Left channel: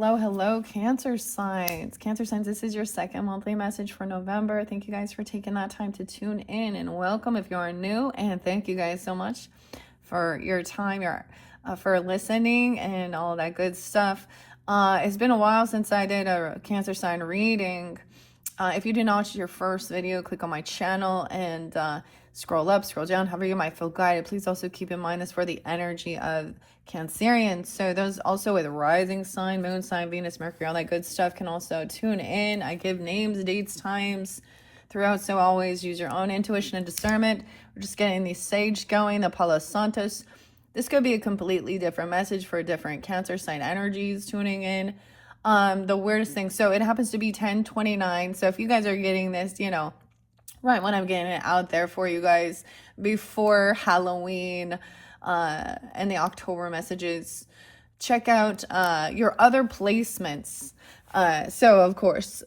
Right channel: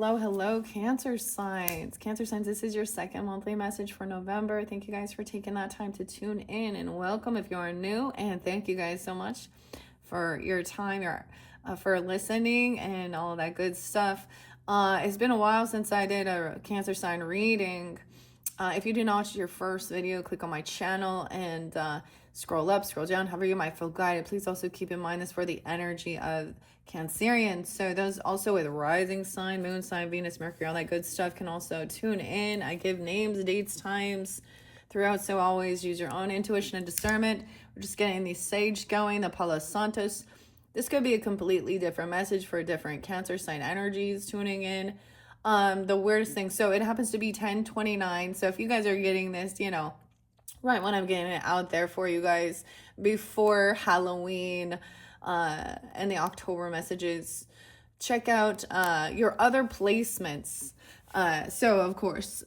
hello, Cancer signs. Cancer signs, this is your second monthly message for November. Thank you guys for taking that time to tune in, and welcome if you're new. And thank you guys so much for your time, for listening and all that good stuff. It's been a while since I did a Cancer sign reading. If you did not watch your first video, click on my channel and scroll up, scroll down, however you might feel guided. Please also keep in mind this for the energy of Cancerians. So those also with rising sign, moon sign, Venus, Mercury, all that good stuff can also tune in. I give names, dates, times throughout, so always use your own intuition and discernment. We're just getting the sage going, the Palo Santos. This could be a completely different message for different Cancer sign energies tuning in. The weirdest thing, so it happens to be 10/29. So if you guys are getting this, right when I'm getting it out there for you guys before Halloween, and the October messages, check out your other placements. So of course,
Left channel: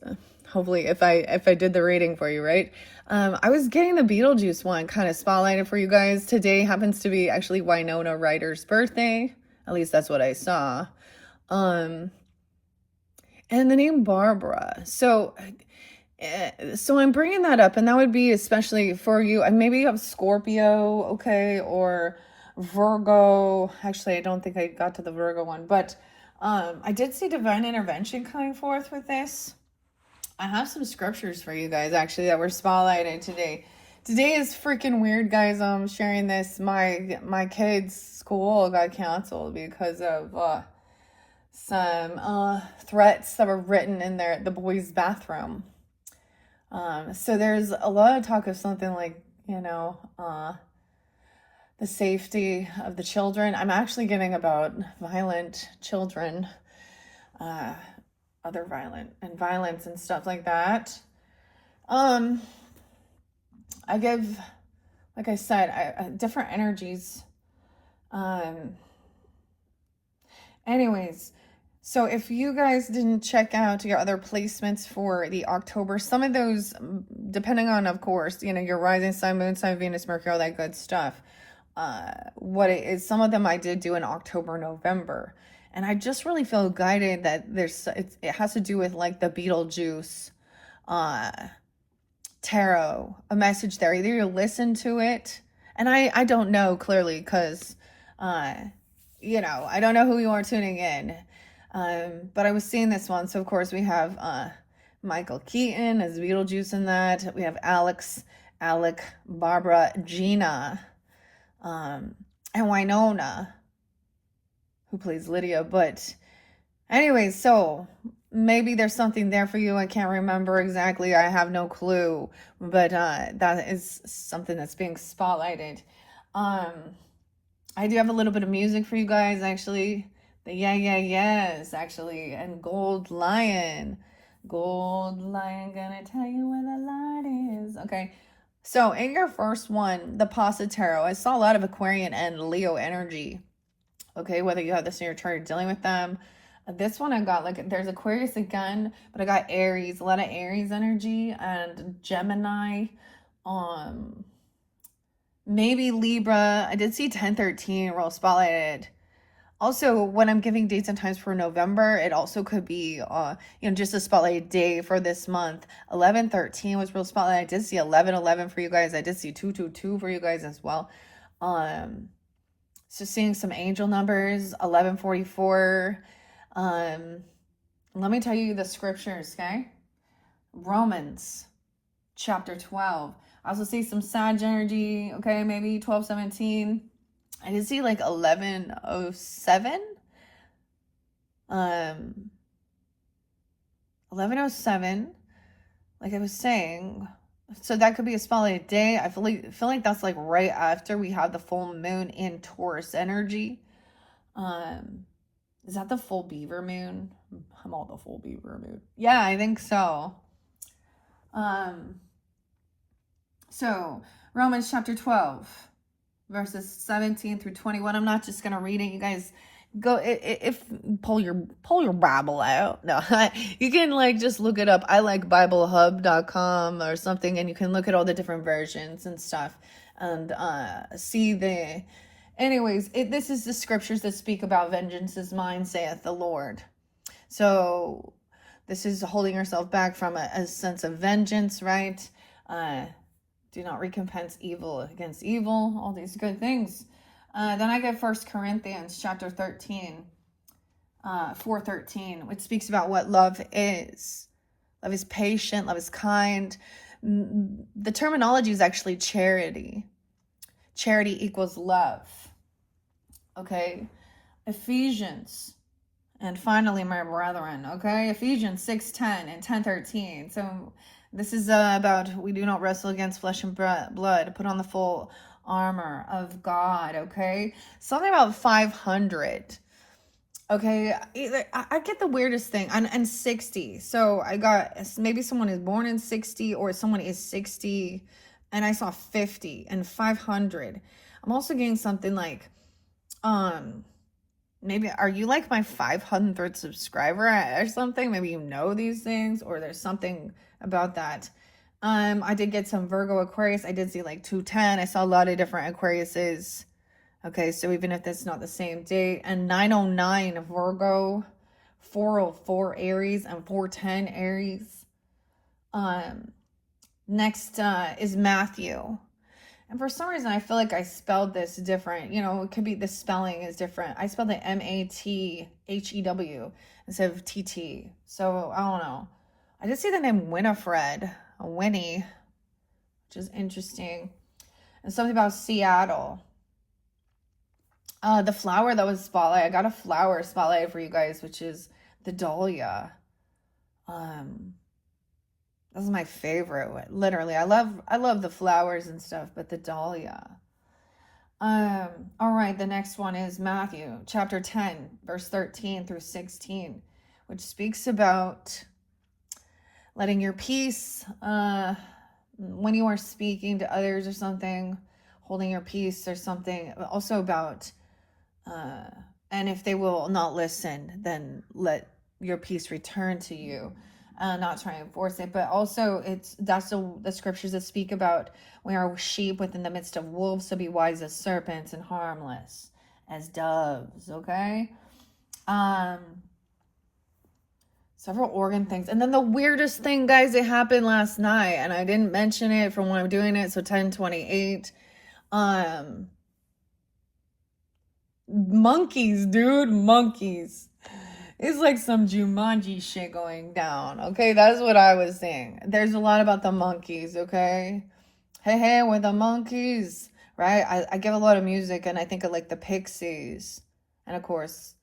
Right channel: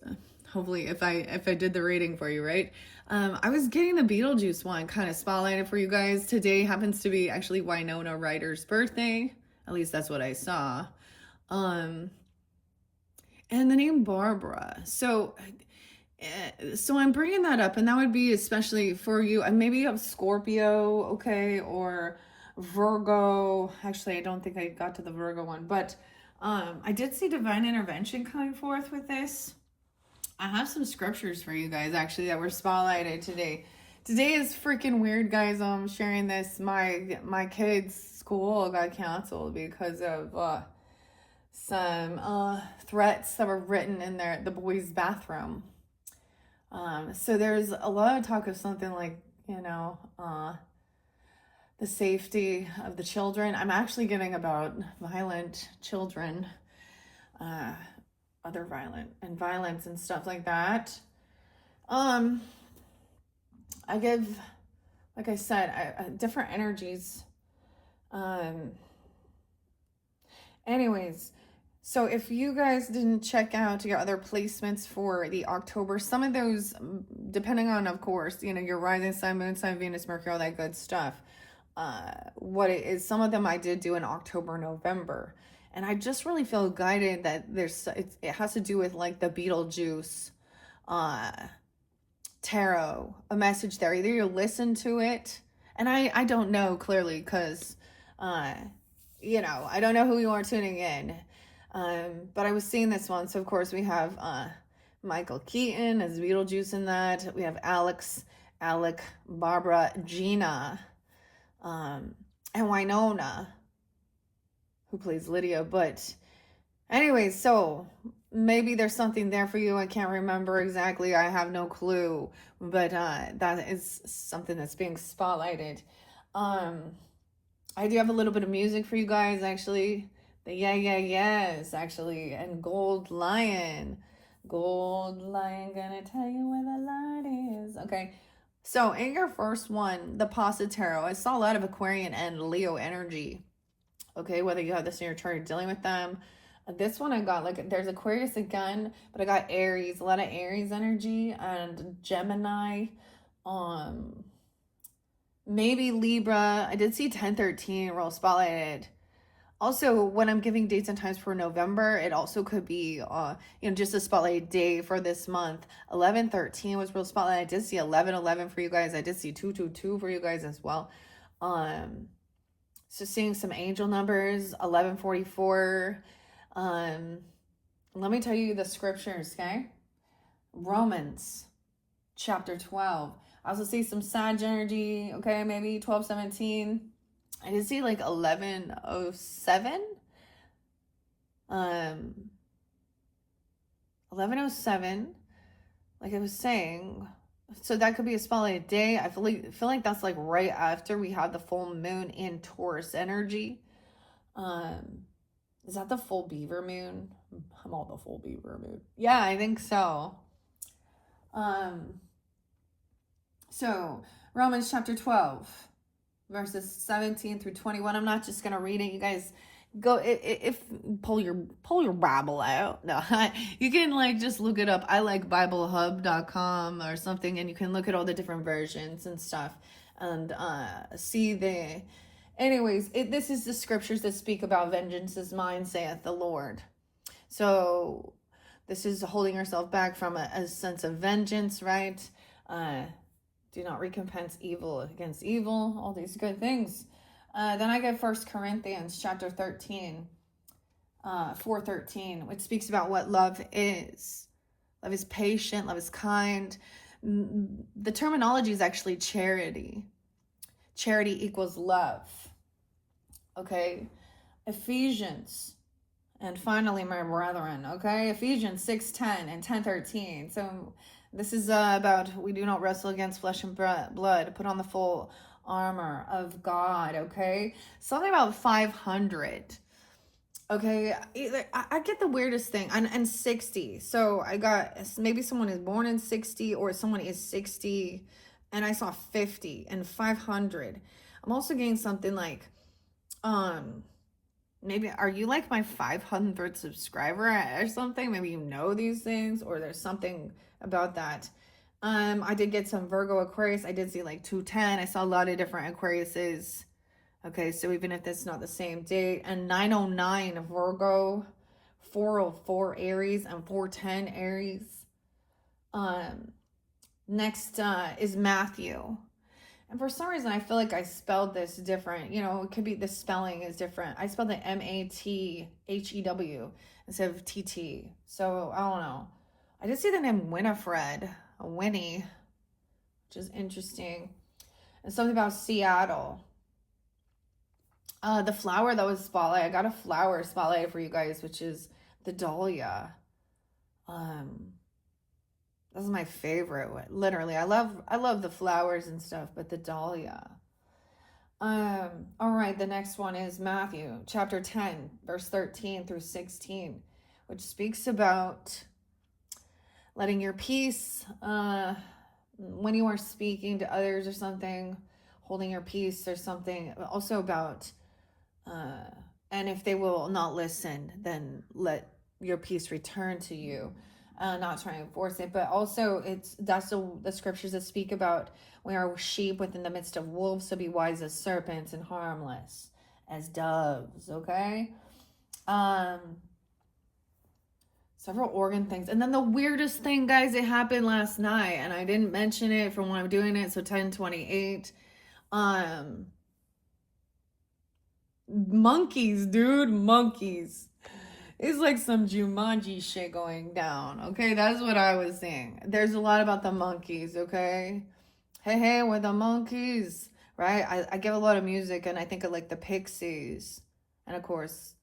hopefully if I did the reading for you, right? I was getting the Beetlejuice one kind of spotlighted for you guys. Today happens to be actually Winona Ryder's birthday. At least that's what I saw. And the name Barbara. So I'm bringing that up, and that would be especially for you. And maybe you have Scorpio, okay, or Virgo. Actually, I don't think I got to the Virgo one, but I did see divine intervention coming forth with this. I have some scriptures for you guys actually that were spotlighted today. Today is freaking weird, guys. I'm sharing this. My kids' school got canceled because of some threats that were written in the boys' bathroom. So there's a lot of talk of something like, the safety of the children. I'm actually getting about violent children, other violence and stuff like that. I give, like I said, different energies. Anyways, so if you guys didn't check out your other placements for the October, some of those, depending on, of course, your rising sign, moon sign, Venus, Mercury, all that good stuff. What it is, some of them I did do in October, November. And I just really feel guided that it has to do with like the Beetlejuice tarot, a message there. Either you listen to it, and I don't know clearly because, I don't know who you are tuning in. But I was seeing this one. So of course we have Michael Keaton as Beetlejuice in that. We have Alec, Barbara, Gina, and Winona, who plays Lydia. But anyways, so maybe there's something there for you. I can't remember exactly. I have no clue. But that is something that's being spotlighted. I do have a little bit of music for you guys, actually. The yes, actually. And Gold Lion, gonna tell you where the light is. Okay. So in your first one, the Pasa Tarot, I saw a lot of Aquarian and Leo energy. Okay, whether you have this in your chart or dealing with them. This one I got, like, there's Aquarius again, but I got Aries, a lot of Aries energy, and Gemini, maybe Libra. I did see 1013 roll spotlighted. Also, when I'm giving dates and times for November, it also could be, just a spotlight day for this month. 1113 was real spotlight. I did see 1111 for you guys. I did see 222 for you guys as well. So seeing some angel numbers, 1144. Let me tell you the scriptures, okay? Romans chapter 12. I also see some Sag energy, okay? Maybe 1217. I did see like 1107. 1107. Like I was saying. So that could be a spotlight day. I feel like that's like right after we have the full moon in Taurus energy. Is that the full Beaver moon? I'm all the full Beaver moon. Yeah, I think so. So Romans chapter 12. Verses 17 through 21. I'm not just gonna read it. You guys go pull your Bible out. No, you can like just look it up. I like BibleHub.com or something, and you can look at all the different versions and stuff, and see the. Anyways, this is the scriptures that speak about vengeance is mine, saith the Lord. So this is holding yourself back from a sense of vengeance, right? Do not recompense evil against evil, all these good things. Then I get 1 Corinthians chapter 13, 4:13, which speaks about what love is. Love is patient, love is kind. The terminology is actually charity. Charity equals love. Okay? Ephesians. And finally, my brethren, okay? Ephesians 6:10 and 10:13. So this is about we do not wrestle against flesh and blood. Put on the full armor of God, okay? Something about 500. Okay, I get the weirdest thing. And 60. So I got, maybe someone is born in 60 or someone is 60. And I saw 50 and 500. I'm also getting something like, maybe, are you like my 500th subscriber or something? Maybe you know these things or there's something about that. I did get some Virgo Aquarius. I did see like 210. I saw a lot of different Aquariuses. Okay, so even if that's not the same date, and 909 Virgo, 404 Aries, and 410 Aries. Next is Matthew. And for some reason, I feel like I spelled this different. You know, it could be the spelling is different. I spelled it Mathew instead of TT. So, I don't know. I did see the name Winifred, a Winnie, which is interesting. And something about Seattle. The flower that was spotlight. I got a flower spotlight for you guys, which is the dahlia. This is my favorite one. Literally, I love the flowers and stuff, but the dahlia. All right, the next one is Matthew chapter 10, verse 13 through 16, which speaks about letting your peace when you are speaking to others or something, holding your peace or something. Also about and if they will not listen, then let your peace return to you. Not trying to force it, but also that's the scriptures that speak about we are sheep within the midst of wolves, so be wise as serpents and harmless as doves. Okay. Several organ things, and then the weirdest thing, guys, it happened last night, and I didn't mention it from when I'm doing it. So 10:28. Monkeys, dude, monkeys. It's like some Jumanji shit going down. Okay, that's what I was saying. There's a lot about the monkeys. Okay, hey, with the monkeys, right? I give a lot of music, and I think of like the Pixies, and of course,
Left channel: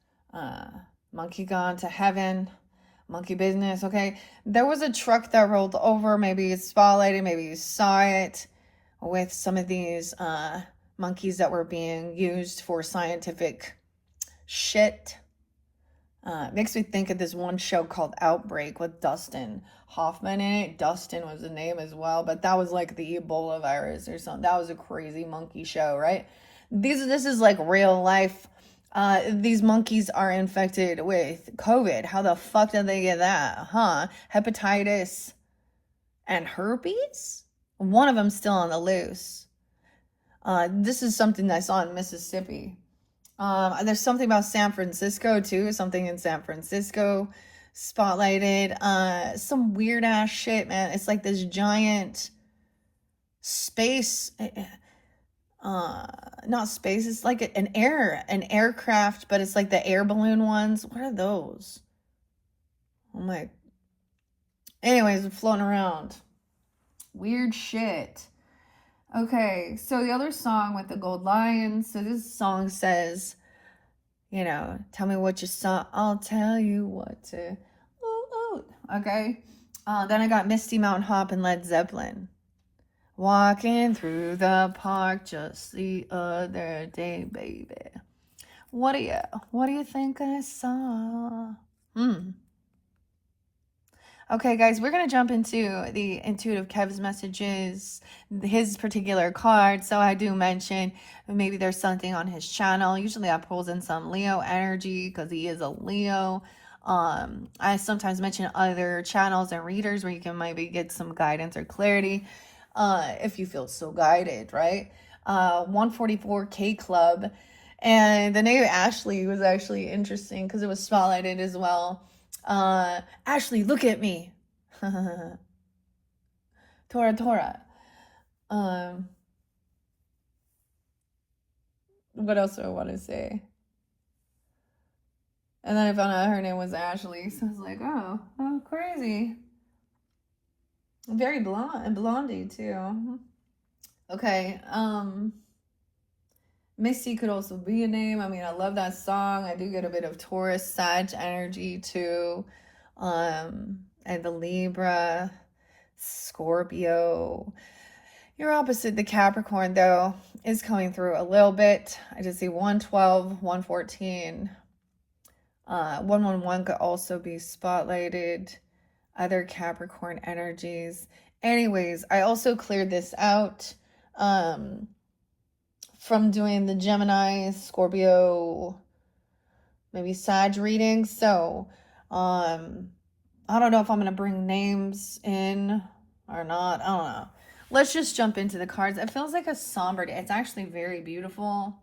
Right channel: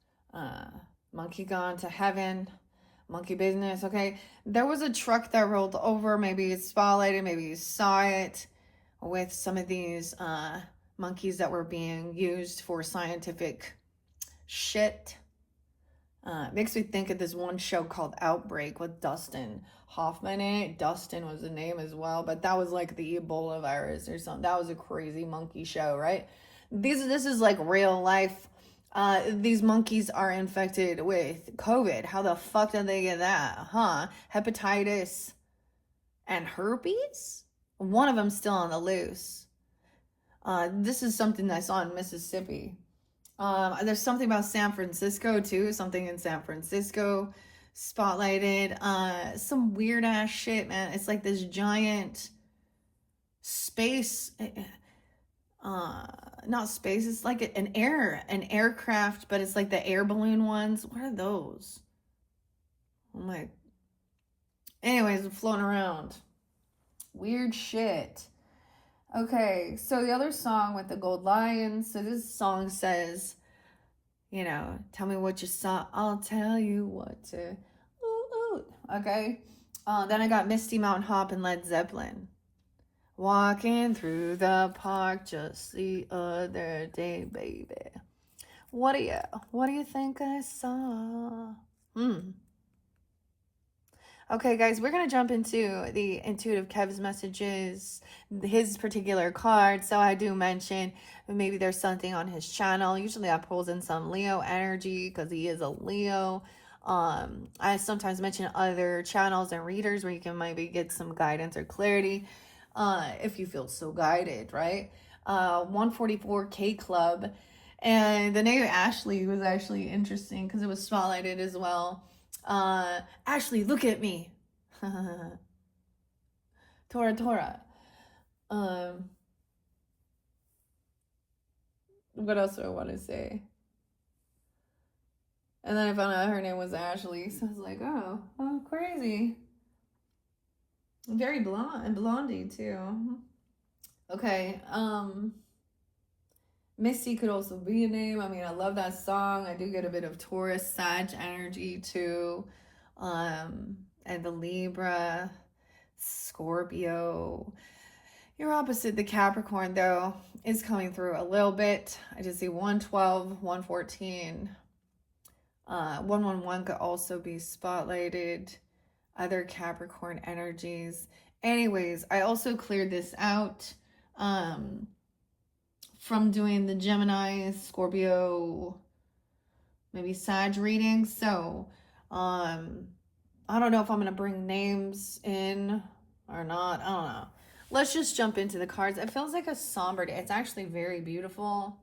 Monkey Gone to Heaven, Monkey Business. Okay, there was a truck that rolled over. Maybe you spotlighted, maybe you saw it, with some of these monkeys that were being used for scientific shit. Makes me think of this one show called Outbreak with Dustin Hoffman in it. Dustin was the name as well, but that was like the Ebola virus or something. That was a crazy monkey show, right? This is like real life. These monkeys are infected with COVID. How the fuck did they get that? Huh? Hepatitis and herpes? One of them still on the loose. This is something I saw in Mississippi. And there's something about San Francisco too. Something in San Francisco spotlighted. Some weird ass shit, man. It's like this giant space. Not space. It's like an aircraft, but it's like the air balloon ones. What are those? Oh my. Anyways, floating around. Weird shit. Okay, so the other song with the gold lion. So this song says, you know, tell me what you saw, I'll tell you what to. Okay. Then I got Misty Mountain Hop and Led Zeppelin. Walking through the park just the other day, baby. What do you think I saw? Okay, guys, we're going to jump into the Intuitive Kev's messages, his particular card. So I do mention maybe there's something on his channel. Usually I pulls in some Leo energy because he is a Leo. I sometimes mention other channels and readers where you can maybe get some guidance or clarity if you feel so guided, right? 144K Club. And the name Ashley was actually interesting because it was spotlighted as well. Ashley, look at me. Tora. Um, what else do I want to say? And then I found out her name was Ashley, so I was like, oh, crazy. Very blondie too. Okay, Misty could also be a name. I mean, I love that song. I do get a bit of Taurus, Sag energy too. And the Libra, Scorpio. Your opposite, the Capricorn, though, is coming through a little bit. I just see 112, 114. 111 could also be spotlighted. Other Capricorn energies. Anyways, I also cleared this out from doing the Gemini, Scorpio, maybe Sag reading. So, I don't know if I'm going to bring names in or not. I don't know. Let's just jump into the cards. It feels like a somber day. It's actually very beautiful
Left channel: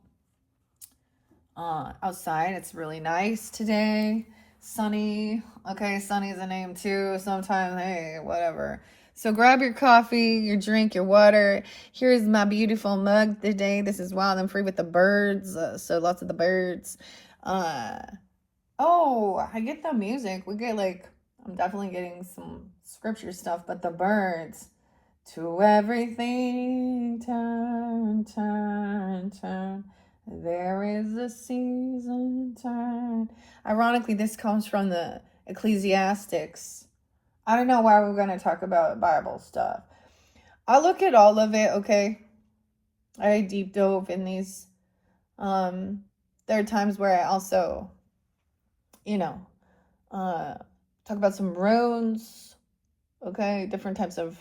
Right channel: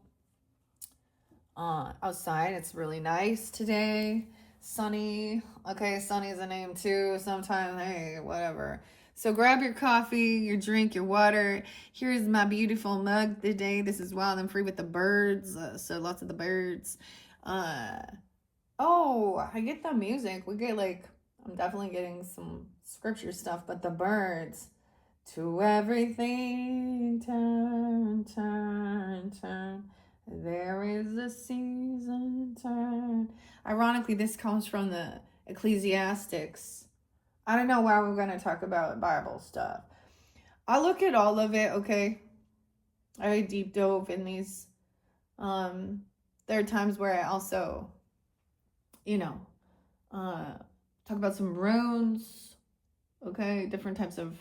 outside. It's really nice today. Sunny. Okay, Sunny is a name too. Sometimes, hey, whatever. So grab your coffee, your drink, your water. Here's my beautiful mug today. This is Wild and Free with the birds. So lots of the birds. Oh, I get the music. We get like, I'm definitely getting some scripture stuff, but the birds. To everything, turn, turn, turn. There is a season, turn. Ironically, this comes from the Ecclesiastics. I don't know why we're going to talk about Bible stuff. I look at all of it, okay? I deep dove in these. There are times where I also, talk about some runes, okay? Different types of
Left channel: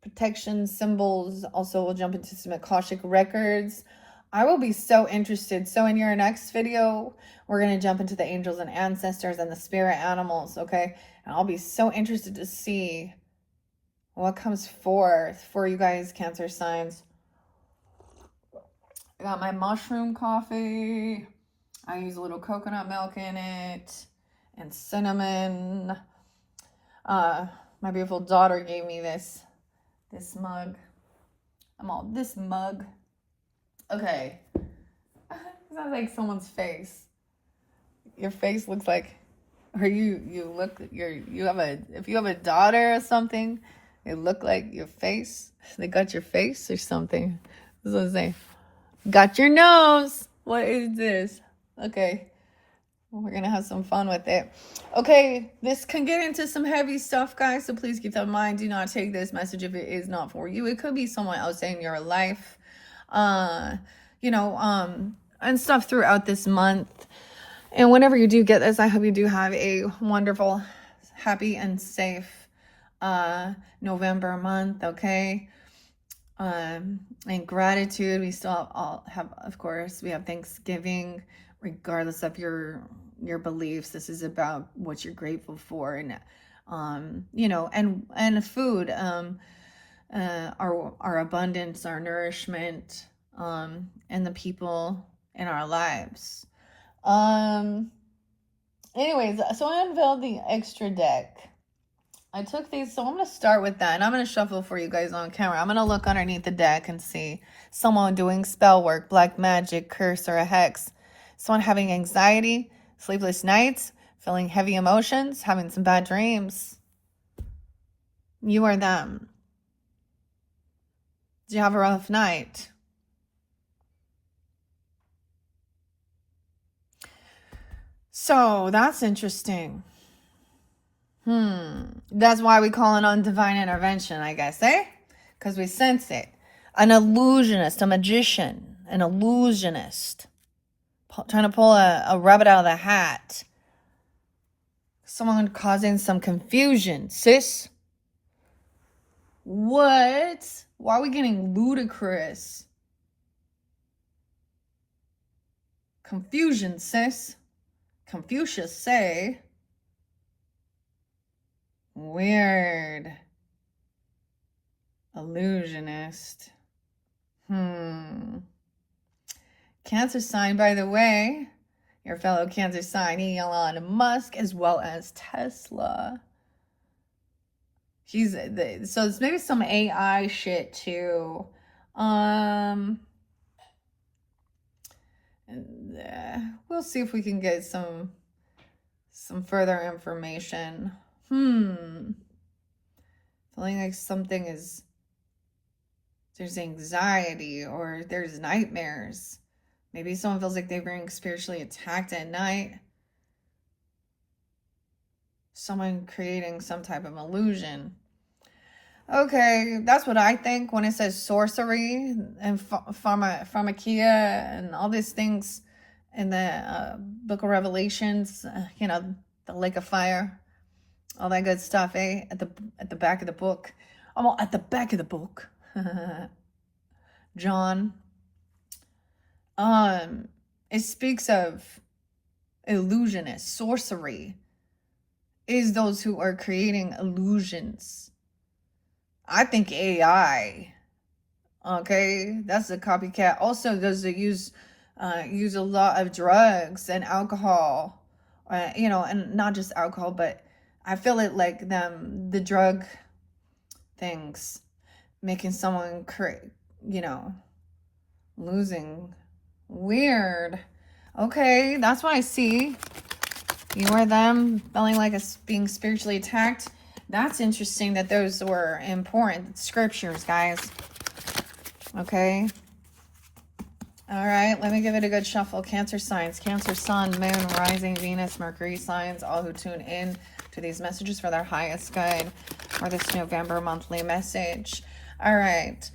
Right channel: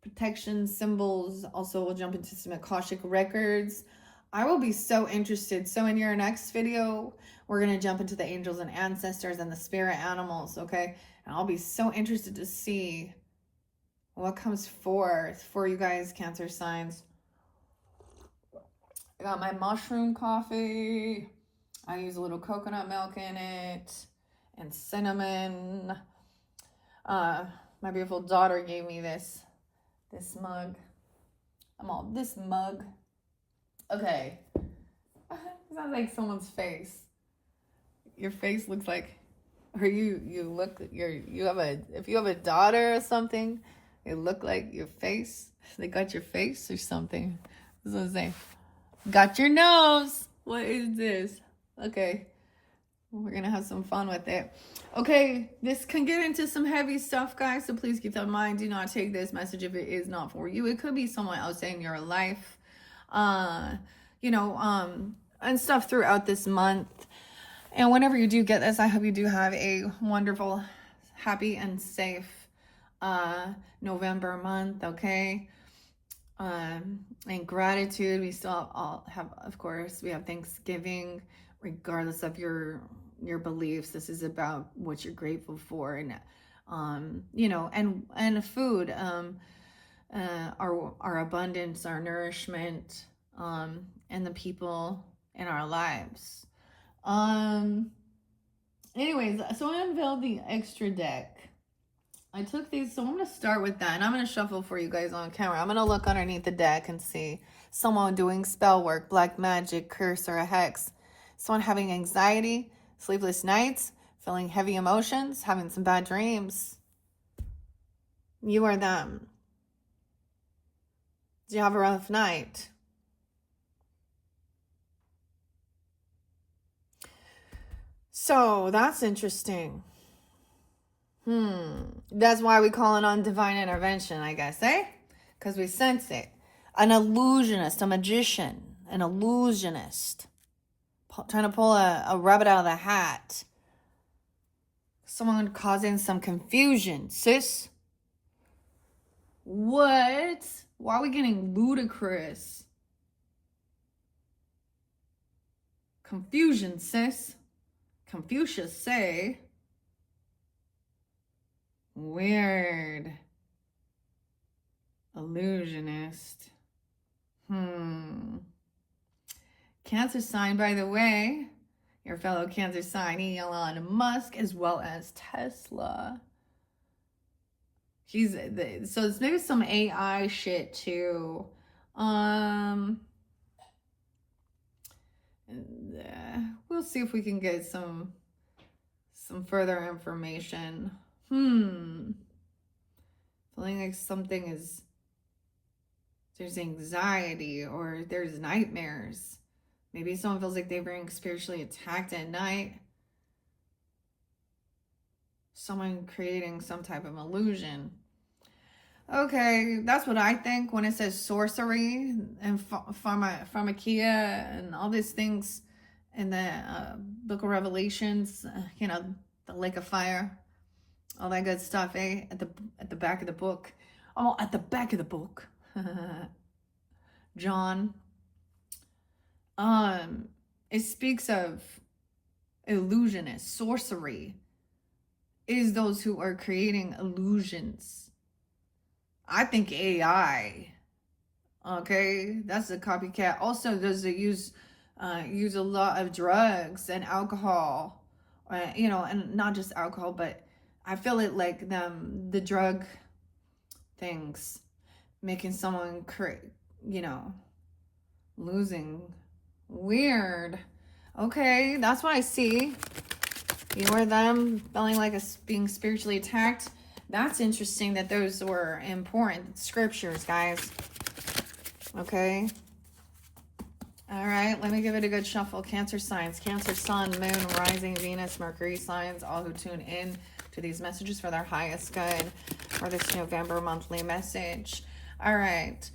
protection symbols. Also, we'll jump into some Akashic records. I will be so interested. So in your next video, we're going to jump into the angels and ancestors and the spirit animals, okay? And I'll be so interested to see what comes forth for you guys, Cancer signs. I got my mushroom coffee. I use a little coconut milk in it and cinnamon. My beautiful daughter gave me this mug. This mug. Okay. Sounds like someone's face. Your face looks like, or you have if you have a daughter or something, it look like your face. They got your face or something. That's what I'm saying. Got your nose. What is this? Okay. We're going to have some fun with it. Okay, this can get into some heavy stuff, guys, so please keep that in mind. Do not take this message if it is not for you. It could be someone else in your life, and stuff throughout this month. And whenever you do get this, I hope you do have a wonderful, happy, and safe November month, okay? And gratitude, we still all have, of course, we have Thanksgiving, regardless of your beliefs. This is about what you're grateful for, and and food, our abundance, our nourishment, and the people in our lives. Anyways, so I unveiled the extra deck. I took these, so I'm going to start with that, and I'm going to shuffle for you guys on camera. I'm going to look underneath the deck and see someone doing spell work, black magic, curse, or a hex. Someone having anxiety, sleepless nights, feeling heavy emotions, having some bad dreams. You or them. Do you have a rough night? So that's interesting. That's why we call it on divine intervention, I guess, eh? Because we sense it. An illusionist, a magician, an illusionist. Trying to pull a rabbit out of the hat. Someone causing some confusion, sis. What? Why are we getting ludicrous? Confusion, sis. Confucius say. Weird. Illusionist. Cancer sign, by the way. your fellow Cancer sign, Elon Musk, as well as Tesla. So it's maybe some AI shit too. We'll see if we can get some further information. Feeling like there's anxiety or there's nightmares. Maybe someone feels like they're being spiritually attacked at night. Someone creating some type of illusion. Okay, that's what I think when it says sorcery and pharmakia and all these things in the Book of Revelations. The lake of fire, all that good stuff, eh? At the back of the book. Oh, at the back of the book. John. It speaks of illusionists, sorcery is those who are creating illusions. I think AI, okay, that's a copycat. Also, does it use a lot of drugs and alcohol, and not just alcohol, but I feel it like the drug things making someone losing. Weird. Okay, that's what I see. You or them feeling like being spiritually attacked. That's interesting that those were important scriptures, guys. Okay. All right, let me give it a good shuffle. Cancer signs, Cancer, Sun, Moon, Rising, Venus, Mercury signs, all who tune in to these messages for their highest good for this November monthly message. All right.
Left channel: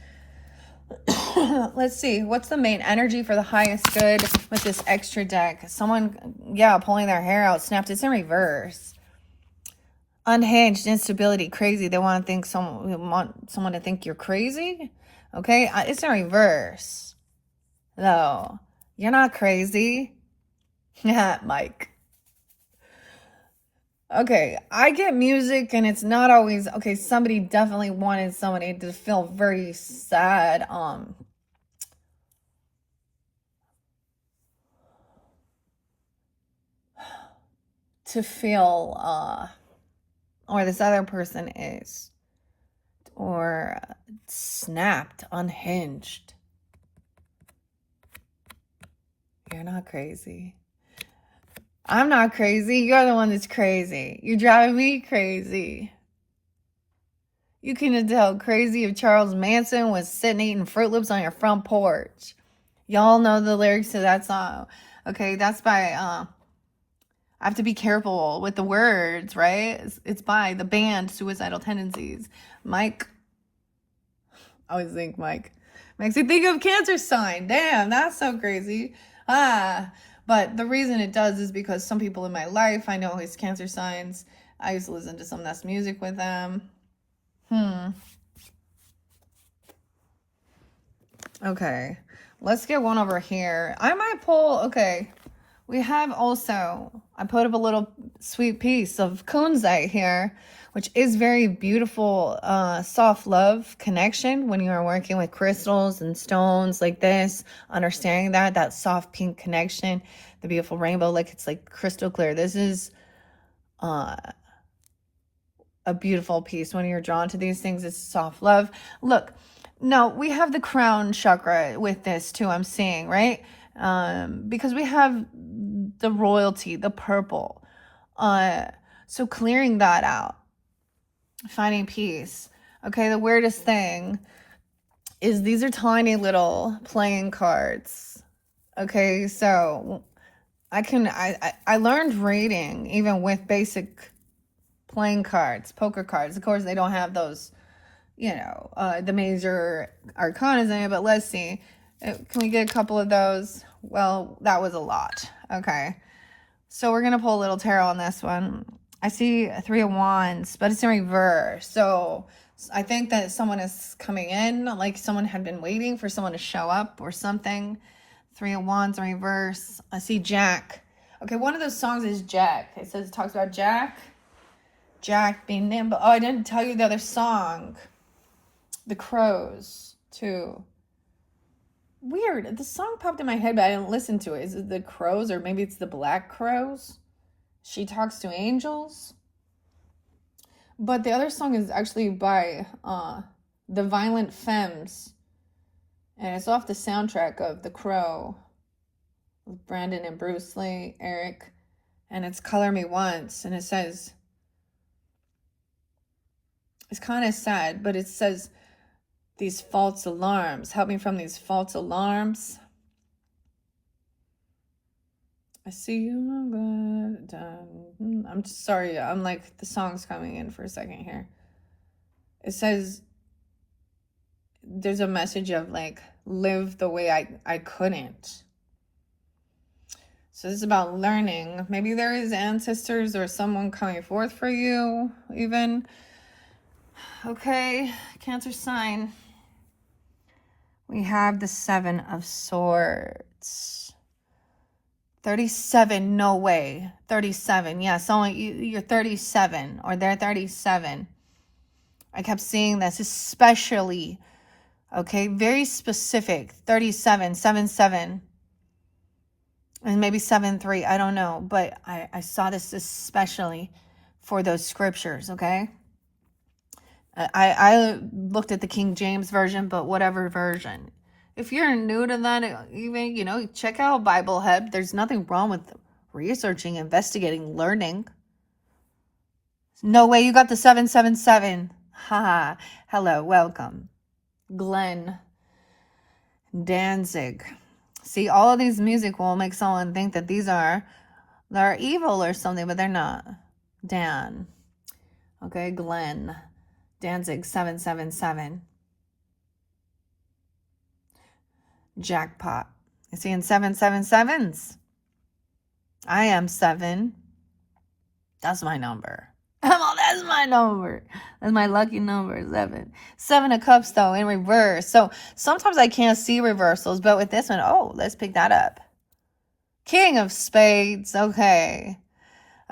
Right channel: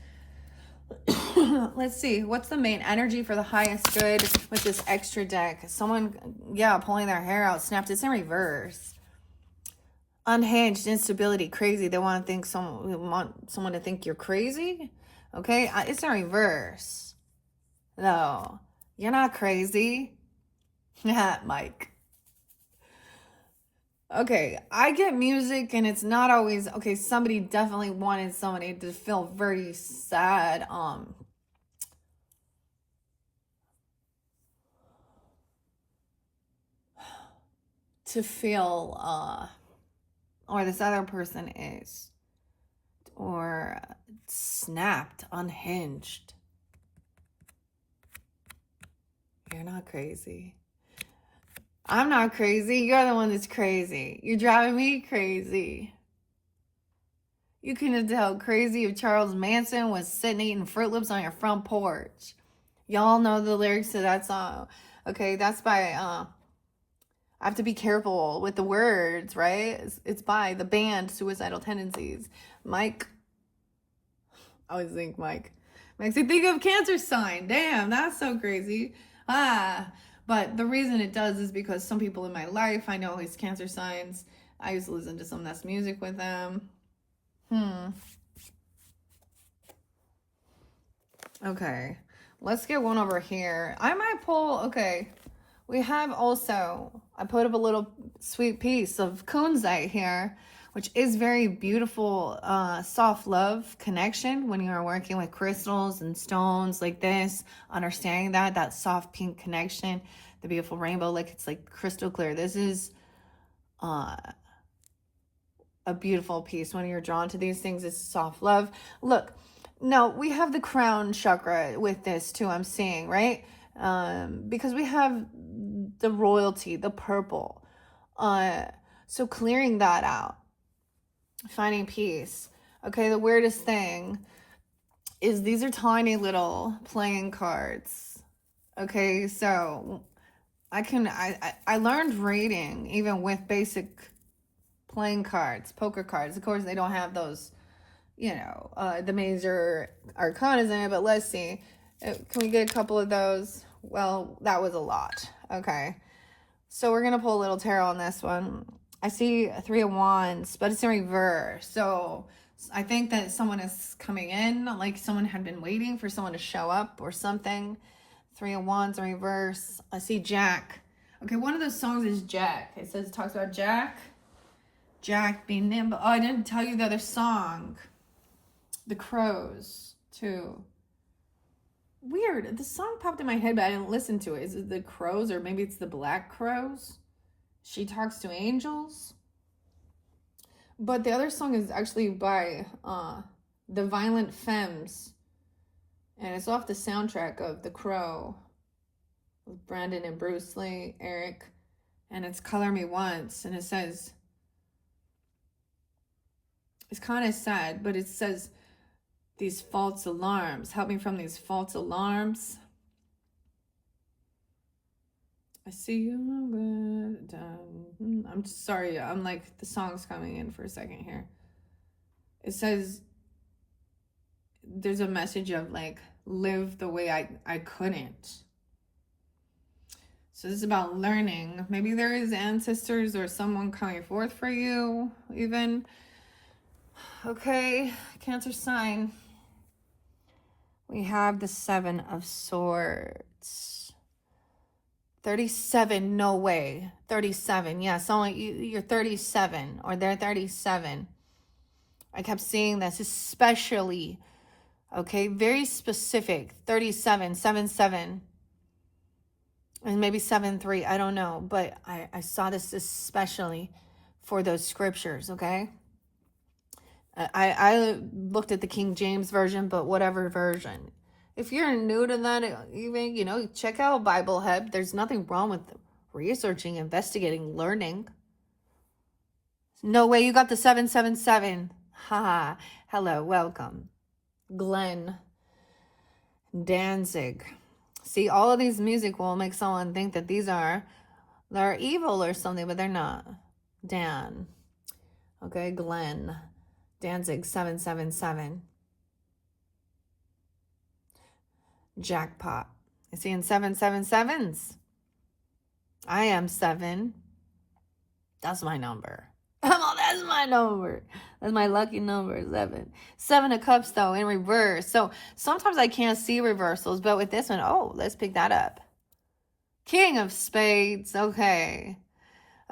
Let's see. What's the main energy for the highest good with this extra deck? Someone, pulling their hair out, snapped. It's in reverse. Unhinged, instability, crazy. They want someone to think you're crazy. Okay, it's in reverse. Though you're not crazy. Yeah, Mike. Okay, I get music and it's not always okay. Somebody definitely wanted somebody to feel very sad. To feel or this other person is, or snapped, unhinged. You're not crazy. I'm not crazy. You're the one that's crazy. You're driving me crazy. You couldn't tell crazy if Charles Manson was sitting eating Fruit Loops on your front porch. Y'all know the lyrics to that song. Okay, that's by, I have to be careful with the words, right? It's by the band Suicidal Tendencies. Mike. I always think Mike. Makes you think of Cancer sign. Damn, that's so crazy. But the reason it does is because some people in my life, I know his Cancer signs. I used to listen to some Nest music with them. Okay, let's get one over here. I might pull, okay, we have also, I put up a little sweet piece of kunzite here, which is very beautiful, soft love connection when you are working with crystals and stones like this, understanding that soft pink connection, the beautiful rainbow, like it's like crystal clear. This is a beautiful piece. When you're drawn to these things, it's soft love. Look, now we have the crown chakra with this too, I'm seeing, right? Because we have the royalty, the purple. So clearing that out, finding peace. Okay, the weirdest thing is these are tiny little playing cards. Okay, so I learned reading even with basic playing cards, poker cards. Of course, they don't have those, the major arcanas in it, but let's see. Can we get a couple of those? Well, that was a lot. Okay, so we're going to pull a little tarot on this one. I see a 3 of Wands, but it's in reverse. So I think that someone is coming in, like someone had been waiting for someone to show up or something. 3 of Wands in reverse. I see Jack. Okay, one of those songs is Jack. It talks about Jack being nimble. Oh, I didn't tell you the other song. The Crows, too. Weird. The song popped in my head, but I didn't listen to it. Is it the Crows, or maybe it's the Black Crows? She Talks to Angels. But the other song is actually by the Violent Femmes, and it's off the soundtrack of The Crow with Brandon and Bruce Lee, Eric, and it's Color Me Once, and it says, it's kind of sad, but it says, these false alarms, help me from these false alarms. I see you. I'm sorry. I'm like, the song's coming in for a second here. It says, there's a message of like, live the way I couldn't. So this is about learning. Maybe there is ancestors or someone coming forth for you, even. Okay, Cancer sign. We have the Seven of Swords. 37, no way. 37, yeah, someone, you're 37, or they're 37. I kept seeing this, especially, okay, very specific. 37, 7, and maybe 7-3, I don't know, but I saw this especially for those scriptures, okay? I looked at the King James Version, but whatever version. If you're new to that, even, you know, check out Bible Hub. There's nothing wrong with researching, investigating, learning. No way you got the 777. Haha. Hello, welcome. Glenn Danzig. See, all of these music will make someone think that they're evil or something, but they're not. Dan. Okay, Glenn Danzig, 777. Jackpot. You see, in 777s. I am 7. That's my number. Oh, that's my number. That's my lucky number, 7. 7 of Cups, though, in reverse. So sometimes I can't see reversals, but with this one, oh, let's pick that up. King of Spades. Okay.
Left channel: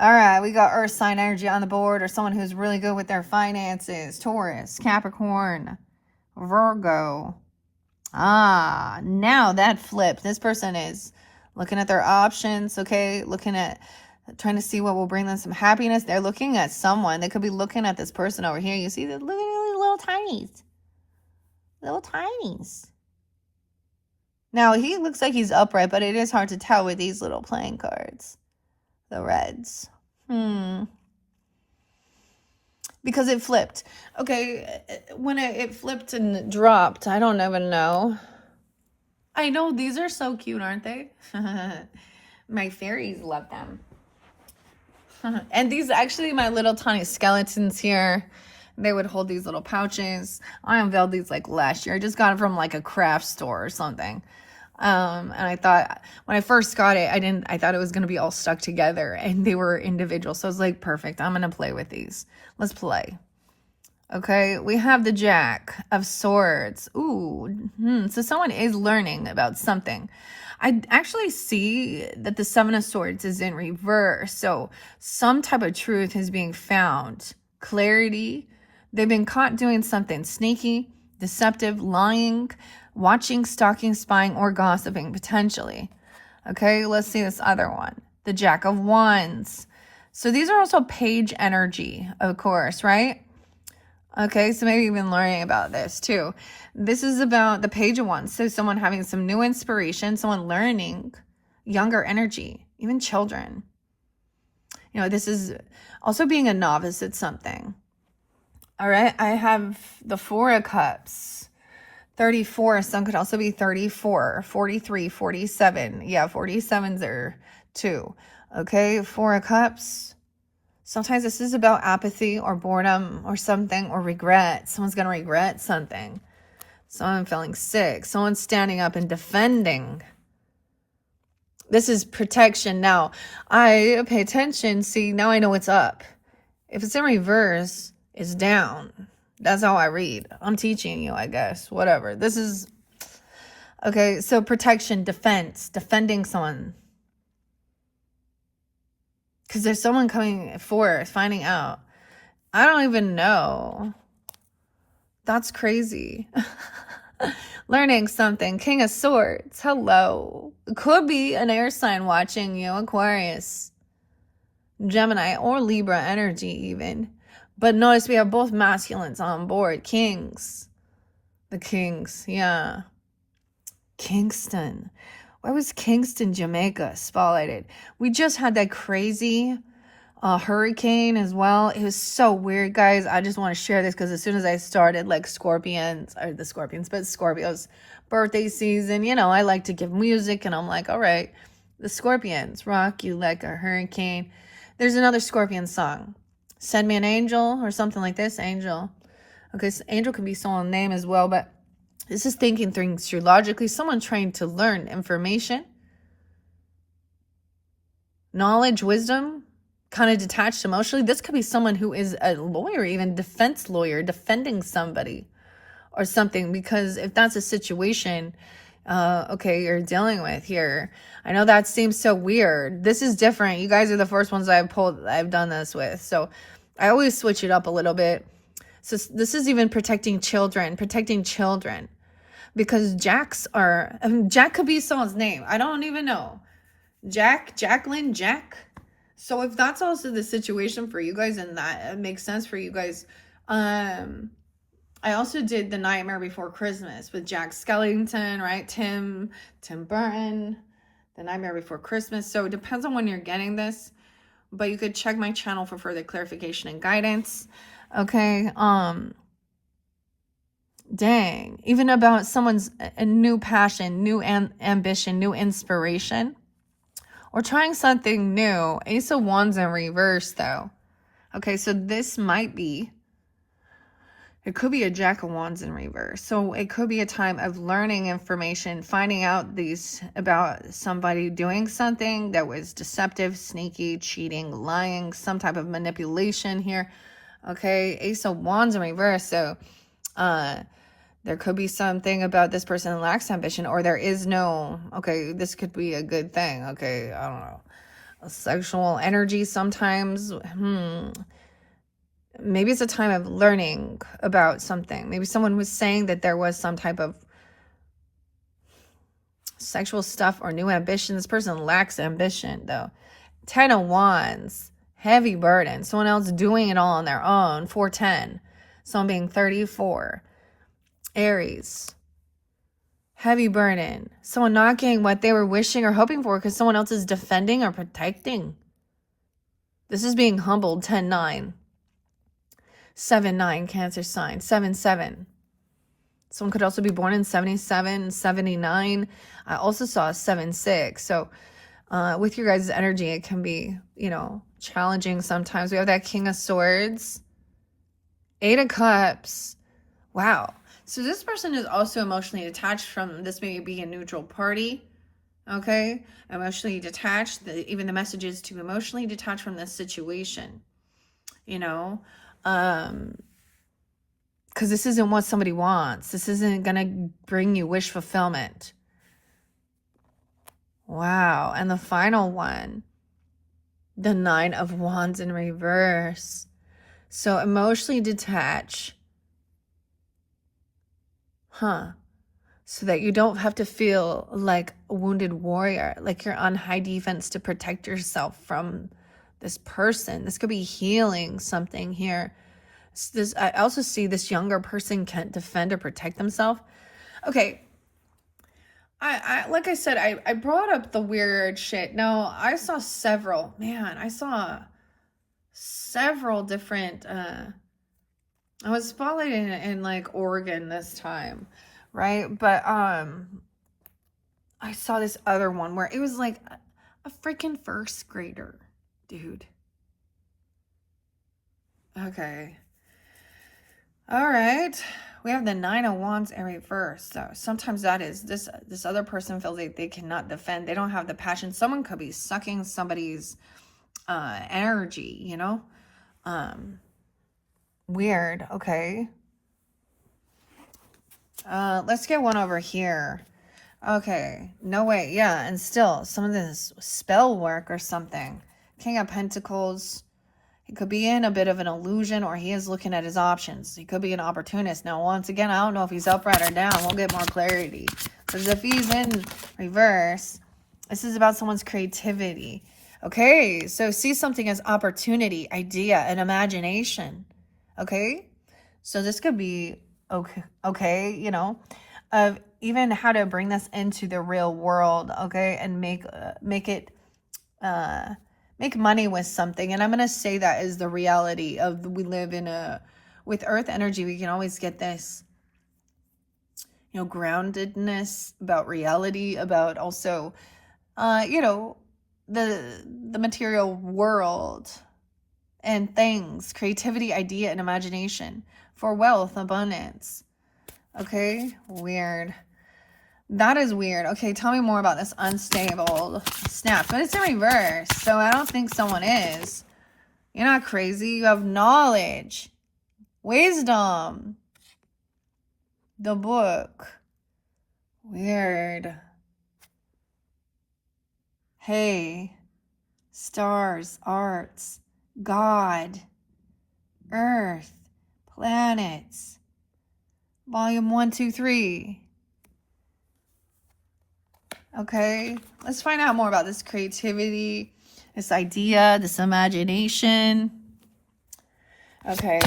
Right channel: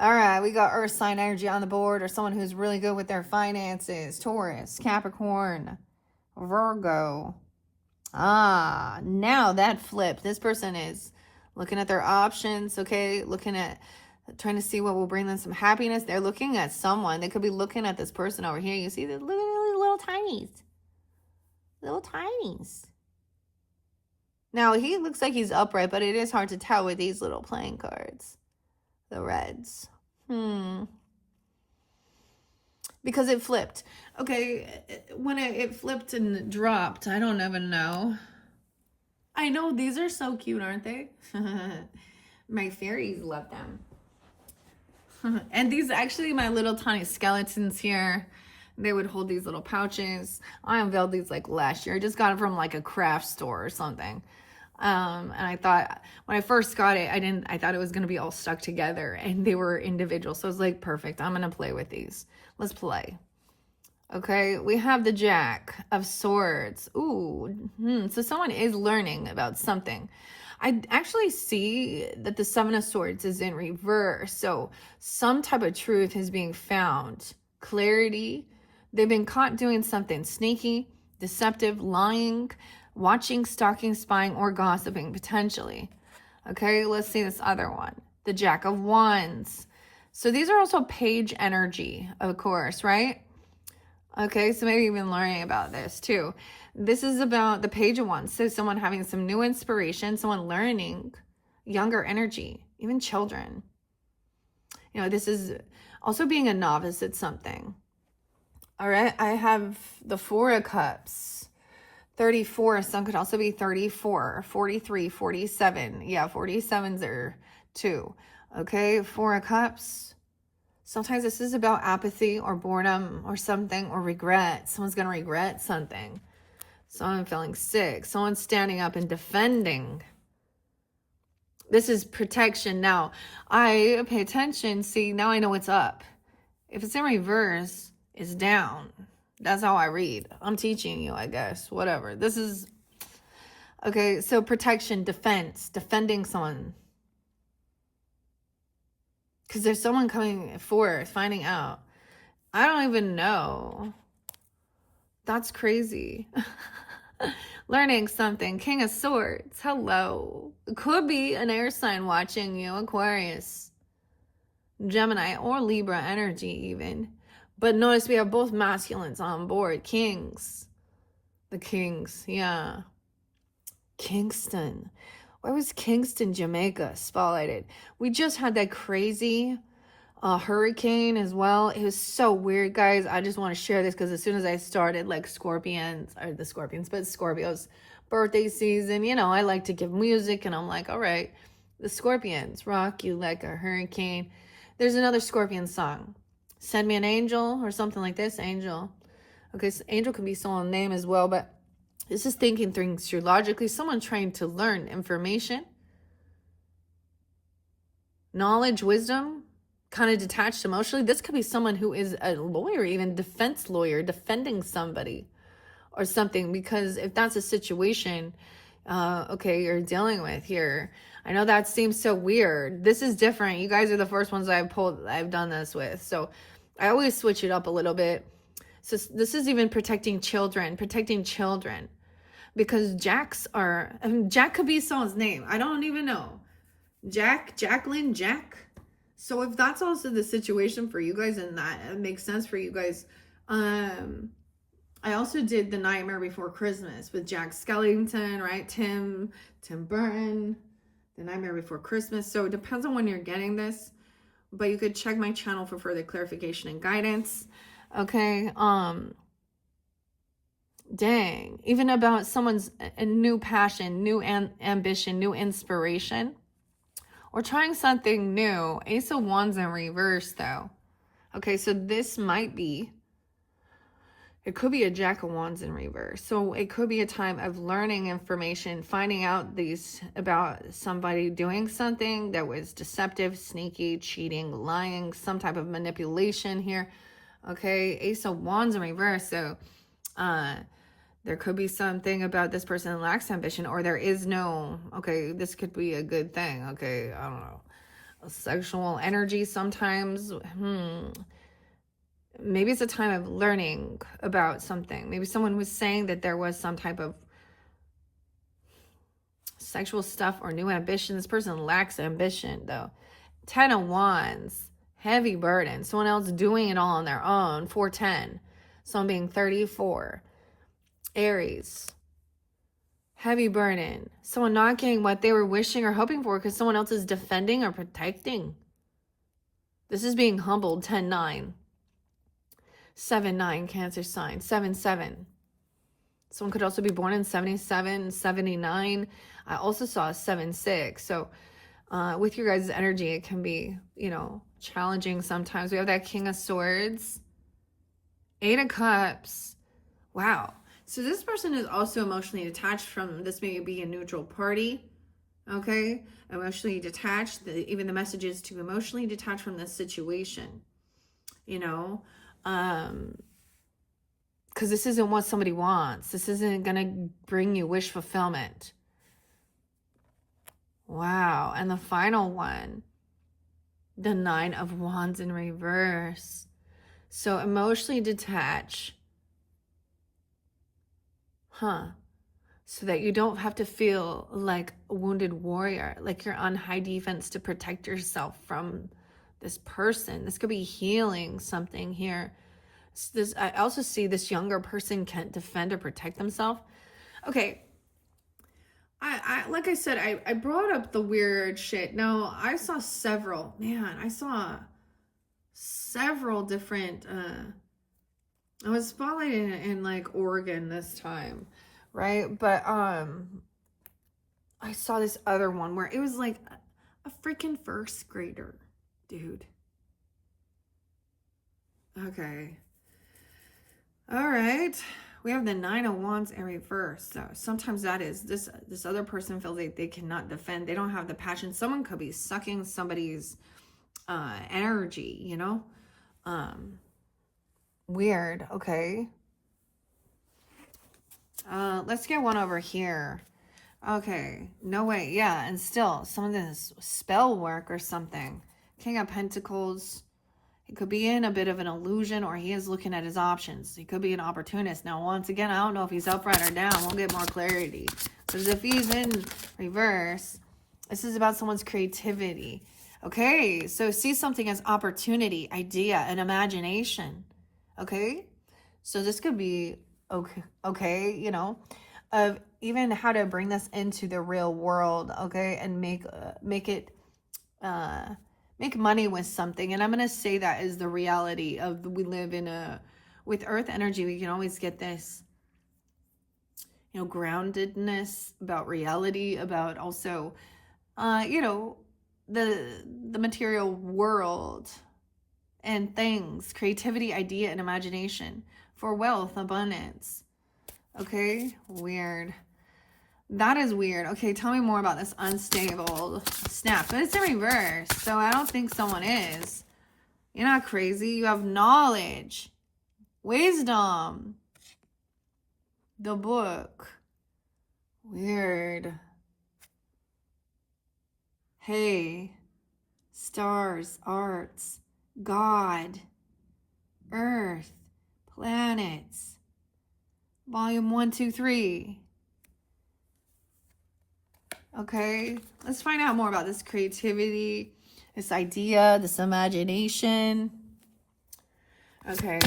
All right, we got Earth sign energy on the board, or someone who's really good with their finances. Taurus, Capricorn, Virgo. Ah, now that flipped. This person is looking at their options, okay? Looking at, trying to see what will bring them some happiness. They're looking at someone. They could be looking at this person over here. You see the little tinies. Little tinies. Now, he looks like he's upright, but it is hard to tell with these little playing cards. The reds. Because it flipped. Okay, when it flipped and dropped, I don't even know. I know, these are so cute, aren't they? My fairies love them. And these actually, my little tiny skeletons here, they would hold these little pouches. I unveiled these like last year. I just got them from like a craft store or something. And I thought, when I first got it, I thought it was going to be all stuck together, and they were individual. So I was like, perfect. I'm going to play with these. Let's play. Okay. We have the Jack of Swords. Ooh. So someone is learning about something. I actually see that the Seven of Swords is in reverse. So some type of truth is being found. Clarity. They've been caught doing something sneaky, deceptive, lying, watching, stalking, spying, or gossiping, potentially. Okay, let's see this other one. The Jack of Wands. So these are also page energy, of course, right? Okay, so maybe you've been learning about this too. This is about the Page of Wands. So someone having some new inspiration, someone learning, younger energy, even children. You know, this is also being a novice at something. All right, I have the Four of Cups. 34, some could also be 34, 43, 47. Yeah, 47s are 2. Okay, Four of Cups. Sometimes this is about apathy or boredom or something, or regret. Someone's going to regret something. Someone feeling sick. Someone standing up and defending. This is protection. Now, I pay attention. See, now I know what's up. If it's in reverse, it's down. That's how I read. I'm teaching you, I guess. Whatever. This is... Okay, so protection, defense, defending someone. Because there's someone coming forth, finding out. I don't even know. That's crazy. Learning something. King of Swords. Hello. Could be an air sign watching you. Aquarius, Gemini, or Libra energy even. But notice we have both masculines on board. Kings. The Kings. Yeah. Kingston. Why was Kingston, Jamaica spotlighted? We just had that crazy hurricane as well. It was so weird, guys. I just want to share this because as soon as I started, like Scorpios birthday season, you know, I like to give music, and I'm like, all right, the Scorpions rock you like a hurricane. There's another Scorpion song, Send Me an Angel, or something like this. Angel. Okay, so Angel can be someone's name as well, but this is thinking things through logically. Someone trying to learn information, knowledge, wisdom, kind of detached emotionally. This could be someone who is a lawyer, even defense lawyer, defending somebody or something, because if that's a situation, okay, you're dealing with here. I know that seems so weird. This is different. You guys are the first ones I've done this with. So I always switch it up a little bit. So this is even protecting children, because Jack could be someone's name. I don't even know. Jacqueline, Jack. So if that's also the situation for you guys, and that makes sense for you guys, I also did The Nightmare Before Christmas with Jack Skellington, right? Tim Burton, The Nightmare Before Christmas. So it depends on when you're getting this, but you could check my channel for further clarification and guidance. Okay. Dang. Even about someone's a new passion, new ambition, new inspiration, or trying something new. Ace of Wands in reverse, though. Okay, so this might be, it could be a Jack of Wands in reverse. So it could be a time of learning information, finding out about somebody doing something that was deceptive, sneaky, cheating, lying, some type of manipulation here. Okay, Ace of Wands in reverse. So there could be something about this person lacks ambition, or there is no, okay, this could be a good thing. Okay, I don't know. A sexual energy sometimes. Maybe it's a time of learning about something. Maybe someone was saying that there was some type of sexual stuff or new ambition. This person lacks ambition, though. 10 of Wands, heavy burden. Someone else doing it all on their own. 410. Someone being 34. Aries, heavy burden. Someone not getting what they were wishing or hoping for because someone else is defending or protecting. This is being humbled. 10-9. 7-9, Cancer sign. 7-7. Someone could also be born in 77, 79. I also saw 7-6. So with your guys' energy, it can be, you know, challenging sometimes. We have that King of Swords. 8 of Cups. Wow. So this person is also emotionally detached from, this may be a neutral party, okay? Emotionally detached, even the message is to emotionally detach from this situation, you know? Because this isn't what somebody wants. This isn't going to bring you wish fulfillment. Wow. And the final one, the 9 of Wands in reverse. So emotionally detach. So that you don't have to feel like a wounded warrior, like you're on high defense to protect yourself from this person. This could be healing something here. I also see this younger person can't defend or protect themselves. Okay. I like I said, I brought up the weird shit. Now, I saw several different, I was spotlighted in like Oregon this time, right? But I saw this other one where it was like a freaking first grader, dude. Okay. All right. We have the 9 of Wands in reverse. So sometimes that is this other person feels like they cannot defend. They don't have the passion. Someone could be sucking somebody's energy, you know? Weird. Okay. Let's get one over here. Okay. No way. Yeah. And still some of this spell work or something. King of Pentacles. He could be in a bit of an illusion, or he is looking at his options. He could be an opportunist. Now, once again, I don't know if he's up, right, or down. We'll get more clarity. Because if he's in reverse, this is about someone's creativity. Okay, so see something as opportunity, idea, and imagination. Okay, so this could be okay, you know, of even how to bring this into the real world, okay, and make it make money with something. And I'm going to say that is the reality of, we live in with earth energy, we can always get this, you know, groundedness about reality, about also, you know, the material world and things, creativity, idea, and imagination for wealth, abundance. Okay, weird. That is weird. Okay, tell me more about this unstable snap. But it's in reverse, so I don't think someone is. You're not crazy. You have knowledge, wisdom, the book. Weird. Hey, stars, arts, God, earth, planets. Volume 1, 2, 3. Okay, let's find out more about this creativity, this idea, this imagination. Okay.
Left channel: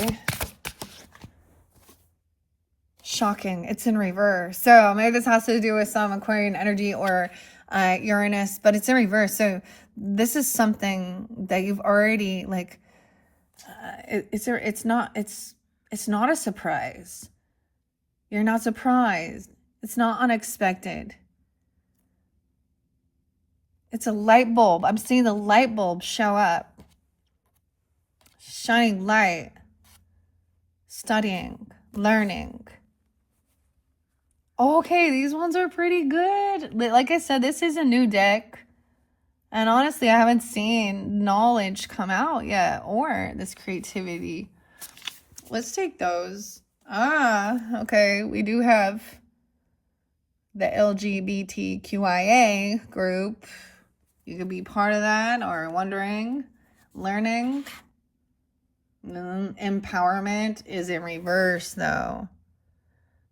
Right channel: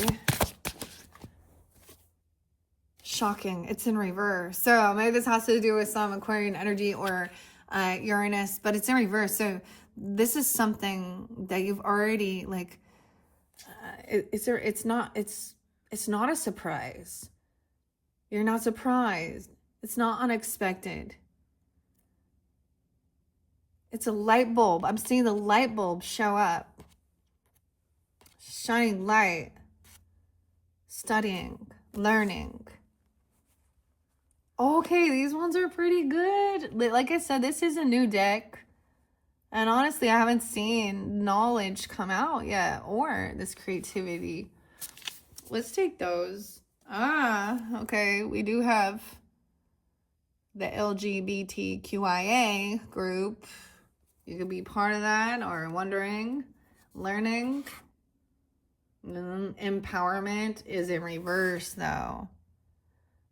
Shocking. It's in reverse. So maybe this has to do with some Aquarian energy or Uranus, but it's in reverse. So this is something that you've already, like, it's not a surprise. You're not surprised. It's not unexpected. It's a light bulb. I'm seeing the light bulb show up. Shining light. Studying. Learning. Okay, these ones are pretty good. Like I said, this is a new deck. And honestly, I haven't seen knowledge come out yet, or this creativity. Let's take those. Okay. We do have the LGBTQIA group. You could be part of that, or wondering, learning. Empowerment is in reverse, though.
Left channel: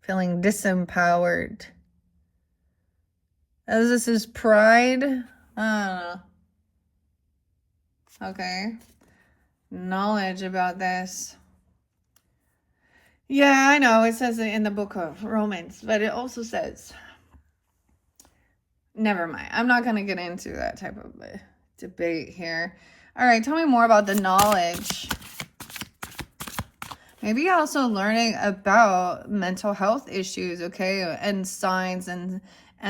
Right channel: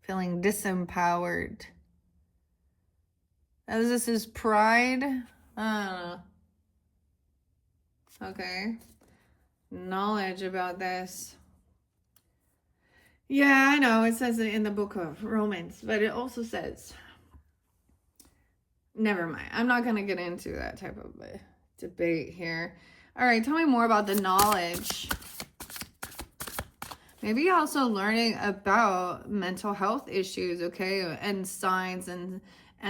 Feeling disempowered. As this is pride. Okay. Knowledge about this. Yeah, I know. It says it in the book of Romans, but it also says, never mind. I'm not going to get into that type of debate here. All right, tell me more about the knowledge. Maybe also learning about mental health issues, okay, and signs and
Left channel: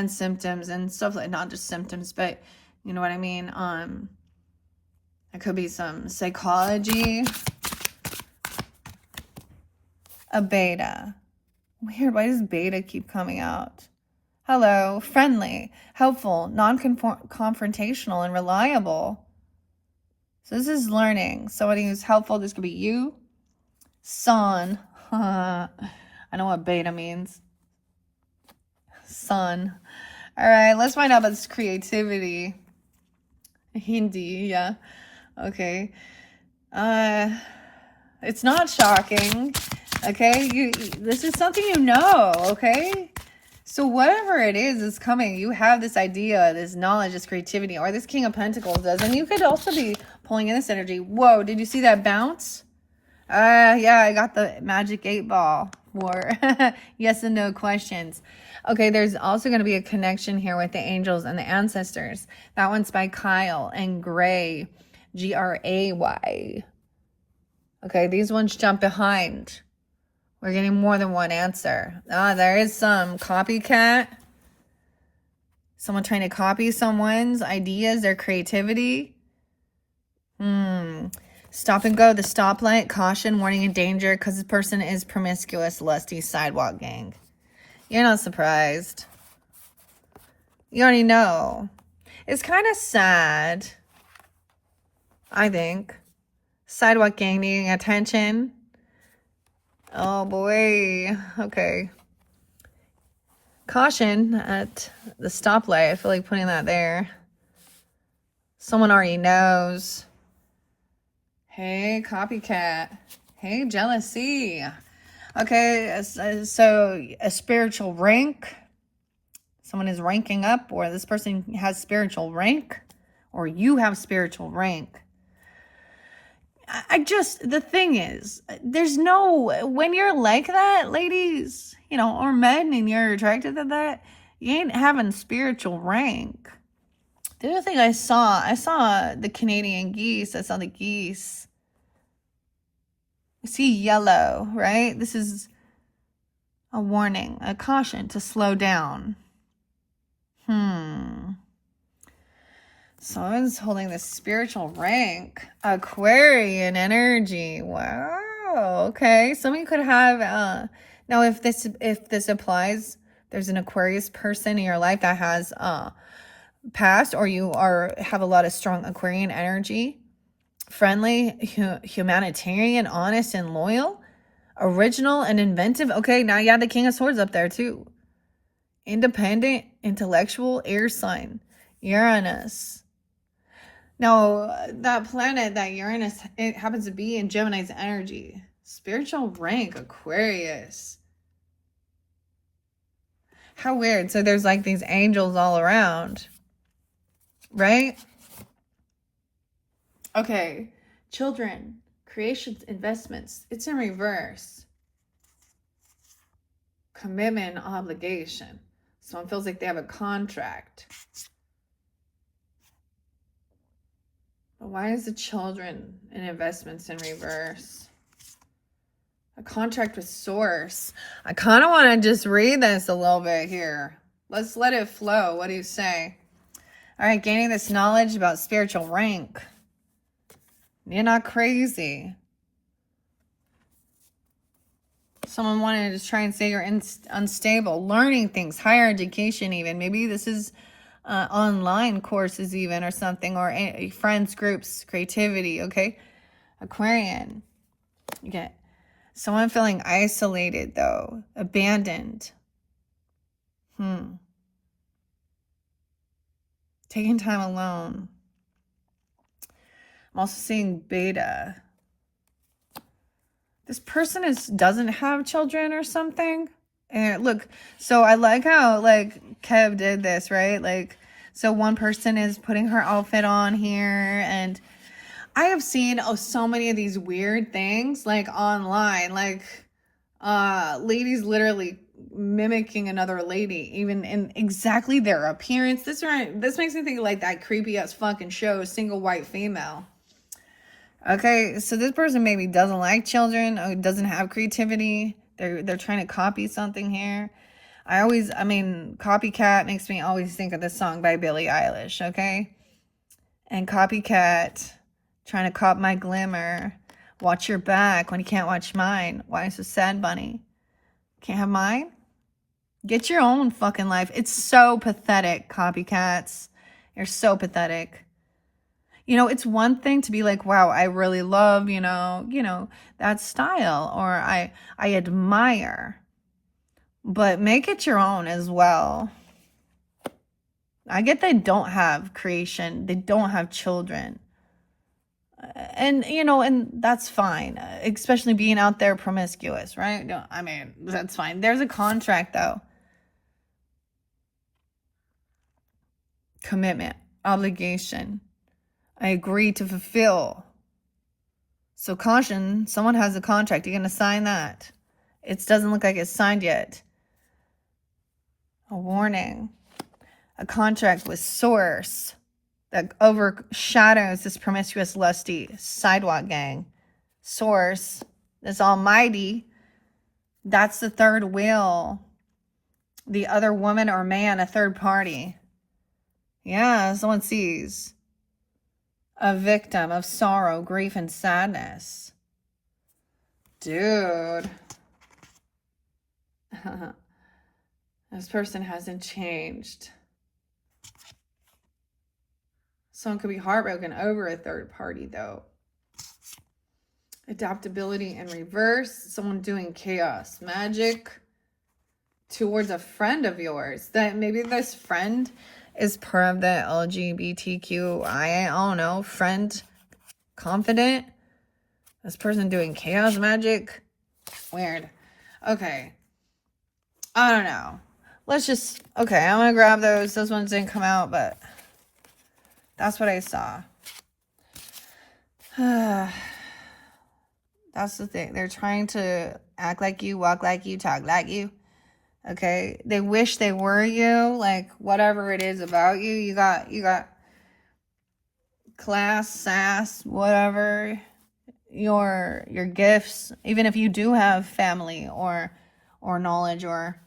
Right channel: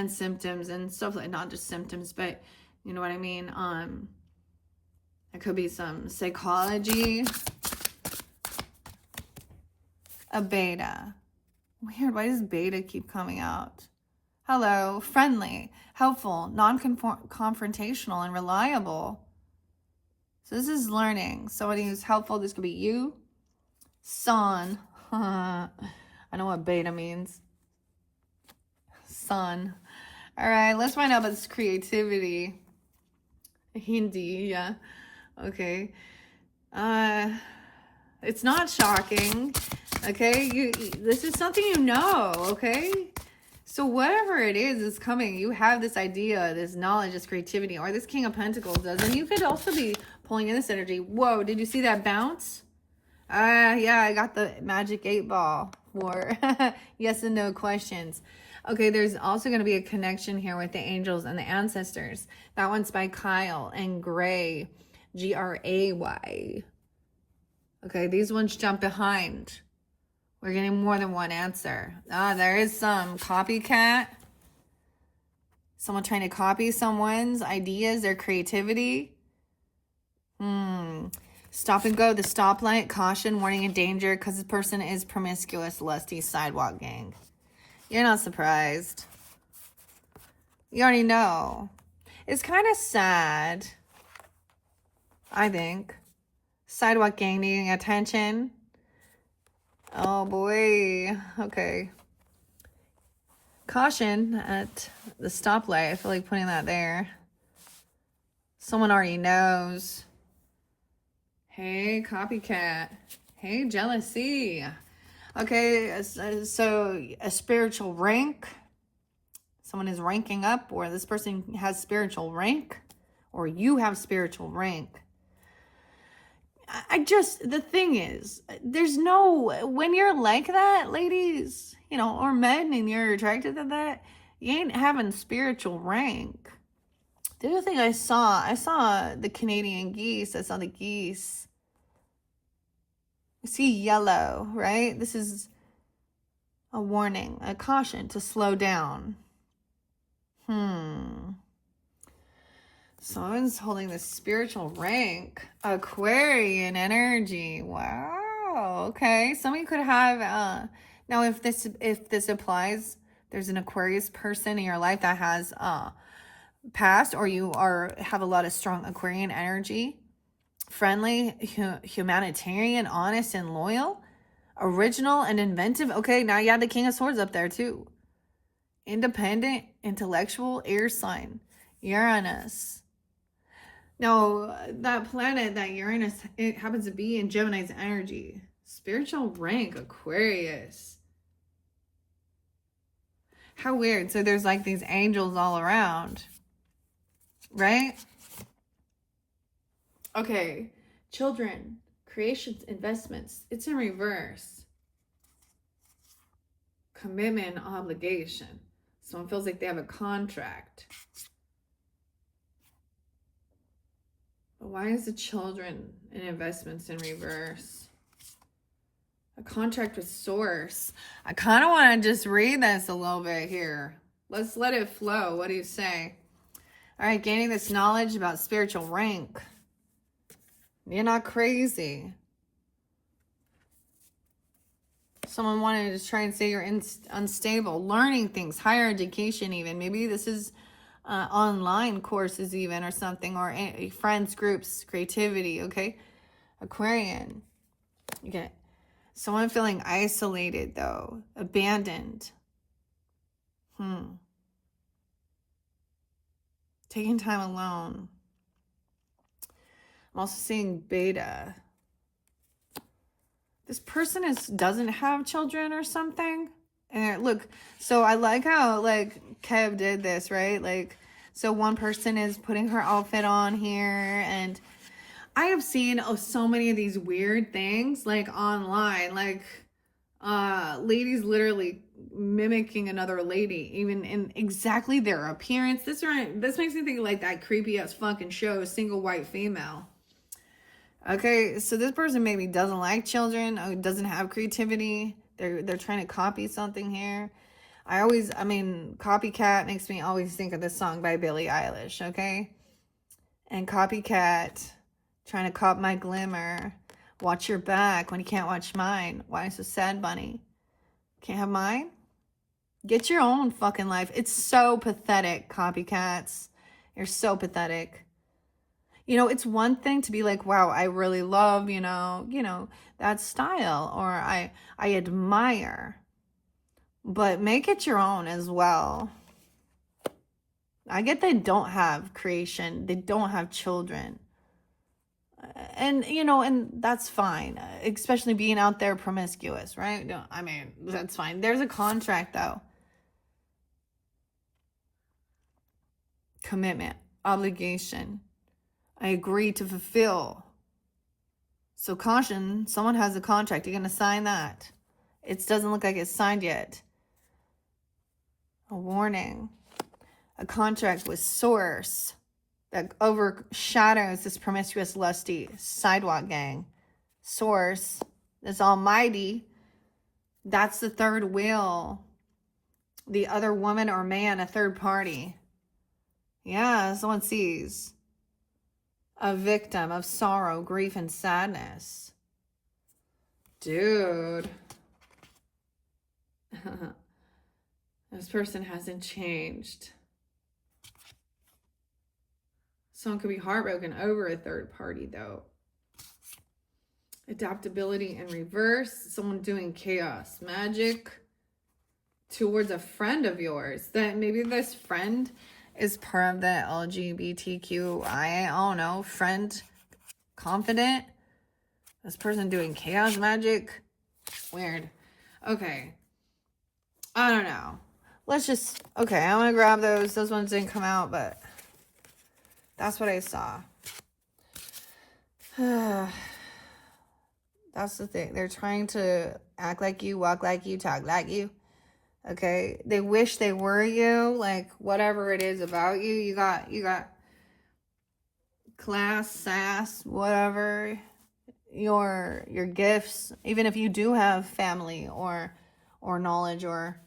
symptoms and stuff, like, not just symptoms, but you know what I mean. It could be some psychology. A beta. Weird. Why does beta keep coming out? Hello. Friendly, helpful, non-confrontational, and reliable. So this is learning. Somebody who's helpful. This could be you. Sun. I know what beta means. Sun. All right. Let's find out about this creativity. Hindi. Yeah. Okay. It's not shocking. Okay, this is something you know, okay? So whatever it is coming, you have this idea, this knowledge, this creativity, or this King of Pentacles does. And you could also be pulling in this energy. Whoa, did you see that bounce? Yeah, I got the magic 8-ball for yes and no questions. Okay, there's also going to be a connection here with the angels and the ancestors. That one's by Kyle and Gray, Gray. Okay, these ones jump behind. We're getting more than one answer. There is some copycat. Someone trying to copy someone's ideas, their creativity. Stop and go, the stoplight, caution, warning, and danger, because this person is promiscuous, lusty, sidewalk gang. You're not surprised. You already know. It's kind of sad, I think. Sidewalk gang needing attention. Oh boy. Okay. Caution at the stoplight. I feel like putting that there. Someone already knows. Hey, copycat. Hey, jealousy. Okay, so a spiritual rank. Someone is ranking up, or this person has spiritual rank, or you have spiritual rank. The thing is, there's no, when you're like that, ladies, you know, or men, and you're attracted to that, you ain't having spiritual rank. The other thing I saw the Canadian geese. I saw the geese. You see yellow, right? This is a warning, a caution to slow down. Someone's holding this spiritual rank. Aquarian energy. Wow. Okay. Some of you could have now if this applies, there's an Aquarius person in your life that has passed, or you have a lot of strong Aquarian energy. Friendly, humanitarian, honest, and loyal. Original and inventive. Okay, now you have the King of Swords up there too. Independent, intellectual, air sign. Uranus. Now, that planet, that Uranus, it happens to be in Gemini's energy. Spiritual rank, Aquarius. How weird. So there's like these angels all around. Right? Okay. Children, creations, investments. It's in reverse. Commitment, obligation. Someone feels like they have a contract. But why is the children and investments in reverse? A contract with source. I kind of want to just read this a little bit here. Let's let it flow. What do you say? All right, gaining this knowledge about spiritual rank. You're not crazy. Someone wanted to try and say you're unstable. Learning things, higher education even. Maybe this is online courses even, or something, or friends groups, creativity, okay? Aquarian. You get someone feeling isolated though, abandoned. Taking time alone. I'm also seeing beta. This person doesn't have children or something. And look, so I like how like Kev did this, right? Like, so one person is putting her outfit on here, and I have seen so many of these weird things like online, like ladies literally mimicking another lady, even in exactly their appearance. This makes me think like that creepy ass fucking show, Single White Female. Okay, so this person maybe doesn't like children, or doesn't have creativity. They're trying to copy something here. Copycat makes me always think of this song by Billie Eilish, okay? And copycat, trying to cop my glimmer. Watch your back when you can't watch mine. Why so sad, bunny? Can't have mine? Get your own fucking life. It's so pathetic, copycats. You're so pathetic. You know, it's one thing to be like, wow, I really love, you know, that style, or I admire, but make it your own as well. I get they don't have creation. They don't have children. And, you know, and that's fine, especially being out there promiscuous, right? No, I mean, that's fine. There's a contract though. Commitment, obligation. I agree to fulfill. So caution, someone has a contract. You're going to sign that. It doesn't look like it's signed yet. A warning. A contract with source that overshadows this promiscuous, lusty sidewalk gang. Source, this almighty, that's the third wheel. The other woman or man, a third party. Yeah, someone sees. A victim of sorrow, grief, and sadness. Dude. This person hasn't changed. Someone could be heartbroken over a third party, though. Adaptability in reverse. Someone doing chaos magic towards a friend of yours. That maybe this friend is part of the LGBTQI, I don't know, friend, confident. This person doing chaos magic. Weird. Okay. I don't know. Let's just... Okay, I'm going to grab those. Those ones didn't come out, but that's what I saw. That's the thing. They're trying to act like you, walk like you, talk like you. Okay? They wish they were you. Like, whatever it is about you. You got class, sass, whatever. Your gifts. Even if you do have family or knowledge or,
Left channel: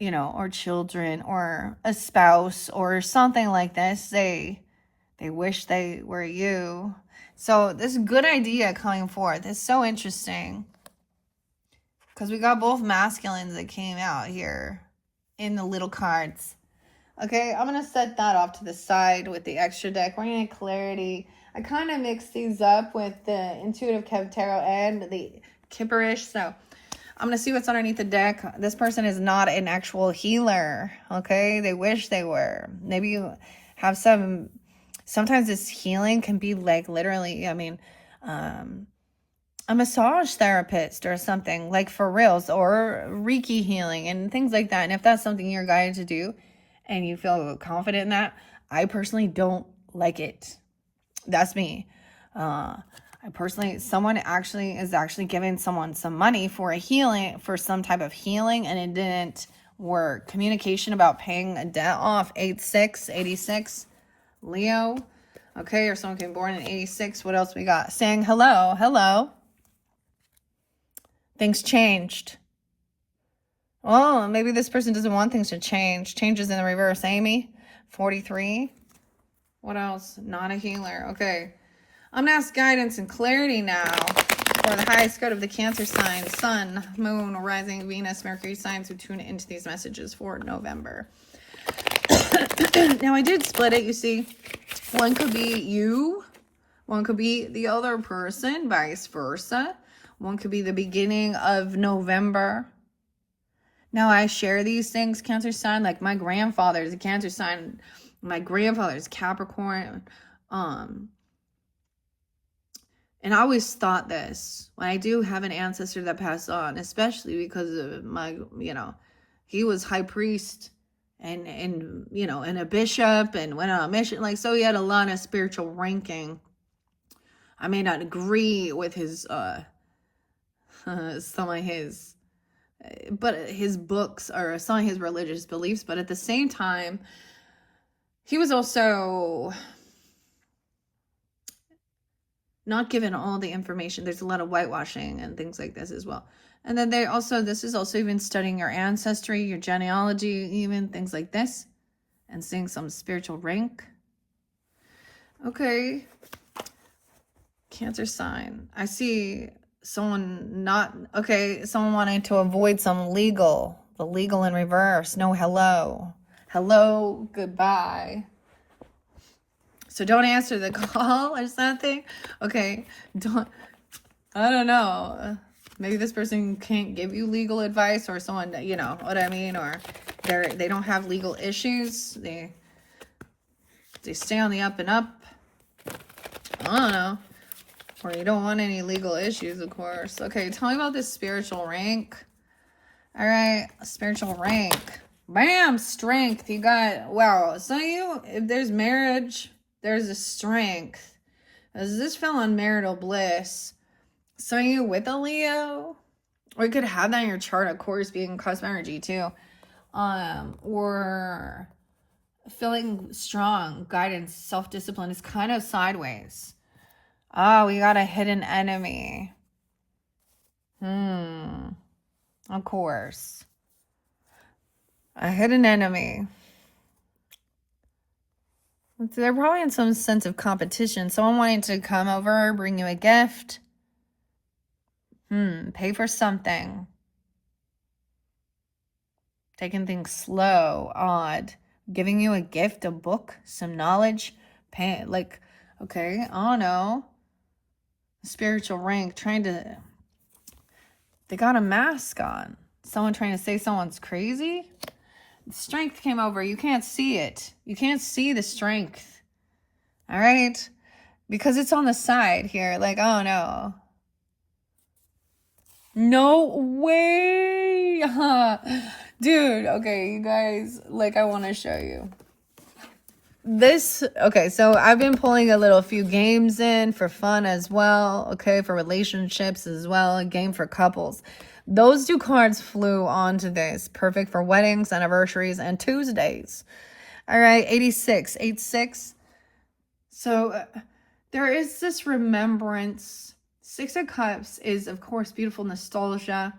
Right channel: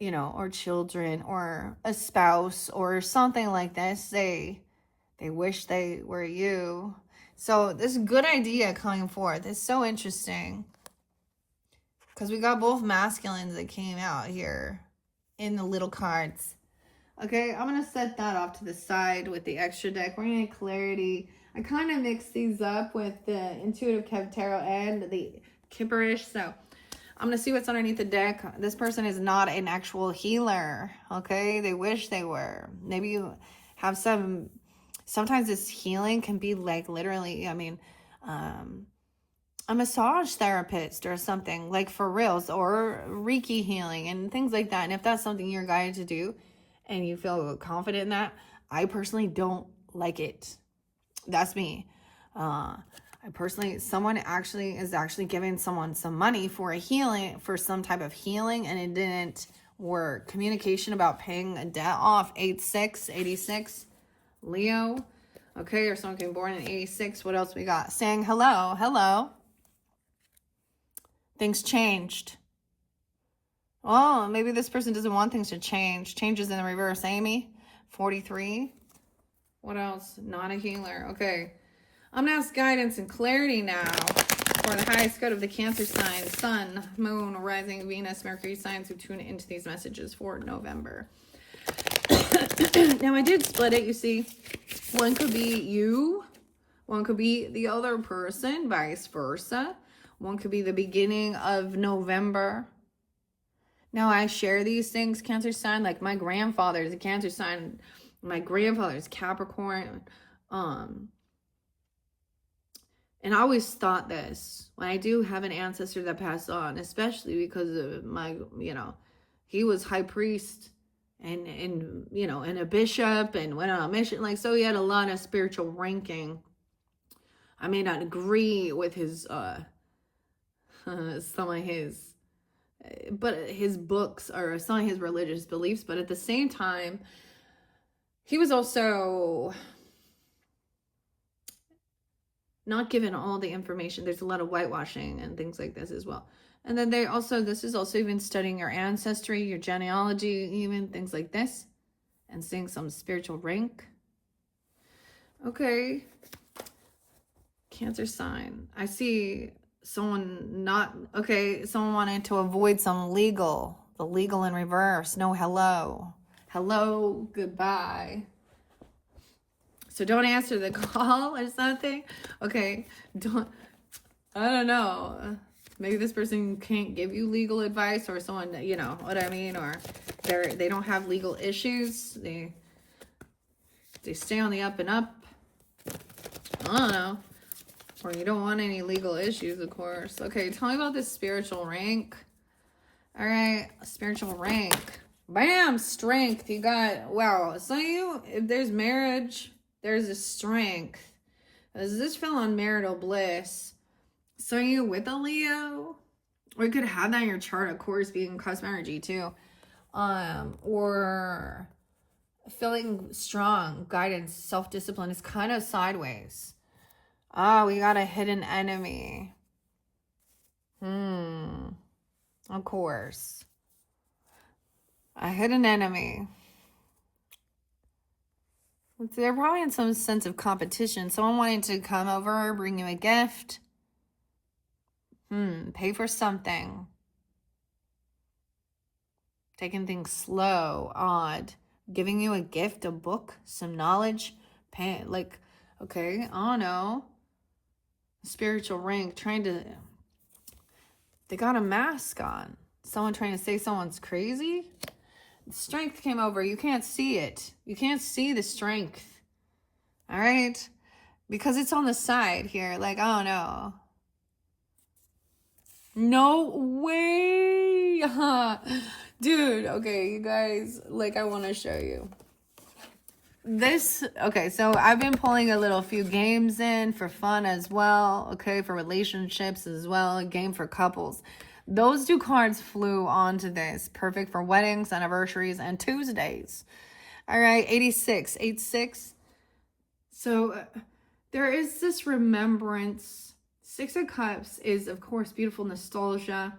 you know, or children or a spouse or something like this, they wish they were you. So this good idea coming forth is so interesting, because we got both masculines that came out here in the little cards. Okay, I'm going to set that off to the side with the extra deck. We're going to get clarity. I kind of mixed these up with the Intuitive Kev Tarot and the Kipperish. So I'm going to see what's underneath the deck. This person is not an actual healer. Okay, they wish they were. Maybe you have some... Sometimes this healing can be like literally, I mean, a massage therapist or something, like for reals, or Reiki healing and things like that. And if that's something you're guided to do and you feel confident in that, I personally don't like it. That's me. I personally, someone is actually giving someone some money for a healing, for some type of healing, and it didn't work. Communication about paying a debt off, 86, Leo. Okay, or someone came born in 86. What else we got? Saying hello. Things changed. Oh, maybe this person doesn't want things to change. Changes in the reverse. Amy, 43. What else? Not a healer. Okay. I'm going to ask guidance and clarity now for the highest good of the Cancer sign, Sun, Moon, Rising, Venus, Mercury signs who tune into these messages for November. Now, I did split it, you see. One could be you. One could be the other person, vice versa. One could be the beginning of November. Now, I share these things, Cancer sign. Like, my grandfather is a Cancer sign. My grandfather is Capricorn. And I always thought this. When I do have an ancestor that passed on, especially because of my, you know, he was high priest. And you know, and a bishop, and went on a mission, like, so he had a lot of spiritual ranking. I may not agree with his some of his, but his books or some of his religious beliefs, but at the same time, he was also not given all the information. There's a lot of whitewashing and things like this as well. And then this is also even studying your ancestry, your genealogy, even things like this, and seeing some spiritual rank. Okay. Cancer sign. I see someone someone wanting to avoid the legal in reverse. No hello. Hello, goodbye. So don't answer the call or something. Okay. I don't know. Maybe this person can't give you legal advice, or someone, you know what I mean, or they don't have legal issues. They stay on the up and up. I don't know. Or you don't want any legal issues, of course. Okay, tell me about this spiritual rank. All right, spiritual rank. Bam, strength. You got, wow. Some of you, if there's marriage, there's a strength. Does this feel on marital bliss? So are you with a Leo? Or you could have that in your chart, of course, being cosmic energy too. Or feeling strong, guidance, self-discipline is kind of sideways. Oh, we got a hidden enemy. Of course. A hidden enemy. They're probably in some sense of competition. Someone wanting to come over, bring you a gift. Pay for something. Taking things slow, odd. Giving you a gift, a book, some knowledge. Pay, like, okay, I don't know. Spiritual rank, they got a mask on. Someone trying to say someone's crazy. Strength came over. You can't see it. You can't see the strength. All right. because it's on the side here. Like, oh no. No way. Dude, okay, you guys, like, I want to show you. This, okay, so I've been pulling a few games in for fun as well, okay, for relationships as well, a game for couples. Those two cards flew onto this. Perfect for weddings, anniversaries, and Tuesdays. All right, 86, 86. So there is this remembrance. Six of Cups is, of course, beautiful nostalgia.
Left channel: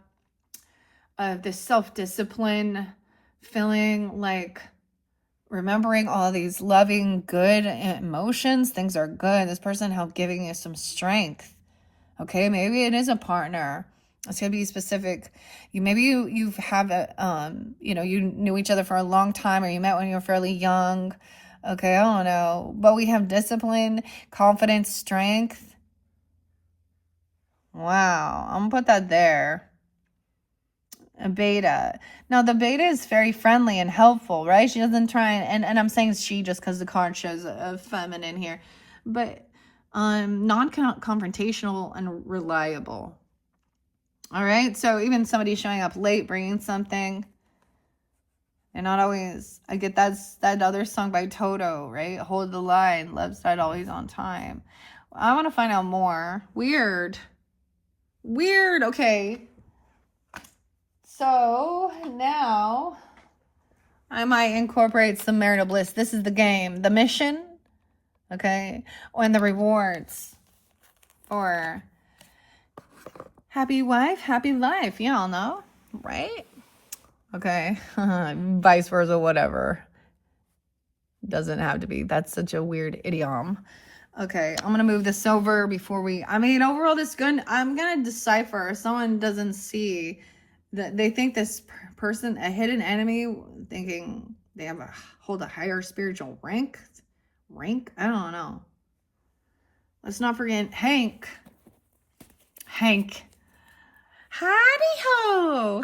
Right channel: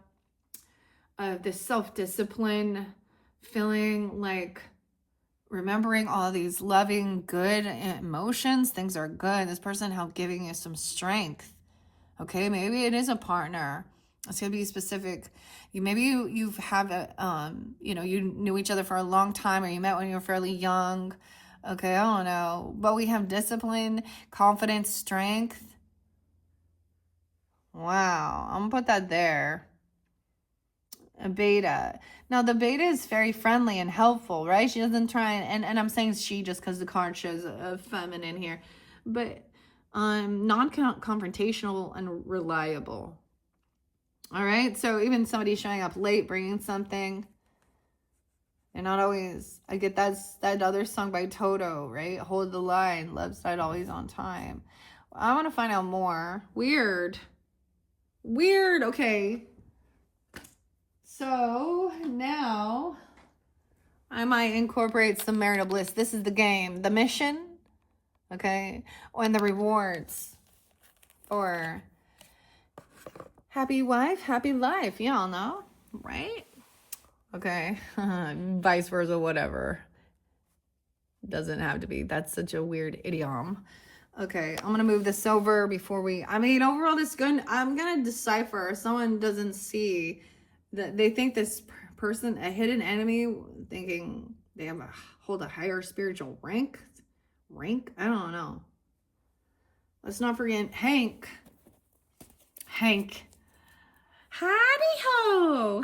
This self-discipline, feeling like remembering all these loving, good emotions. Things are good. This person helped giving you some strength. Okay, maybe it is a partner. It's gonna be specific. You have a you knew each other for a long time, or you met when you were fairly young. Okay, I don't know, but we have discipline, confidence, strength. Wow, I'm gonna put that there. A beta. Now the beta is very friendly and helpful, right? She doesn't try and I'm saying she just because the card shows a feminine here, but non-confrontational and reliable. All right, so even somebody showing up late, bringing something, and not always. I get that other song by Toto, right? Hold the line, left side always on time. I want to find out more. Weird. Okay. So now I might incorporate some marital bliss. This is the game, the mission, okay, and the rewards for happy wife, happy life. Y'all know, right? Okay, vice versa, whatever. Doesn't have to be. That's such a weird idiom. Okay, I'm gonna move this over before overall this good. I'm gonna decipher. Someone doesn't see that they think this person, a hidden enemy, thinking they hold a higher spiritual rank. I don't know. Let's not forget Hank. Howdy ho.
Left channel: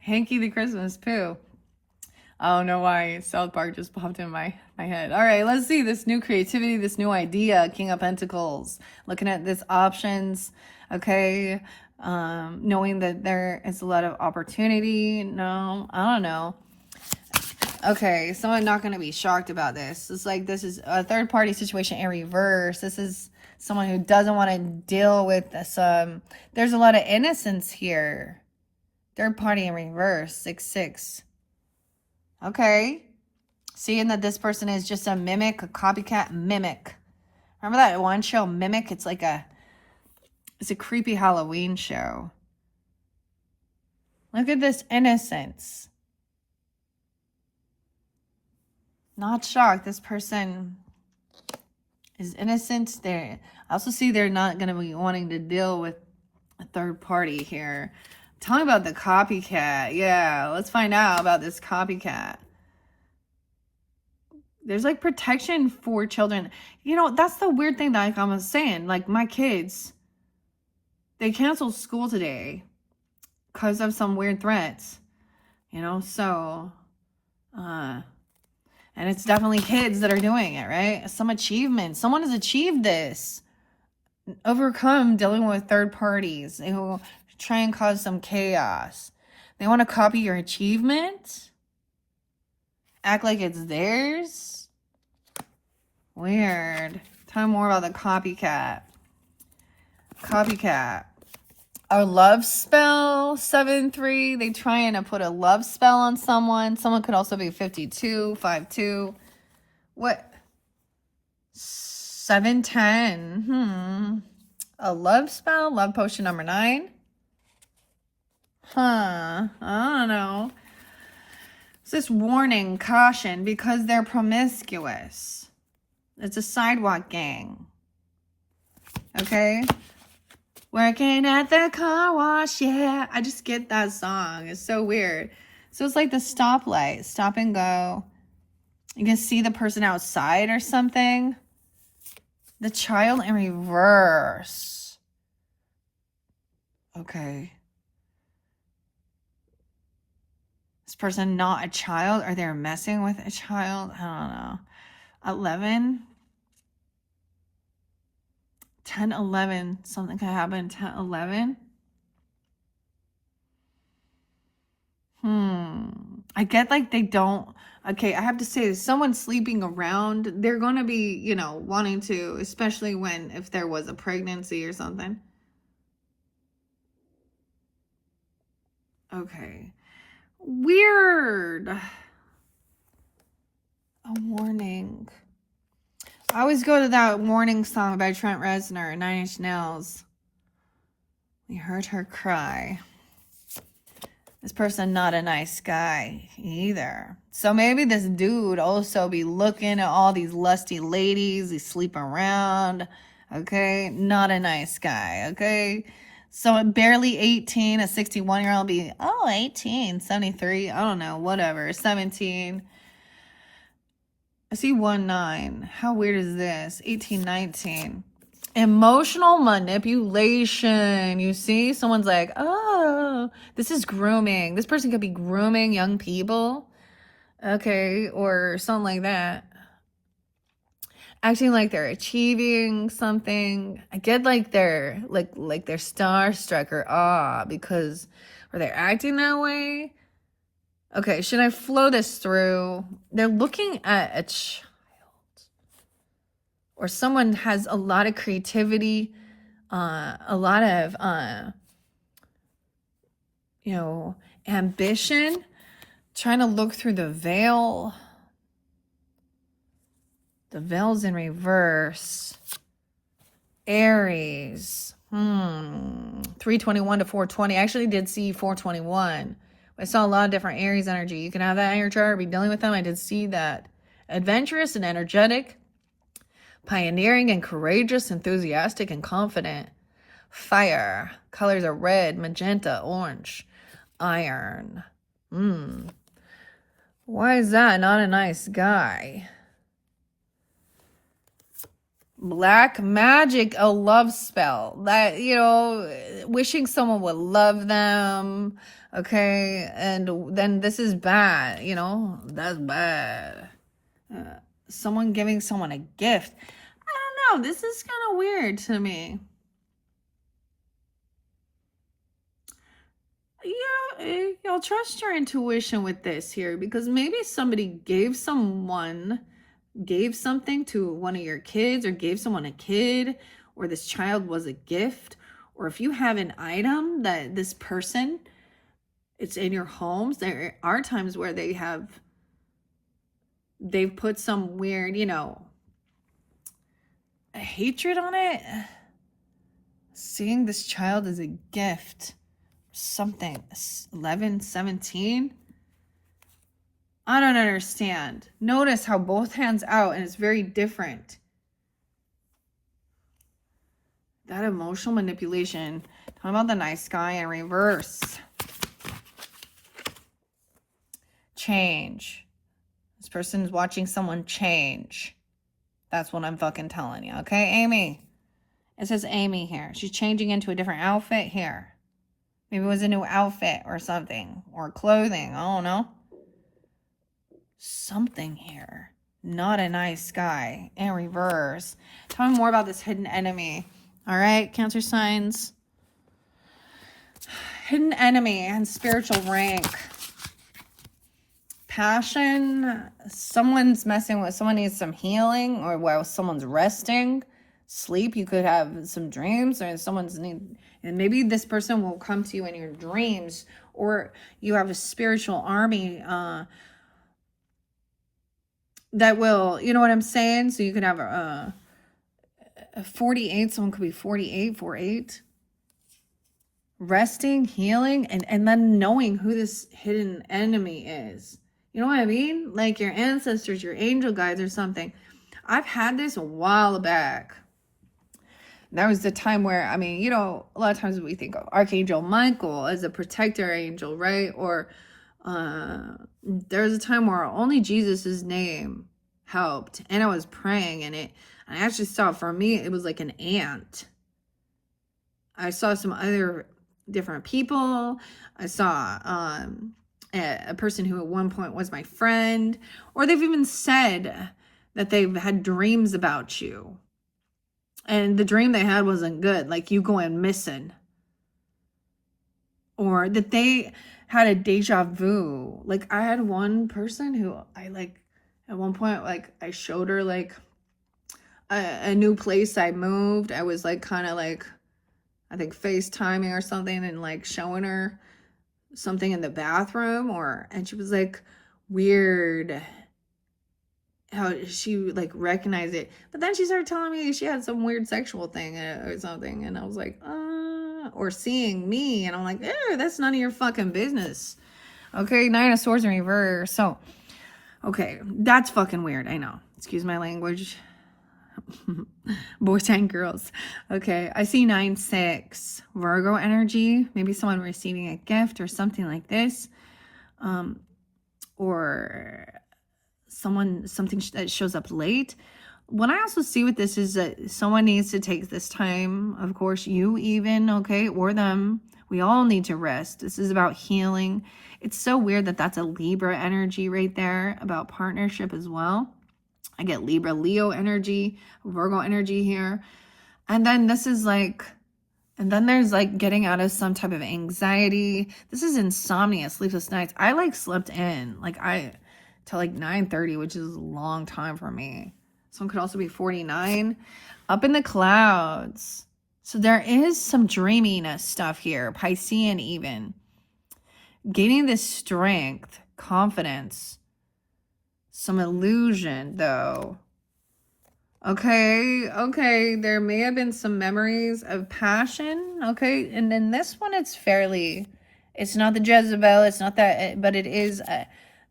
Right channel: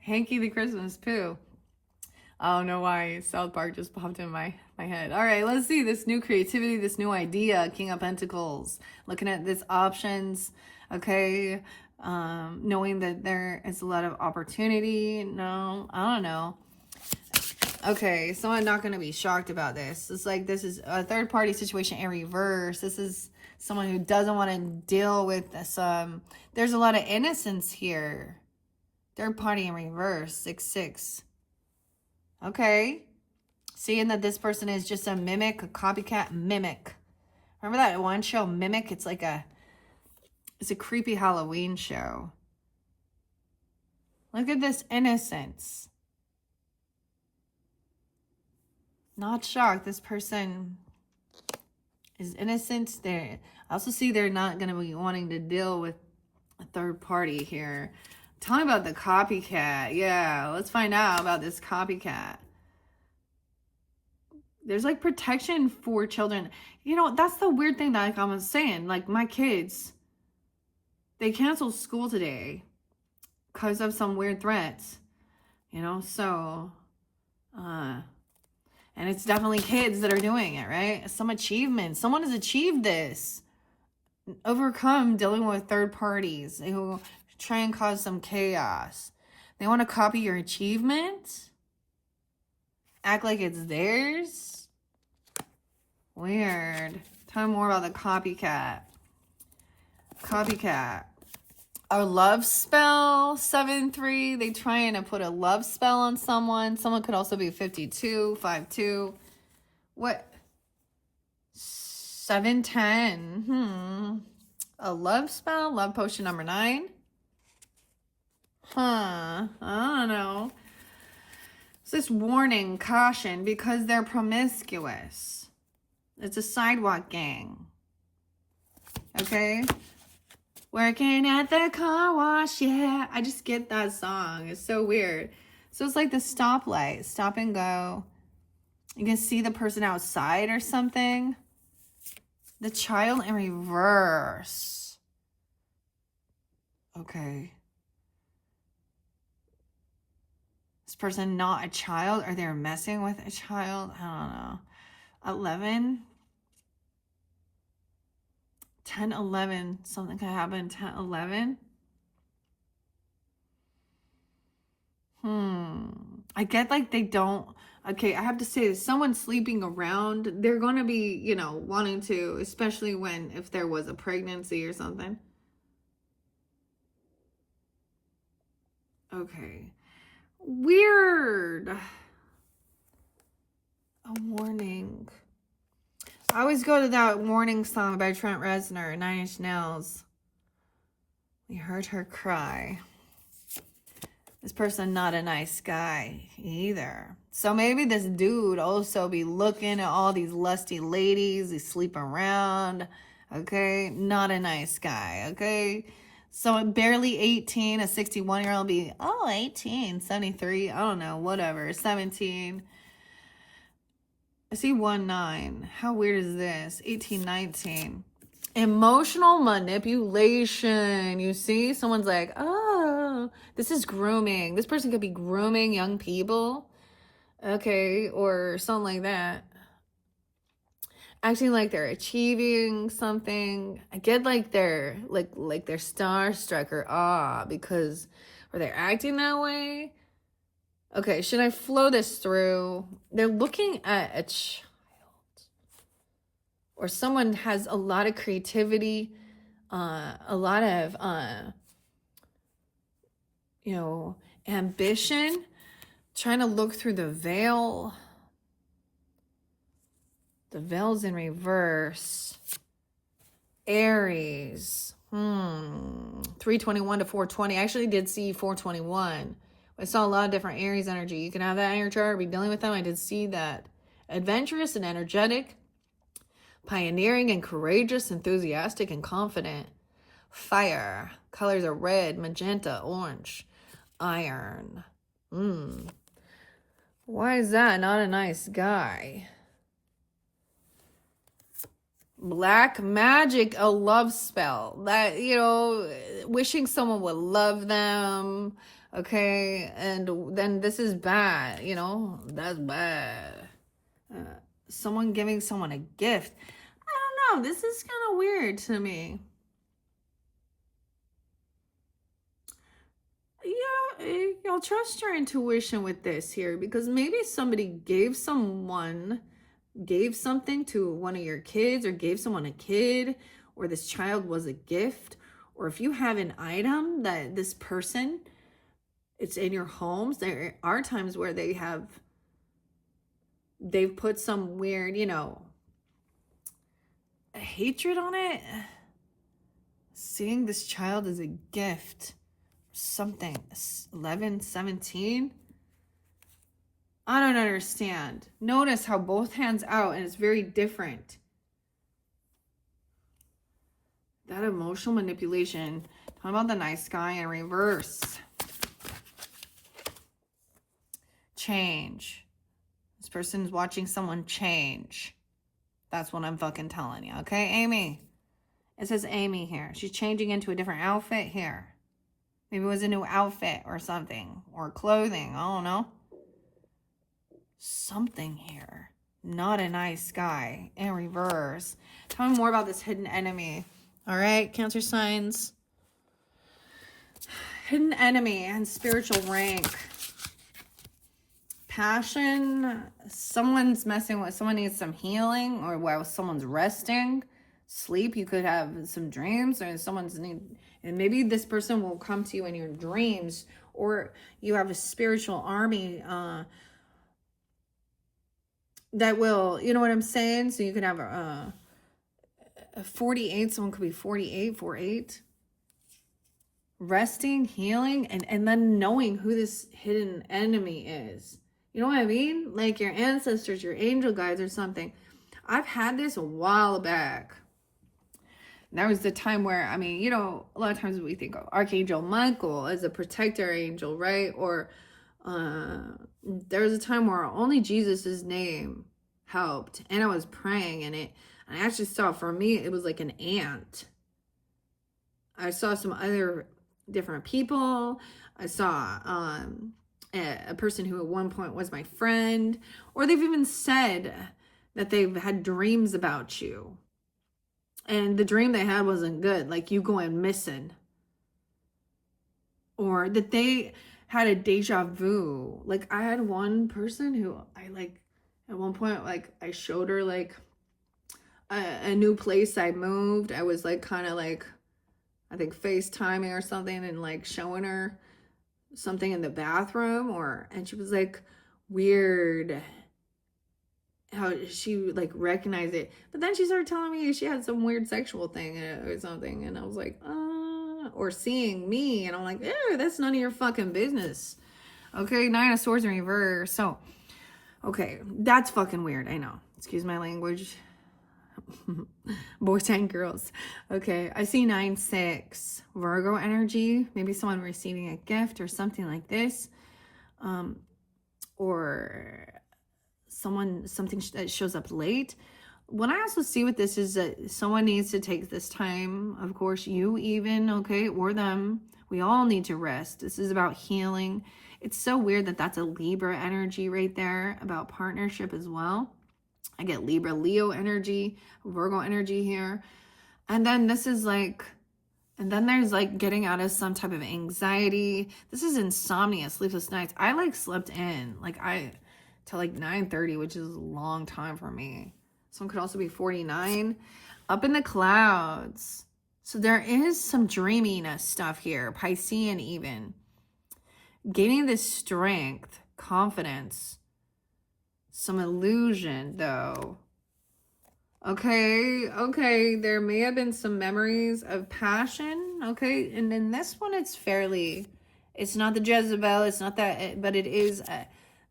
Hanky the Christmas Pooh. I don't know why South Park just popped in my head. All right, let's see this new creativity, this new idea, King of Pentacles. Looking at this options, okay, knowing that there is a lot of opportunity. No, I don't know. Okay, so I'm not going to be shocked about this. It's like this is a third-party situation in reverse. This is someone who doesn't want to deal with this. There's a lot of innocence here. Third party in reverse, 6-6. Okay. Seeing that this person is just a mimic, a copycat mimic. Remember that one show, Mimic? It's a creepy Halloween show. Look at this innocence. Not shocked. This person is innocent. I also see they're not going to be wanting to deal with a third party here. Tell me about the copycat. Yeah, let's find out about this copycat. There's like protection for children. That's the weird thing that I was saying. Like my kids, they canceled school today because of some weird threats. So, and it's definitely kids that are doing it, right? Some achievement. Someone has achieved this. Overcome dealing with third parties who try and cause some chaos. They want to copy your achievement. Act like it's theirs. Weird. Tell me more about the copycat. A love spell, 7-3. They trying to put a love spell on someone. Someone could also be 52, 5-2. What? 7-10. A love spell, love potion number 9. I don't know. It's this warning, caution, because they're promiscuous. It's a sidewalk gang. Okay? Working at the car wash, yeah. I just get that song. It's so weird. So it's like the stoplight, stop and go. You can see the person outside or something. The child in reverse. Okay. This person not a child, or they're messing with a child. I don't know. 11, 10, 11. Something could happen. 10, 11. I get like they don't. Okay, I have to say, if someone's sleeping around, they're going to be, you know, wanting to, especially when, if there was a pregnancy or something. Okay. Weird. A warning. I always go to that warning song by Trent Reznor, Nine Inch Nails. We heard her cry. This person not a nice guy either. So maybe this dude also be looking at all these lusty ladies. He's sleeping around. Okay, not a nice guy. Okay, so barely 18, a 61-year-old be, oh, 18, 73, I don't know, whatever, 17. I see 19. How weird is this? 18, 19. Emotional manipulation. You see, someone's like, oh, this is grooming. This person could be grooming young people. Okay, or something like that. Acting like they're achieving something. I get like they're like they're starstruck or because, or they're acting that way. Okay, should I flow this through? They're looking at a child. Or someone has a lot of creativity, a lot of, you know, ambition, trying to look through the veil. The veil's in reverse. Aries. 321 to 420. I actually did see 421. I saw a lot of different Aries energy. You can have that in your chart, be dealing with them. I did see that. Adventurous and energetic. Pioneering and courageous, enthusiastic and confident. Fire. Colors are red, magenta, orange. Iron. Why is that not a nice guy? Black magic, a love spell. That, you know, wishing someone would love them. Okay, and then this is bad, you know, that's bad. Someone giving someone a gift. I don't know, this is kind of weird to me. Yeah, you'll trust your intuition with this here, because maybe somebody gave something to one of your kids, or gave someone a kid, or this child was a gift, or if you have an item that this person, it's in your homes. There are times where they've put some weird, you know, a hatred on it. Seeing this child as a gift, something. 11, 17. I don't understand. Notice how both hands out and it's very different. That emotional manipulation. Talking about the nice guy in reverse. Change. This person's watching someone change. That's what I'm fucking telling you. Okay, Amy? It says Amy here. She's changing into a different outfit here. Maybe it was a new outfit or something. Or clothing. I don't know. Something here. Not a nice guy. In reverse. Tell me more about this hidden enemy. All right, Cancer signs. Hidden enemy and spiritual rank. Passion. Someone's messing with, someone needs some healing, or while someone's resting. Sleep, you could have some dreams, or someone's need, and maybe this person will come to you in your dreams, or you have a spiritual army that will, you know what I'm saying? So you could have a 48, someone could be 48, 48. Resting, healing, and then knowing who this hidden enemy is. You know what I mean? Like your ancestors, your angel guides or something. I've had this a while back. That was the time where, I mean, you know, a lot of times we think of Archangel Michael as a protector angel, right? Or there was a time where only Jesus's name helped. And I was praying, and I actually saw, for me, it was like an ant. I saw some other different people. I saw a person who at one point was my friend, or they've even said that they've had dreams about you. And the dream they had wasn't good, like you going missing. Or that they had a deja vu. Like I had one person who I like at one point, like I showed her like a new place I moved. I was like kind of like I think FaceTiming or something and like showing her something in the bathroom and she was like weird how she like recognized it. But then she started telling me she had some weird sexual thing or something. And I was like, or seeing me. And I'm like, that's none of your fucking business. Okay, 9 of Swords in reverse. So, okay, that's fucking weird. I know. Excuse my language. Boys and girls. Okay, I see 9-6 Virgo energy. Maybe someone receiving a gift or something like this, or something that shows up late. What I also see with this is that someone needs to take this time. Of course, you even, okay, or them. We all need to rest. This is about healing. It's so weird that that's a Libra energy right there about partnership as well. I get Libra, Leo energy, Virgo energy here. And then this is like, and then there's like getting out of some type of anxiety. This is insomnia, sleepless nights. I like slept in, like till like 9:30, which is a long time for me. Someone could also be 49. Up in the clouds. So there is some dreaminess stuff here. Piscean even. Gaining this strength, confidence. Some illusion, though. Okay. There may have been some memories of passion. Okay. And then this one, it's not the Jezebel. It's not that, but it is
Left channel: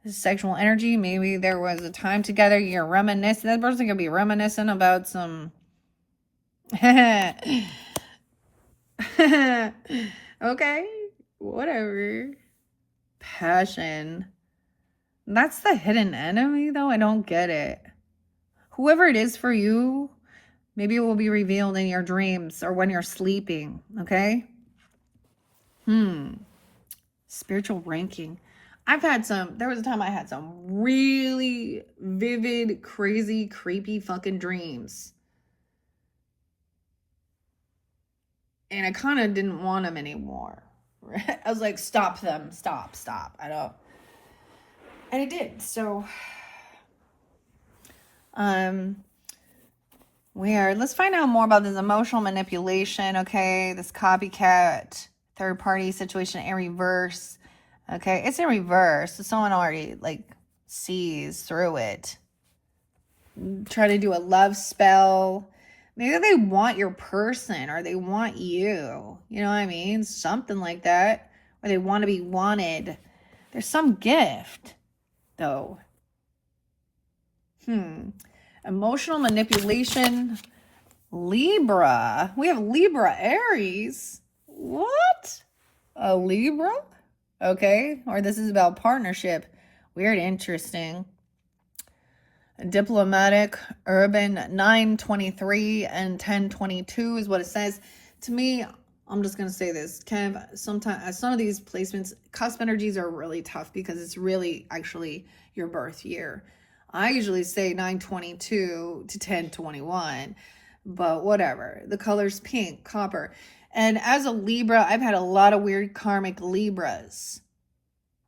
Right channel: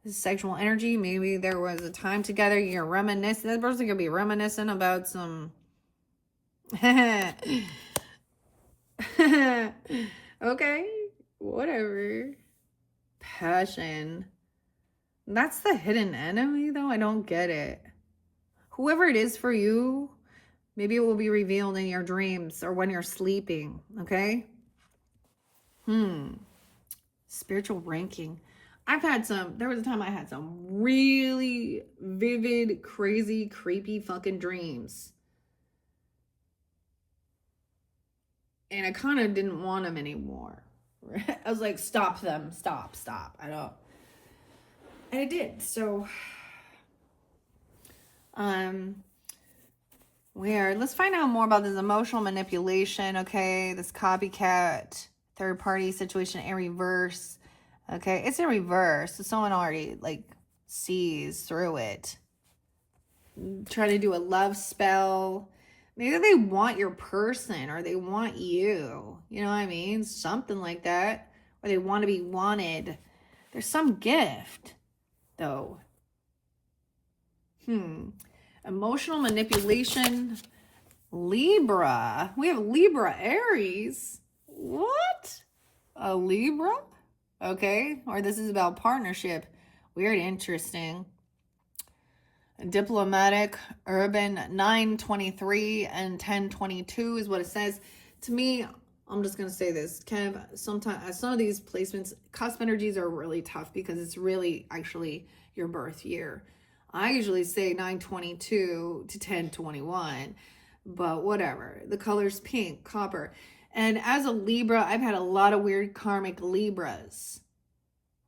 sexual energy. Maybe there was a time together. You're reminiscing. That person could be reminiscing about some. Okay. Whatever. Passion. That's the hidden enemy, though. I don't get it. Whoever it is for you, maybe it will be revealed in your dreams or when you're sleeping, okay? Spiritual ranking. There was a time I had some really vivid, crazy, creepy fucking dreams. And I kind of didn't want them anymore. I was like, stop them, stop. I don't. And I did. So, let's find out more about this emotional manipulation, okay? This copycat, third party situation in reverse, okay? It's in reverse. So someone already, like, sees through it. Try to do a love spell. Maybe they want your person or they want you. You know what I mean? Something like that. Or they want to be wanted. There's some gift, though. Emotional manipulation. Libra. We have Libra Aries. What? A Libra? Okay. Or this is about partnership. Weird, interesting. Diplomatic, urban, 923 and 1022 is what it says. To me, I'm just going to say this. Kev, sometimes some of these placements, cusp energies are really tough because it's really actually your birth year. I usually say 922 to 1021, but whatever. The color's pink, copper. And as a Libra, I've had a lot of weird karmic Libras,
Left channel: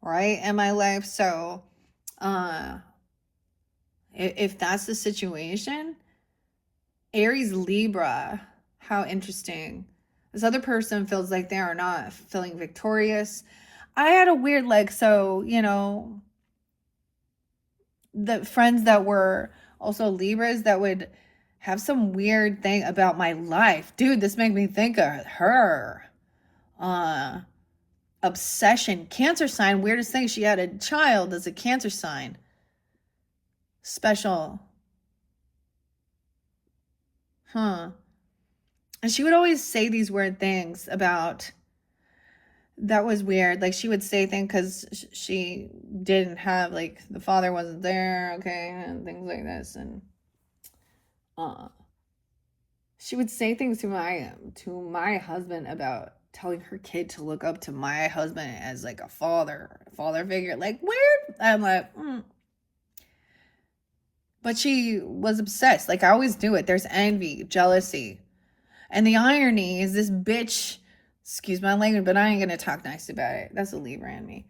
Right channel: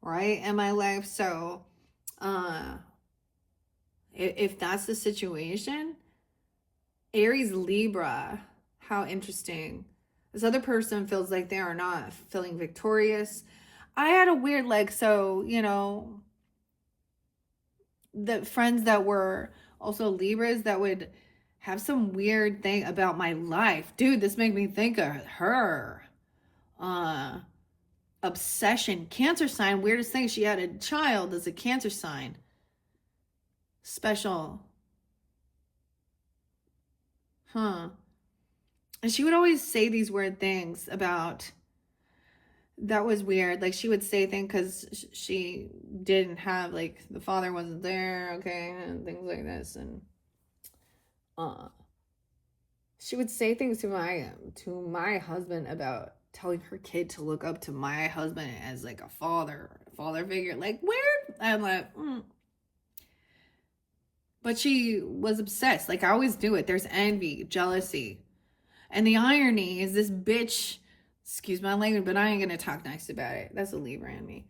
right, in my life. So, if that's the situation, Aries Libra, how interesting. This other person feels like they are not feeling victorious. I had a weird, the friends that were also Libras that would have some weird thing about my life. Dude, this made me think of her. Obsession. Cancer sign. Weirdest thing. She had a child as a Cancer sign. Special. And she would always say these weird things about, that was weird. Like she would say things because she didn't have, like, the father wasn't there, okay, and things like this. And she would say things to my husband about telling her kid to look up to my husband as like a father figure. Like, weird. I'm like, But she was obsessed. Like, I always do it. There's envy, jealousy. And the irony is this bitch, excuse my language, but I ain't going to talk nice about it. That's a Libra in me.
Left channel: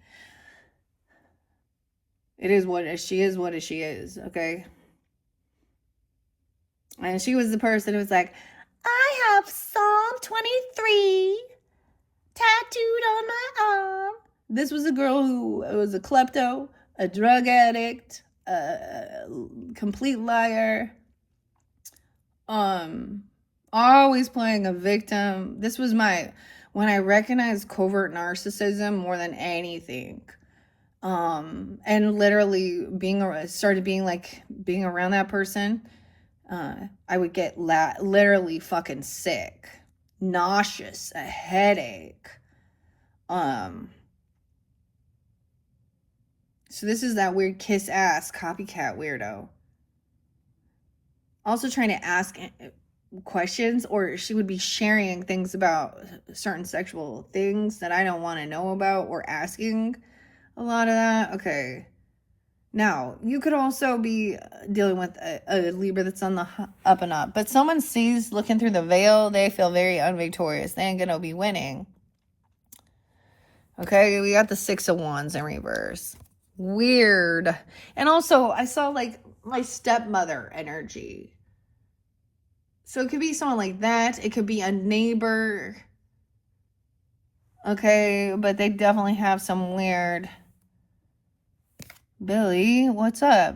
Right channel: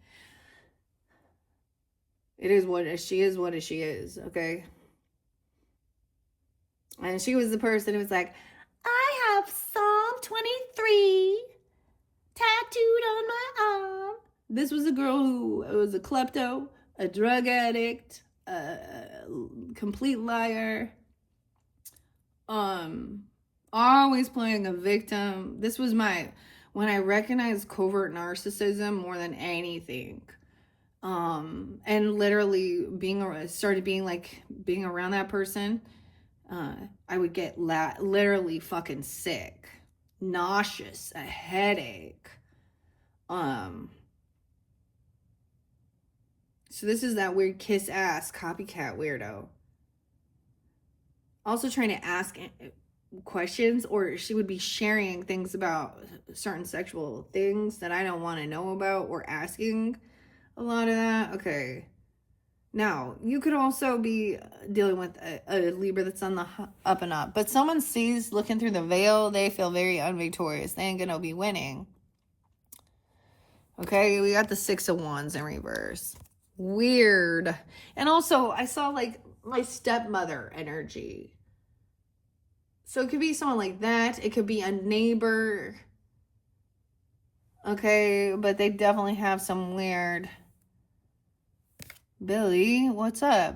It is what it is. She is what she is, okay? And she was the person who was like, I have Psalm 23 tattooed on my arm. This was a girl who was a klepto, a drug addict, a complete liar, always playing a victim. This was when I recognized covert narcissism more than anything. And literally started being around that person, I would get literally fucking sick, nauseous, a headache. So this is that weird kiss ass copycat weirdo. Also trying to ask questions, or she would be sharing things about certain sexual things that I don't want to know about, or asking a lot of that. Okay. Now, you could also be dealing with a Libra that's on the up and up, but someone sees looking through the veil, they feel very unvictorious. They ain't gonna be winning. Okay, we got the Six of Wands in reverse. Weird. And also, I saw like my stepmother energy. So it could be someone like that. It could be a neighbor. Okay, but they definitely have some weird... Billy, what's up?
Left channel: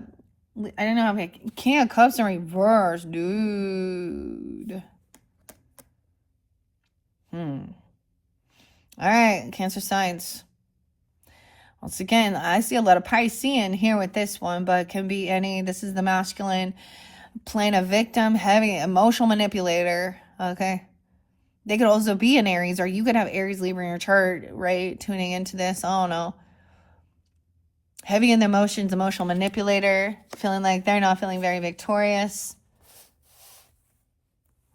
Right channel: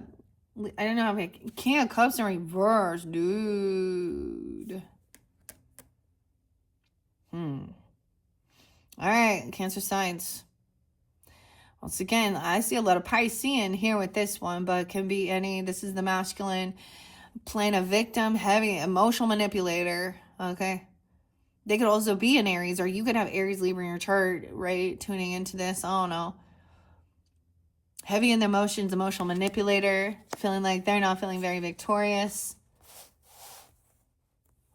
I don't know. King of Cups in reverse, dude. All right, Cancer signs. Once again, I see a lot of Piscean here with this one, but it can be any. This is the masculine playing a victim, heavy emotional manipulator. Okay. They could also be an Aries, or you could have Aries, Libra in your chart, right? Tuning into this. I don't know. Heavy in the emotions, emotional manipulator, feeling like they're not feeling very victorious.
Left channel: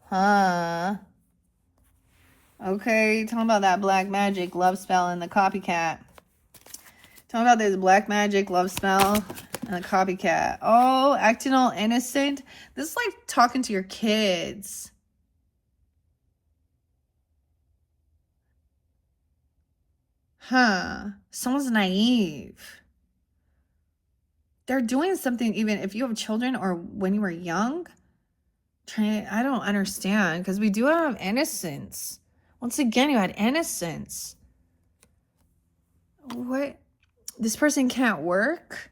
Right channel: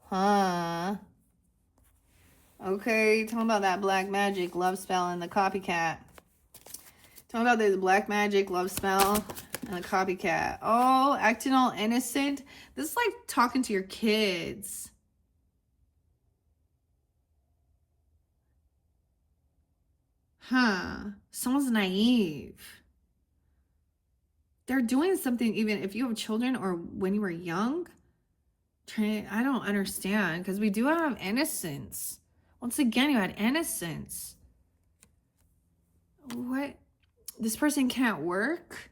Huh. Okay, talking about that black magic love spell and the copycat. Talking about this black magic love spell and the copycat. Oh, acting all innocent. This is like talking to your kids. Huh. Someone's naive. They're doing something, even if you have children or when you were young. I don't understand, because we do have innocence. Once again, you had innocence. What? This person can't work?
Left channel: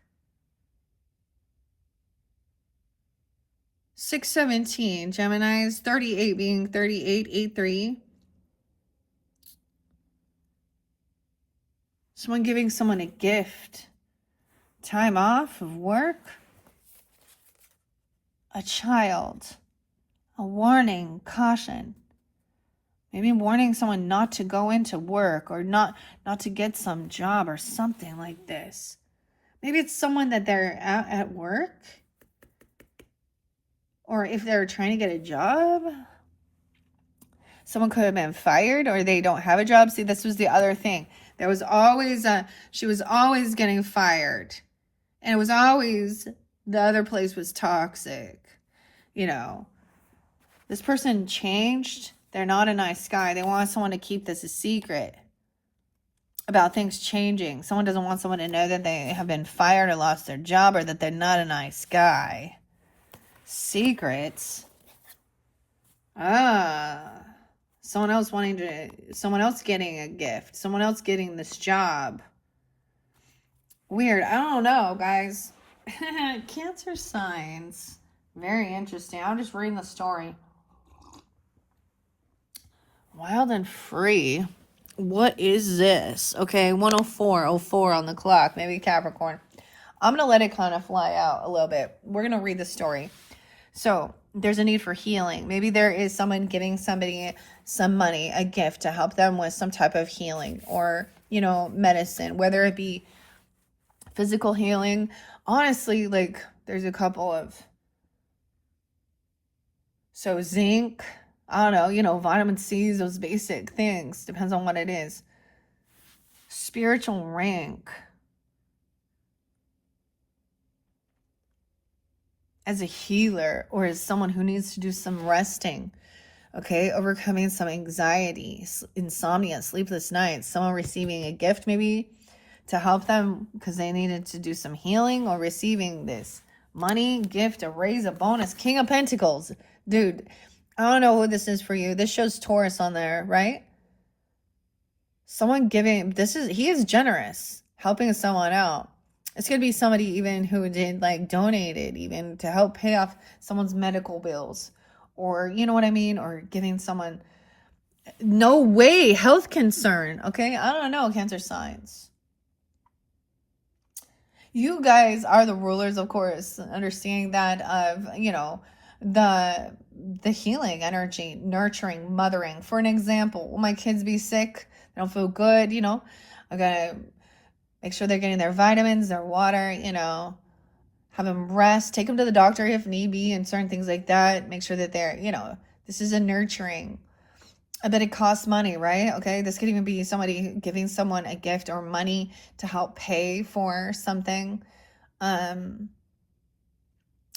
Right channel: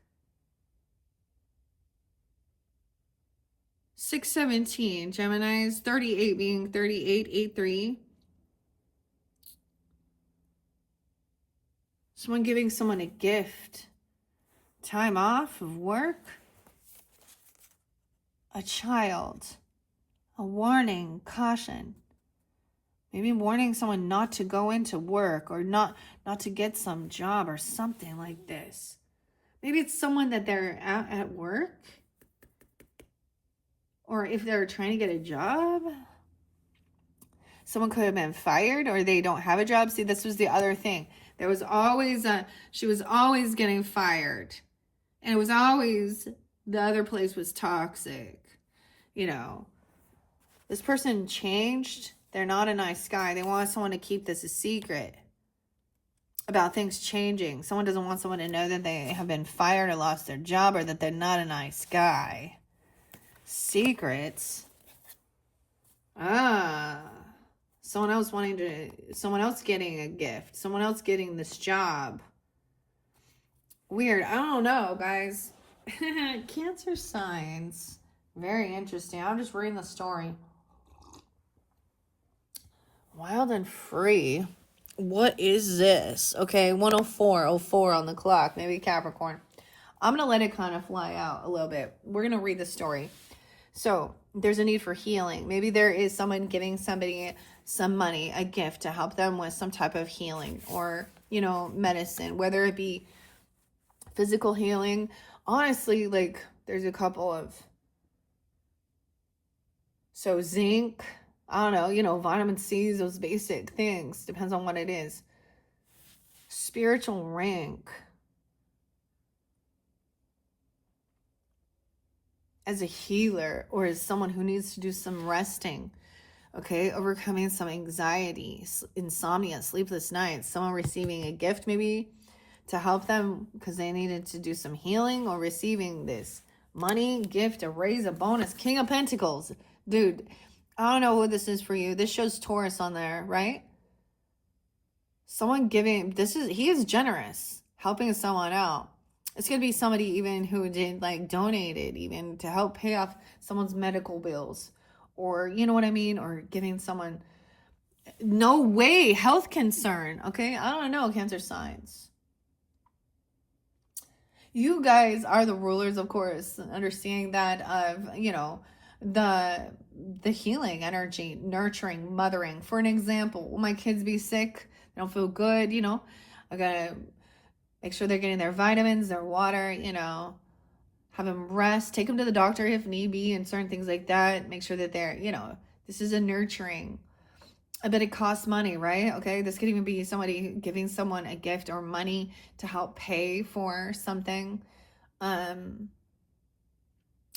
617, Gemini's, 38 being 3883. Someone giving someone a gift. Time off of work. A child. A warning, caution. Maybe warning someone not to go into work, or not to get some job or something like this. Maybe it's someone that they're at work, or if they're trying to get a job. Someone could have been fired, or they don't have a job. See, this was the other thing. There was always she was always getting fired. And it was always, the other place was toxic. You know, this person changed. They're not a nice guy. They want someone to keep this a secret about things changing. Someone doesn't want someone to know that they have been fired or lost their job, or that they're not a nice guy. Secrets. Someone else getting a gift. Someone else getting this job. Weird. I don't know, guys. Cancer signs. Very interesting. I'm just reading the story. Wild and free. What is this? Okay, 104:04 on the clock. Maybe Capricorn. I'm going to let it kind of fly out a little bit. We're going to read the story. So, there's a need for healing. Maybe there is someone giving somebody some money, a gift to help them with some type of healing, or, you know, medicine, whether it be physical healing. Honestly, like, there's a couple of, so zinc, I don't know, you know, vitamin C's, those basic things, depends on what it is. Spiritual rank. as a healer or as someone who needs to do some resting. Okay, overcoming some anxiety, insomnia, sleepless nights, someone receiving a gift maybe to help them because they needed to do some healing, or receiving this money, gift, a raise, a bonus. King of Pentacles. Dude, I don't know who this is for you. This shows Taurus on there, right? Someone giving, he is generous, helping someone out. It's going to be somebody even who did like donated even to help pay off someone's medical bills, or you know what I mean, or giving someone no way health concern. Okay, I don't know, Cancer signs. You guys are the rulers, of course, understanding that of, you know, the healing energy, nurturing, mothering. For an example, will my kids be sick? They don't feel good, you know, I gotta make sure they're getting their vitamins, their water, you know, have them rest, take them to the doctor if need be, and certain things like that. Make sure that they're, you know, this is a nurturing. I bet it costs money, right? Okay, this could even be somebody giving someone a gift or money to help pay for something.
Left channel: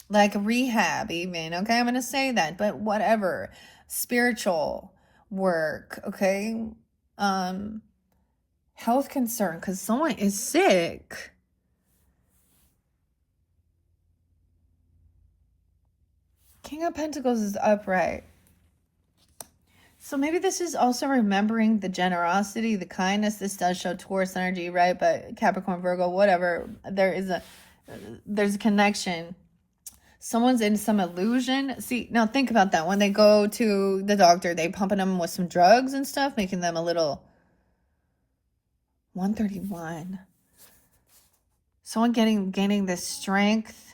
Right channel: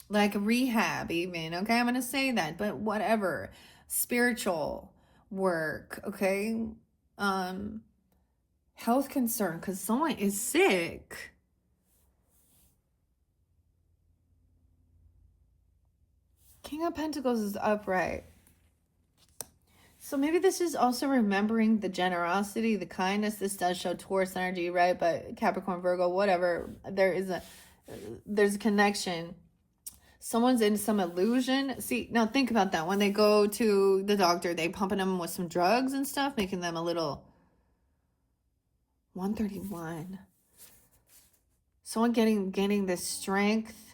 Like rehab even, okay? I'm going to say that, but whatever. Spiritual work, okay? Health concern because someone is sick. King of Pentacles is upright. So maybe this is also remembering the generosity, the kindness. This does show Taurus energy, right? But Capricorn, Virgo, whatever. There's a connection. Someone's in some illusion. See, now think about that. When they go to the doctor, they pumping them with some drugs and stuff, making them a little 131. Someone gaining this strength,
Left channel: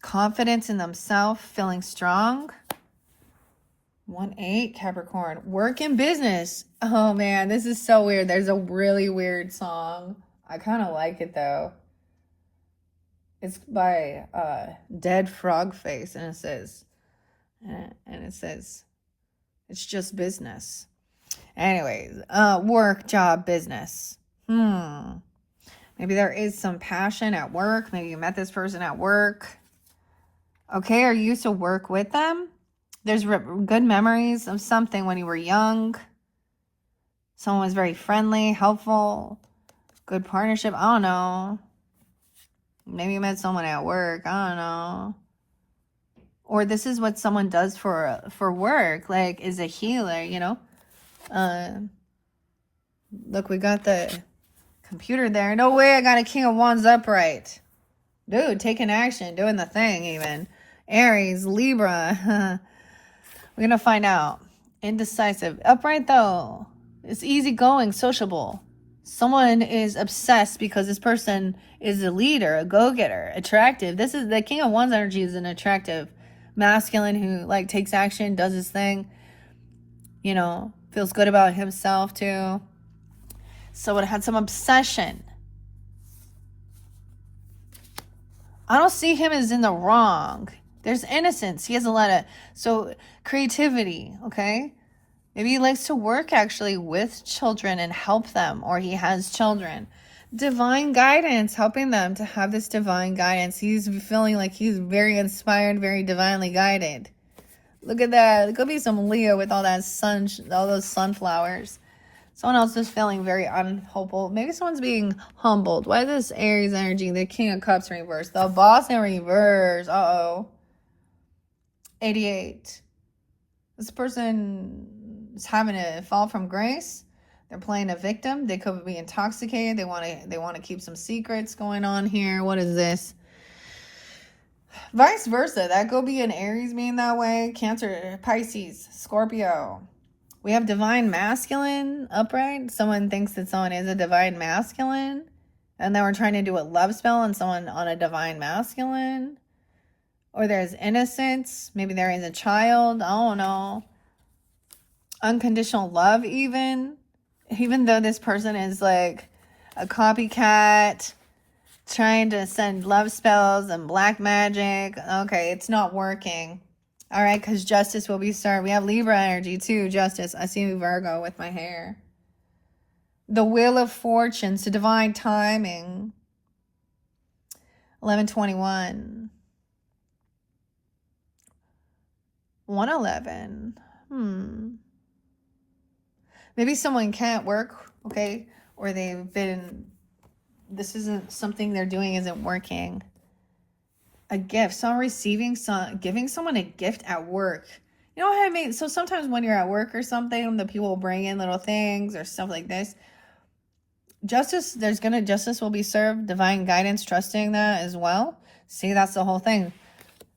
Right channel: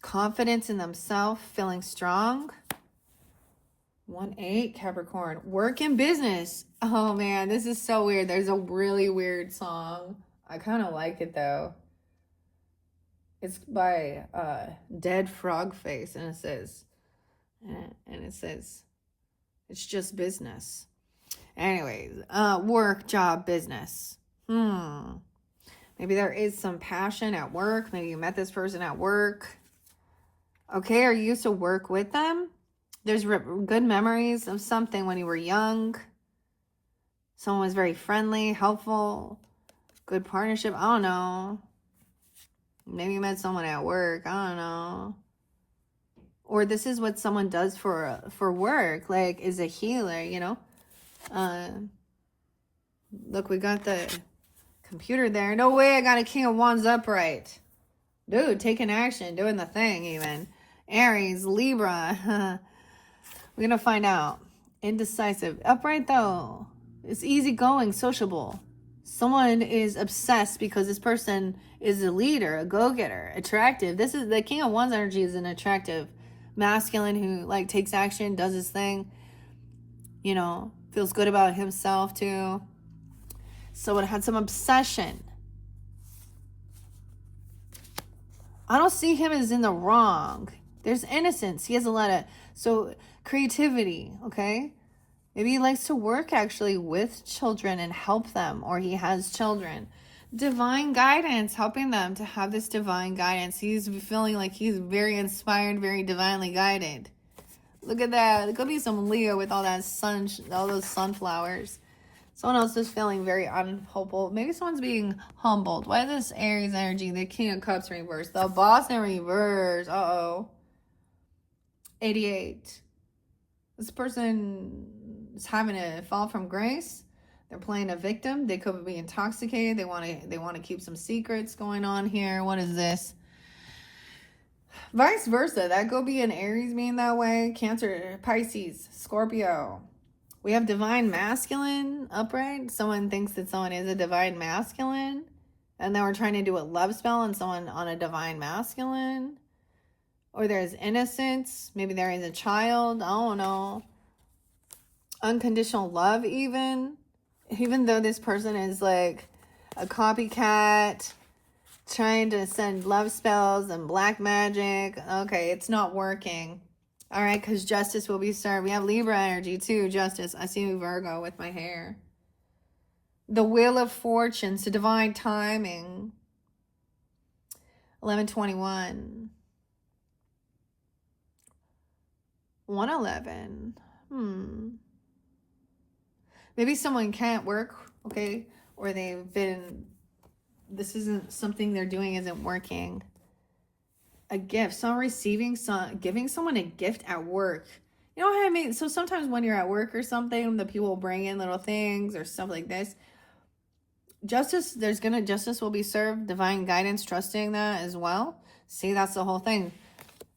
confidence in themselves, feeling strong. 1-8, Capricorn. Work and business. Oh man, this is so weird. There's a really weird song. I kind of like it though. It's by Dead Frog Face, and it says, it's just business. Anyways, work, job, business. Maybe there is some passion at work. Maybe you met this person at work. Okay, or you used to work with them. There's good memories of something when you were young. Someone was very friendly, helpful, good partnership. I don't know. Maybe you met someone at work. I don't know. Or this is what someone does for work, like is a healer, you know. Look, we got the computer there. No way I got a King of Wands upright. Dude, taking action, doing the thing even. Aries, Libra. We're going to find out. Indecisive. Upright though. It's easygoing, sociable. Someone is obsessed because this person is a leader, a go-getter, attractive. This is the King of Wands energy is an attractive masculine who like takes action, does his thing, you know, feels good about himself too. So it had some obsession. I don't see him as in the wrong. There's innocence. He has a lot of, so creativity, okay? Maybe he likes to work actually with children and help them, or he has children. Divine guidance, helping them to have this divine guidance. He's feeling like he's very inspired, very divinely guided. Look at that. It could be some Leo with all that sun, all those sunflowers. Someone else is feeling very unhopeful. Maybe someone's being humbled. Why is this Aries energy? The King of Cups reverse. The Boss in reverse. Uh-oh. 88. This person is having a fall from grace. They're playing a victim. They could be intoxicated. They want to keep some secrets going on here. What is this? Vice versa. That could be an Aries being that way. Cancer, Pisces, Scorpio. We have divine masculine upright. Someone thinks that someone is a divine masculine. And then we're trying to do a love spell on someone on a divine masculine. Or there's innocence. Maybe there is a child. I don't know. Unconditional love even. Even though this person is like a copycat, trying to send love spells and black magic. Okay, it's not working. All right, because justice will be served. We have Libra energy too, justice. I see Virgo with my hair. The Wheel of Fortune, so divine timing. 1121. 111. Maybe someone can't work, okay? Or this isn't something they're doing isn't working. A gift, someone giving someone a gift at work. You know what I mean? So sometimes when you're at work or something, the people bring in little things or stuff like this. Justice will be served, divine guidance, trusting that as well. See, that's the whole thing.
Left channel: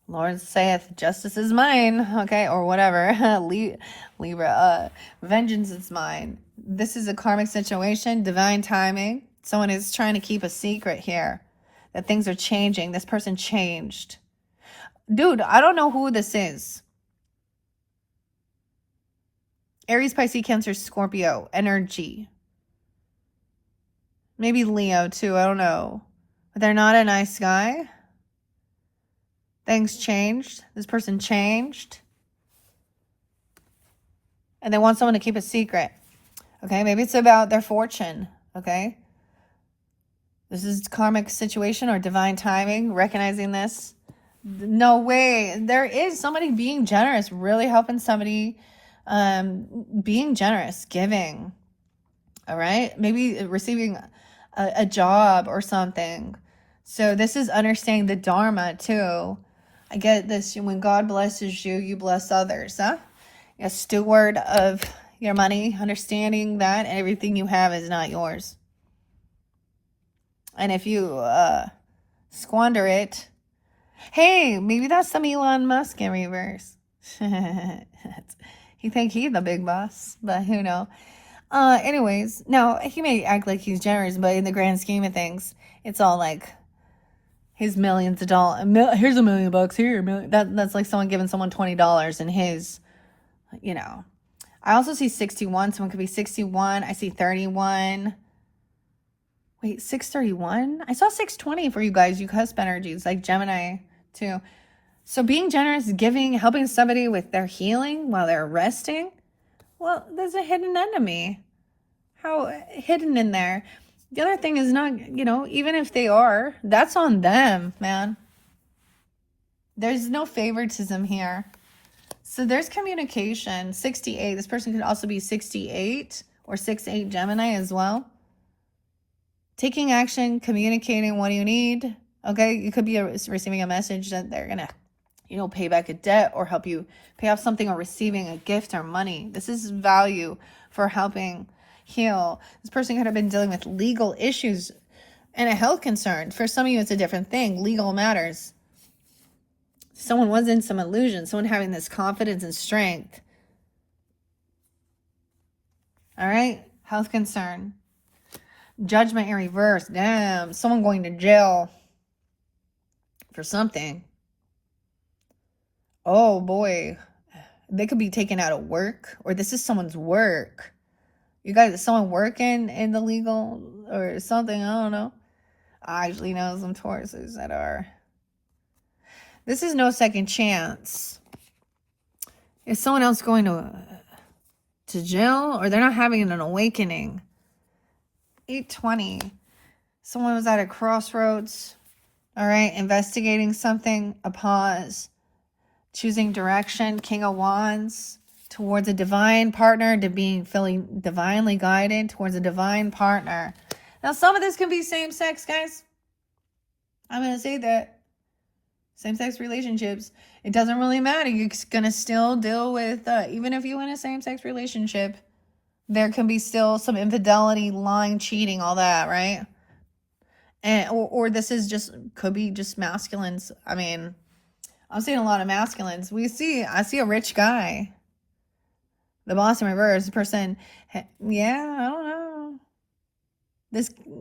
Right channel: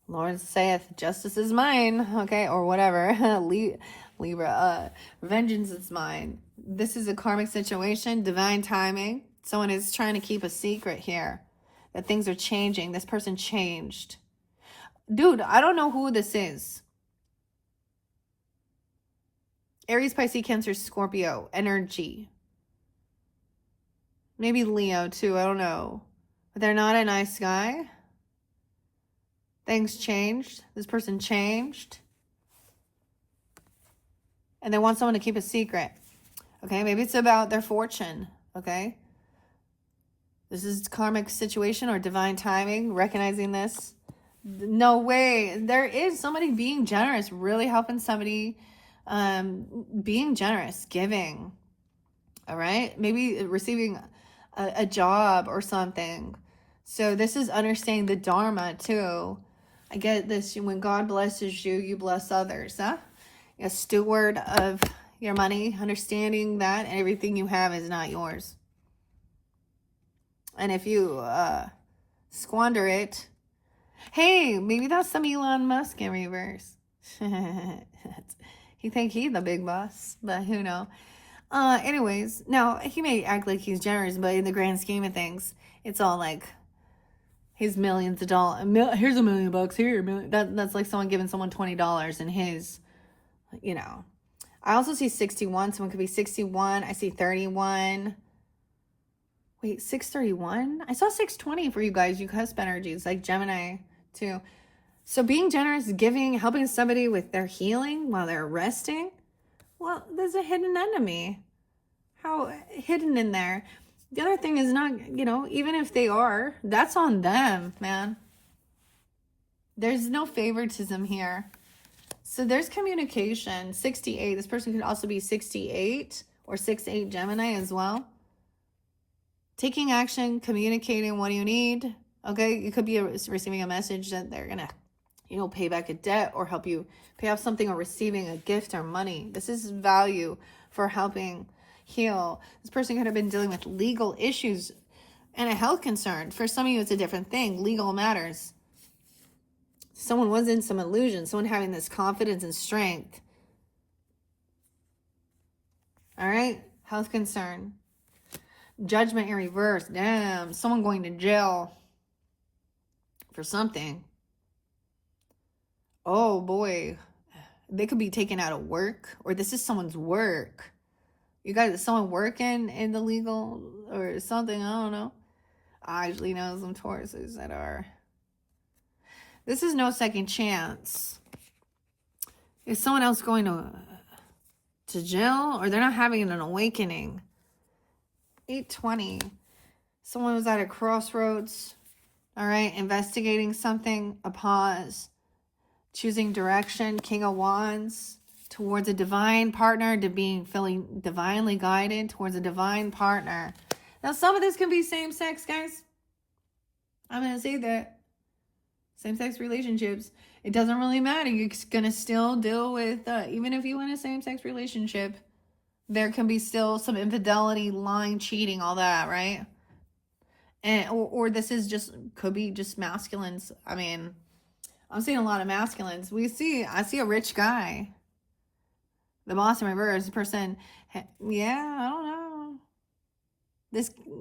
Lord saith, justice is mine, okay, or whatever. Libra, vengeance is mine. This is a karmic situation, divine timing. Someone is trying to keep a secret here, that things are changing. This person changed. Dude, I don't know who this is. Aries, Pisces, Cancer, Scorpio, energy. Maybe Leo too, I don't know. But they're not a nice guy. Things changed. This person changed. And they want someone to keep a secret. Okay, maybe it's about their fortune. Okay. This is karmic situation or divine timing, recognizing this. No way. There is somebody being generous, really helping somebody, being generous, giving. All right. Maybe receiving a job or something. So this is understanding the Dharma too. I get this. When God blesses you, you bless others. Huh? You're a steward of your money, understanding that everything you have is not yours. And if you squander it, hey, maybe that's some Elon Musk in reverse. He think he's the big boss, but who knows? Anyways, no, he may act like he's generous, but in the grand scheme of things, it's all like his millions of dollars. Here's $1 million here. That's like someone giving someone $20 in his, you know. I also see 61. Someone could be 61. I see 31. Wait, 631? I saw 620 for you guys, you cusp energies, like Gemini too. So being generous, giving, helping somebody with their healing while they're resting. Well, there's a hidden enemy. How hidden in there? The other thing is not, even if they are, that's on them, man. There's no favoritism here. So there's communication. 68. This person could also be 68 or 68 Gemini as well. Taking action, communicating what you need. Okay, you could be receiving a message that they're going to, pay back a debt or help you pay off something, or receiving a gift or money. This is value for helping heal. This person could have been dealing with legal issues and a health concern. For some of you, it's a different thing. Legal matters. Someone was in some illusion. Someone having this confidence and strength. All right. Health concern. Judgment in reverse. Damn. Someone going to jail for something. Oh boy. They could be taken out of work, or this is someone's work. You guys, someone working in the legal or something, I don't know. I actually know some Tauruses that are. This is no second chance. Is someone else going to jail, or they're not having an awakening? 820. Someone was at a crossroads. All right, investigating something, a pause. Choosing direction, King of Wands, towards a divine partner, to feeling divinely guided towards a divine partner. Now, some of this can be same-sex, guys. I'm going to say that. Same-sex relationships. It doesn't really matter. You're going to still deal with, even if you're in a same-sex relationship, there can be still some infidelity, lying, cheating, all that, right? And or this is could be just masculines. I mean, I'm seeing a lot of masculines. I see a rich guy. The boss in reverse, the person, yeah, I don't know.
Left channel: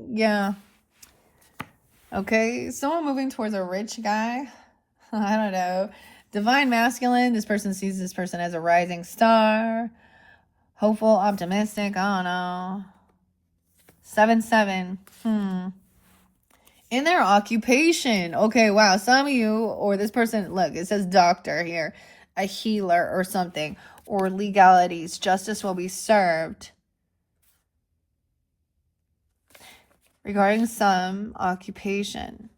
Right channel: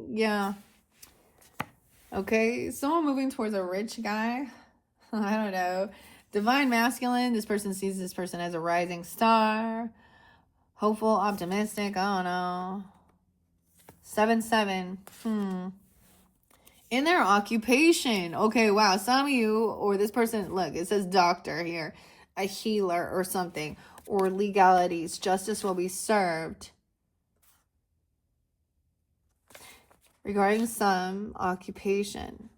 Yeah. Okay, someone moving towards a rich guy. I don't know. Divine masculine, this person sees this person as a rising star. Hopeful, optimistic, I don't know. 7-7. In their occupation. Okay, wow. Some of you, or this person, look, it says doctor here, a healer or something, or legalities. Justice will be served. Regarding some occupation.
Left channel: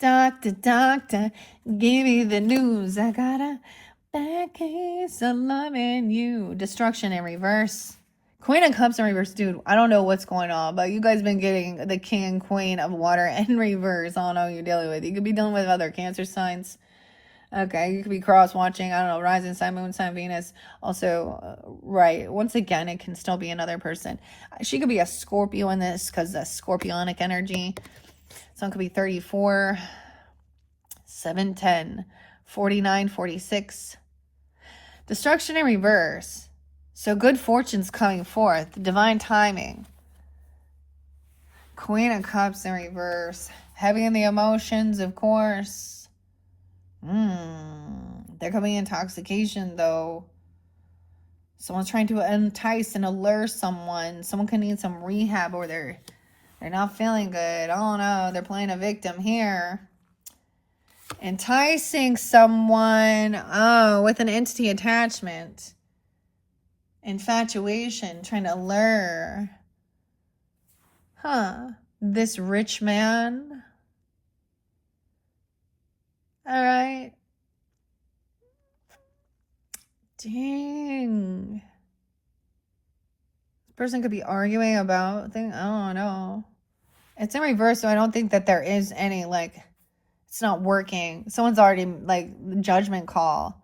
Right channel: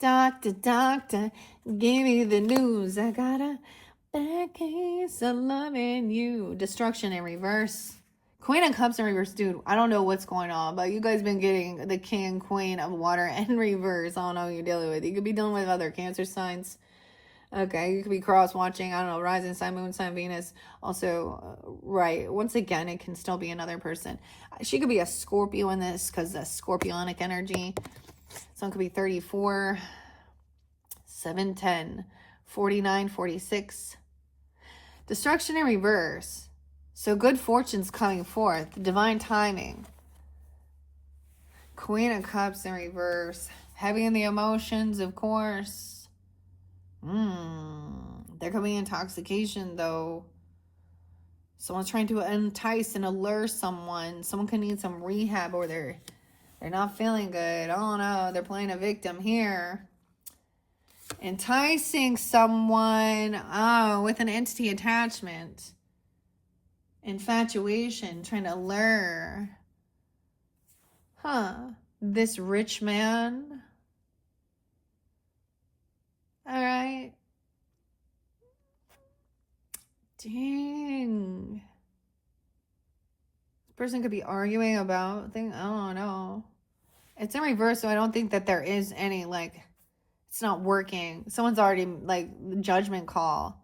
Doctor, give me the news. I got a bad case of loving you. Destruction in reverse. Queen of Cups in reverse. Dude, I don't know what's going on, but you guys been getting the King and Queen of Water in reverse. I don't know who you're dealing with. You could be dealing with other Cancer signs. Okay, you could be cross-watching, I don't know, rising sign, moon sign, Venus. Also, right, once again, it can still be another person. She could be a Scorpio in this because that's scorpionic energy. Someone could be 34, 7, 10, 49, 46. Destruction in reverse. So good fortune's coming forth. Divine timing. Queen of Cups in reverse. Heavy in the emotions, of course. There could be intoxication, though. Someone's trying to entice and allure someone. Someone could need some rehab, or they're not feeling good. Oh no, they're playing a victim here. Enticing someone, with an entity attachment. Infatuation, trying to lure. This rich man. All right. Dang. This person could be arguing about things. I don't know. It's in reverse, so I don't think that there is any, like, it's not working. Someone's already, like, judgment call.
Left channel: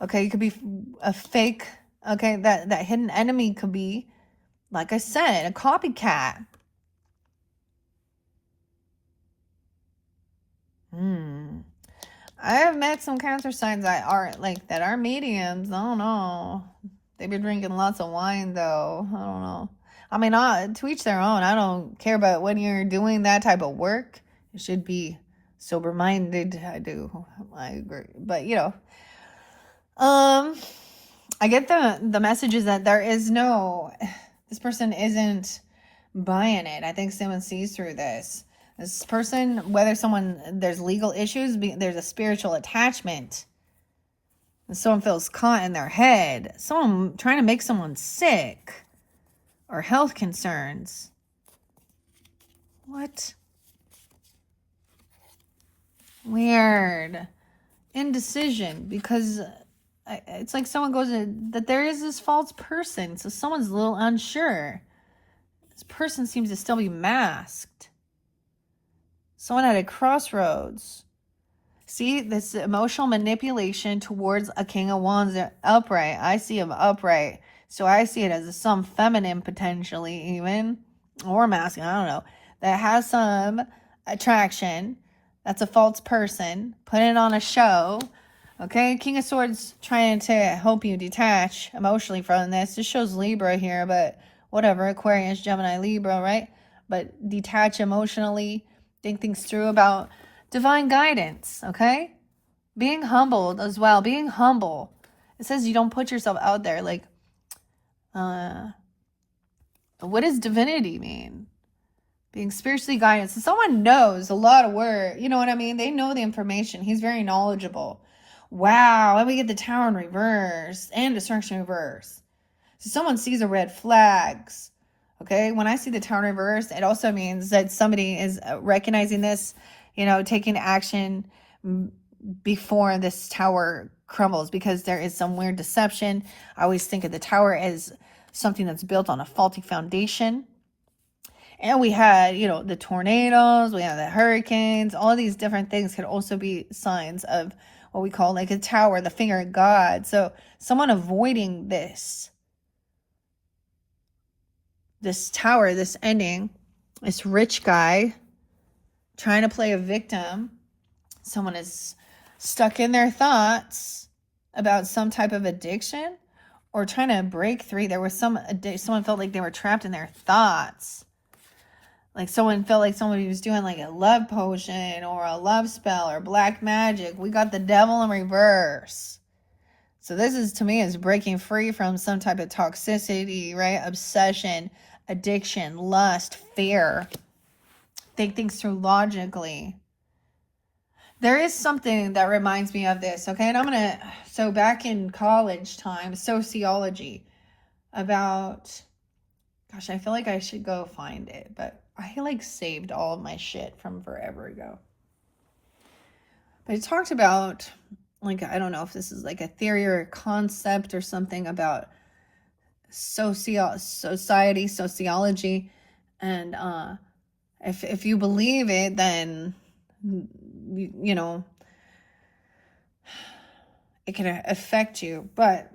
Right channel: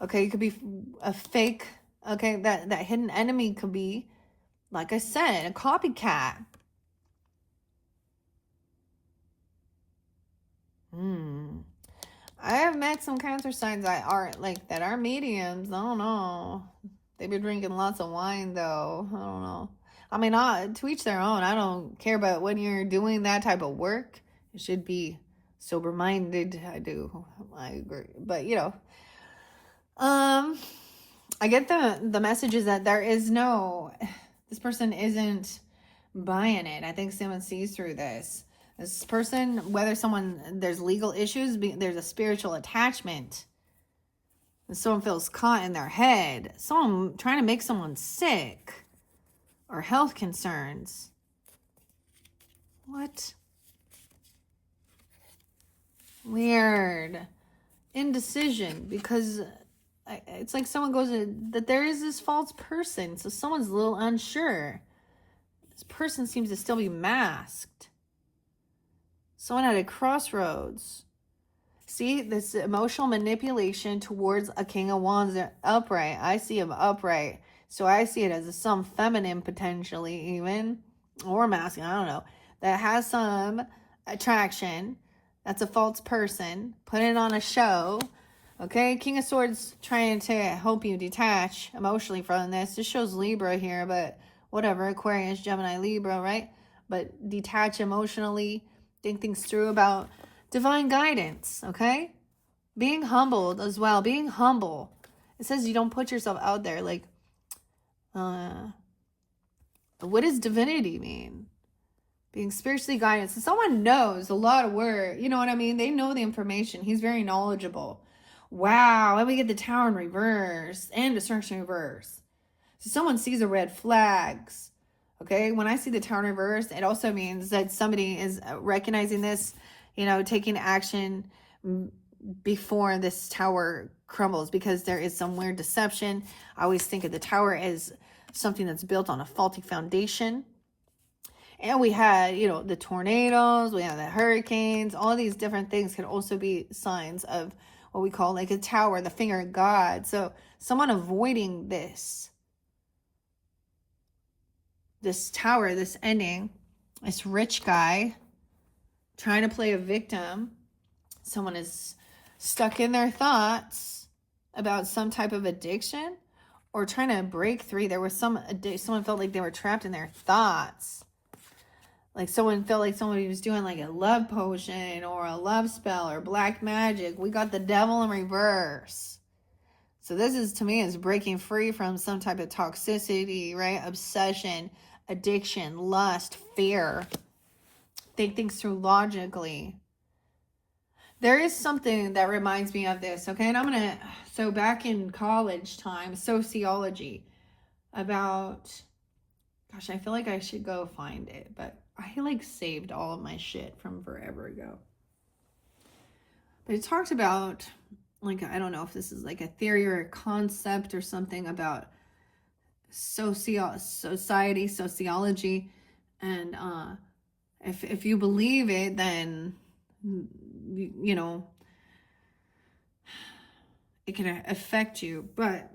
Okay, it could be a fake. Okay, that hidden enemy could be, like I said, a copycat. I have met some Cancer signs that are mediums. I don't know. They've been drinking lots of wine, though. I don't know. I mean, to each their own. I don't care about when you're doing that type of work. You should be sober-minded. I agree. But, I get the messages that there is this person isn't buying it. I think someone sees through this. This person, there's legal issues, there's a spiritual attachment. Someone feels caught in their head. Someone trying to make someone sick. Or health concerns. What? Weird. Indecision. Because it's like someone goes that there is this false person. So someone's a little unsure. This person seems to still be masked. Someone at a crossroads. See, this emotional manipulation towards a King of Wands upright. I see him upright. So I see it as some feminine, potentially even, or masculine, I don't know, that has some attraction. That's a false person. Putting on a show. Okay, King of Swords trying to help you detach emotionally from this. This shows Libra here, but whatever. Aquarius, Gemini, Libra, right? But detach emotionally. Think things through about divine guidance, okay? Being humbled as well. Being humble. It says you don't put yourself out there. Like, what does divinity mean? Being spiritually guided. So someone knows a lot of words. You know what I mean? They know the information. He's very knowledgeable. Wow. And we get the Tower in reverse and Destruction in reverse. So someone sees a red flags. Okay, when I see the Tower in reverse, it also means that somebody is recognizing this, taking action before this tower crumbles, because there is some weird deception. I always think of the tower as something that's built on a faulty foundation. And we had, the tornadoes, we have the hurricanes, all of these different things could also be signs of what we call like a tower, the finger of God. So someone avoiding this tower, this ending, this rich guy trying to play a victim. Someone is stuck in their thoughts about some type of addiction or trying to break free. There was someone felt like they were trapped in their thoughts. Like someone felt like somebody was doing like a love potion or a love spell or black magic. We got the devil in reverse. So this is, to me, is breaking free from some type of toxicity, right? Obsession, addiction, lust, fear. Think things through logically. There is something that reminds me of this, okay? And so back in college time, sociology, about, gosh, I feel like I should go find it, but I like saved all of my shit from forever ago. But it talked about, like, I don't know if this is like a theory or a concept or something about sociology, and if you believe it, then you know it can affect you. But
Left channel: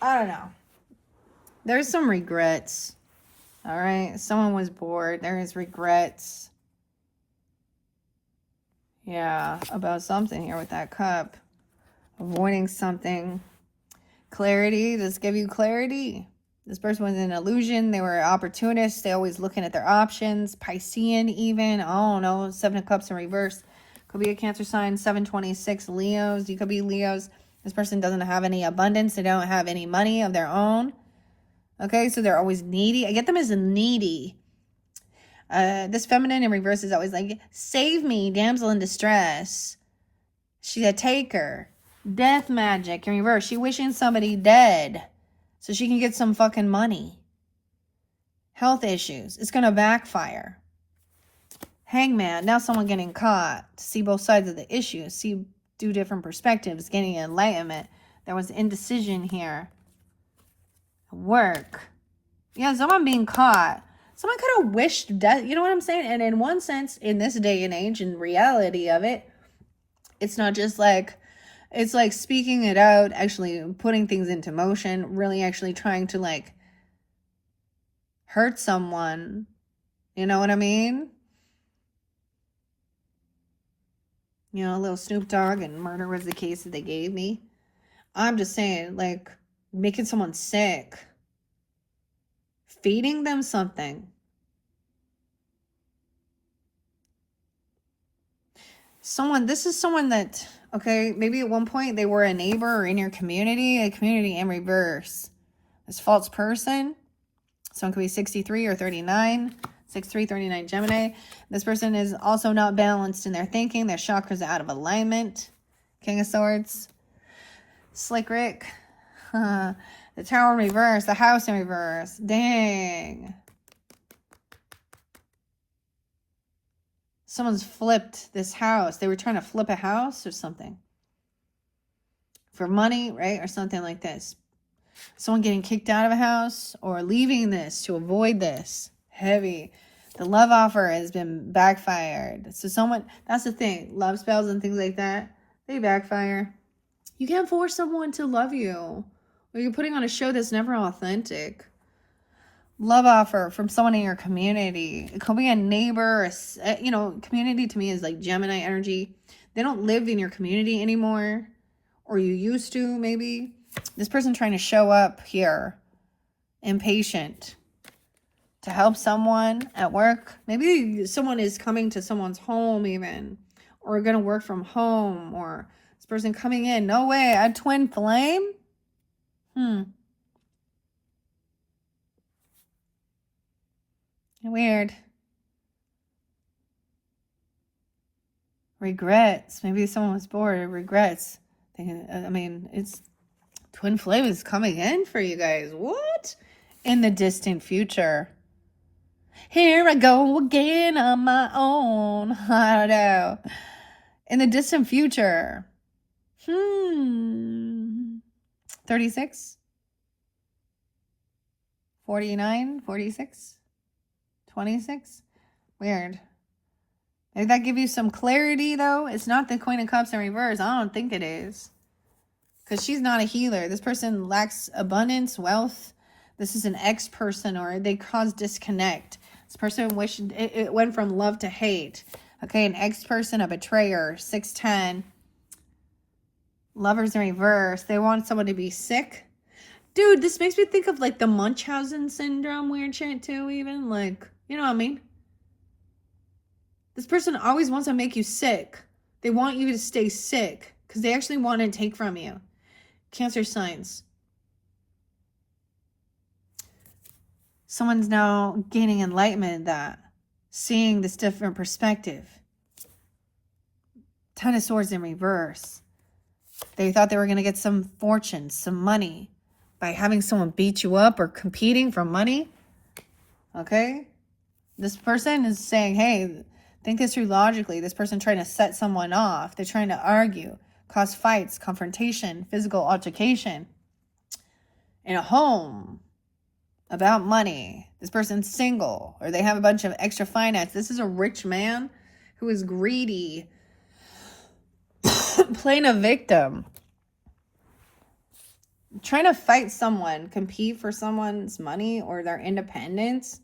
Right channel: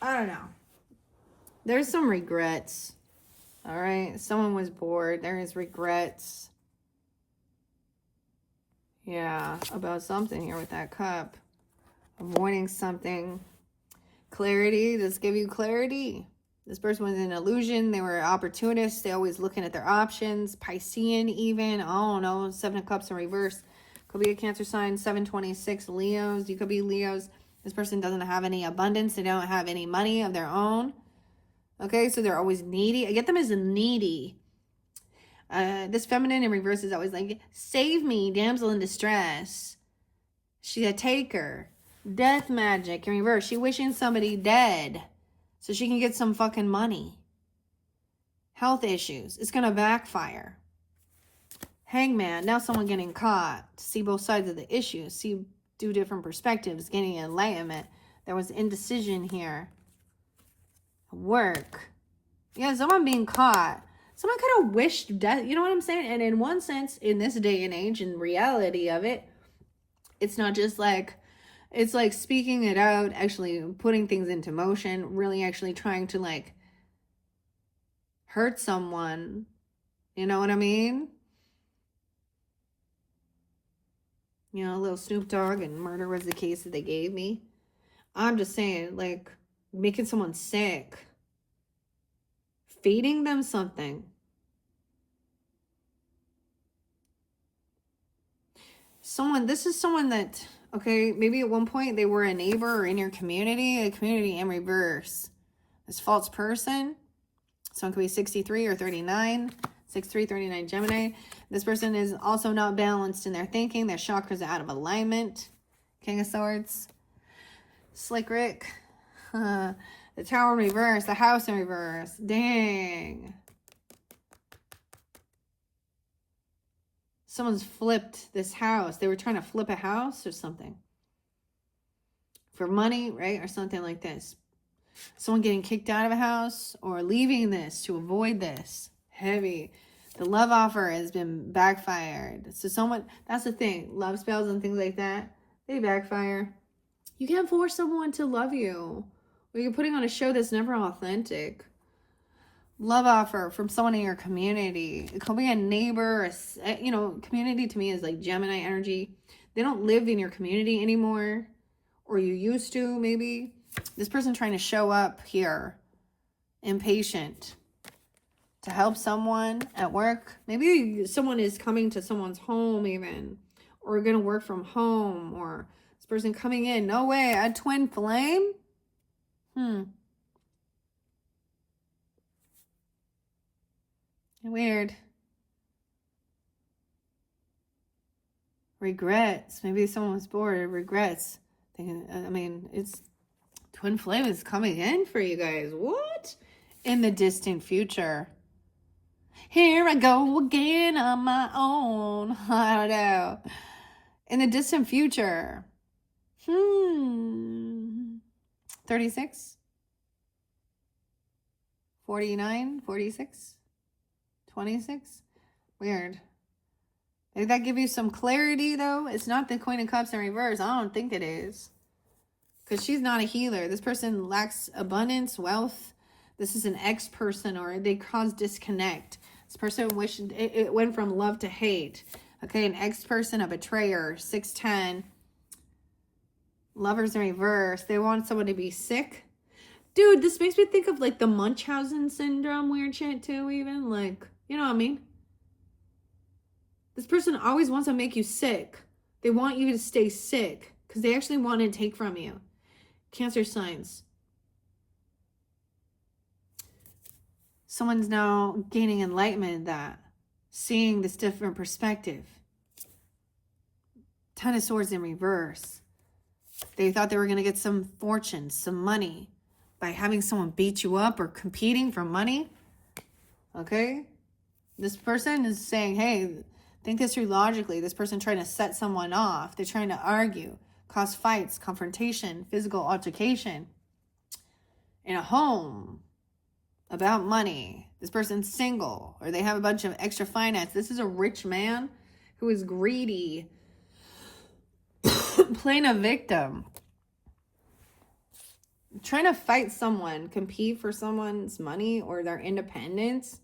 I don't know. There's some regrets. All right, someone was bored. There is regrets. Yeah, about something here with that cup. Avoiding something. Clarity. Does this give you clarity? This person was an illusion. They were opportunists. They always looking at their options. Piscean even. Oh no, 7 of Cups in reverse. Could be a Cancer sign. 726 Leos. You could be Leos. This person doesn't have any abundance. They don't have any money of their own. Okay, so they're always needy. I get them as a needy. This feminine in reverse is always like, save me, damsel in distress. She's a taker. Death magic in reverse. She wishing somebody dead so she can get some fucking money. Health issues. It's going to backfire. Hangman. Now someone getting caught. See both sides of the issue. See 2 different perspectives. Getting enlightenment. There was indecision here. Work. Yeah, someone being caught. Someone could have wished death. You know what I'm saying? And in one sense, in this day and age, in reality of it, it's not just like, it's like speaking it out, actually putting things into motion, really actually trying to like hurt someone. You know what I mean? You know, a little Snoop Dogg and murder was the case that they gave me. I'm just saying, like, making someone sick. Feeding them something. This is someone that, okay, maybe at one point they were a neighbor or in your community, a community in reverse. This false person. Someone could be 63 or 39. 63, 39 Gemini. This person is also not balanced in their thinking. Their chakras are out of alignment. King of Swords. Slick Rick. The Tower in reverse. The House in reverse. Dang. Someone's flipped this house. They were trying to flip a house or something. For money, right? Or something like this. Someone getting kicked out of a house or leaving this to avoid this. Heavy. The love offer has been backfired. So someone, that's the thing. Love spells and things like that, they backfire. You can't force someone to love you. Or you're putting on a show that's never authentic. Love offer from someone in your community. It could be a neighbor. You know, community to me is like Gemini energy. They don't live in your community anymore. Or you used to, maybe. This person trying to show up here. Impatient. To help someone at work. Maybe someone is coming to someone's home even. Or going to work from home. Or this person coming in. No way. A twin flame? Weird. Regrets. Maybe someone was bored. Regrets. I mean, it's twin flame is coming in for you guys. What? In the distant future. Here I go again on my own. I don't know. In the distant future. 36? 49? 46? 26? Weird. Did that give you some clarity, though? It's not the Queen of Cups in reverse. I don't think it is. Because she's not a healer. This person lacks abundance, wealth. This is an ex-person, or they cause disconnect. This person wished it went from love to hate. Okay, an ex-person, a betrayer, 610. Lovers in reverse. They want someone to be sick. Dude, this makes me think of like the Munchausen syndrome weird shit too, even. Like, you know what I mean? This person always wants to make you sick. They want you to stay sick because they actually want to take from you. Cancer signs. Someone's now gaining enlightenment in that. Seeing this different perspective. 10 of Swords in reverse. They thought they were going to get some fortune, some money by having someone beat you up or competing for money. Okay? This person is saying, hey, think this through logically. This person trying to set someone off. They're trying to argue, cause fights, confrontation, physical altercation in a home about money. This person's single, or they have a bunch of extra finance. This is a rich man who is greedy, playing a victim, trying to fight someone, compete for someone's money or their independence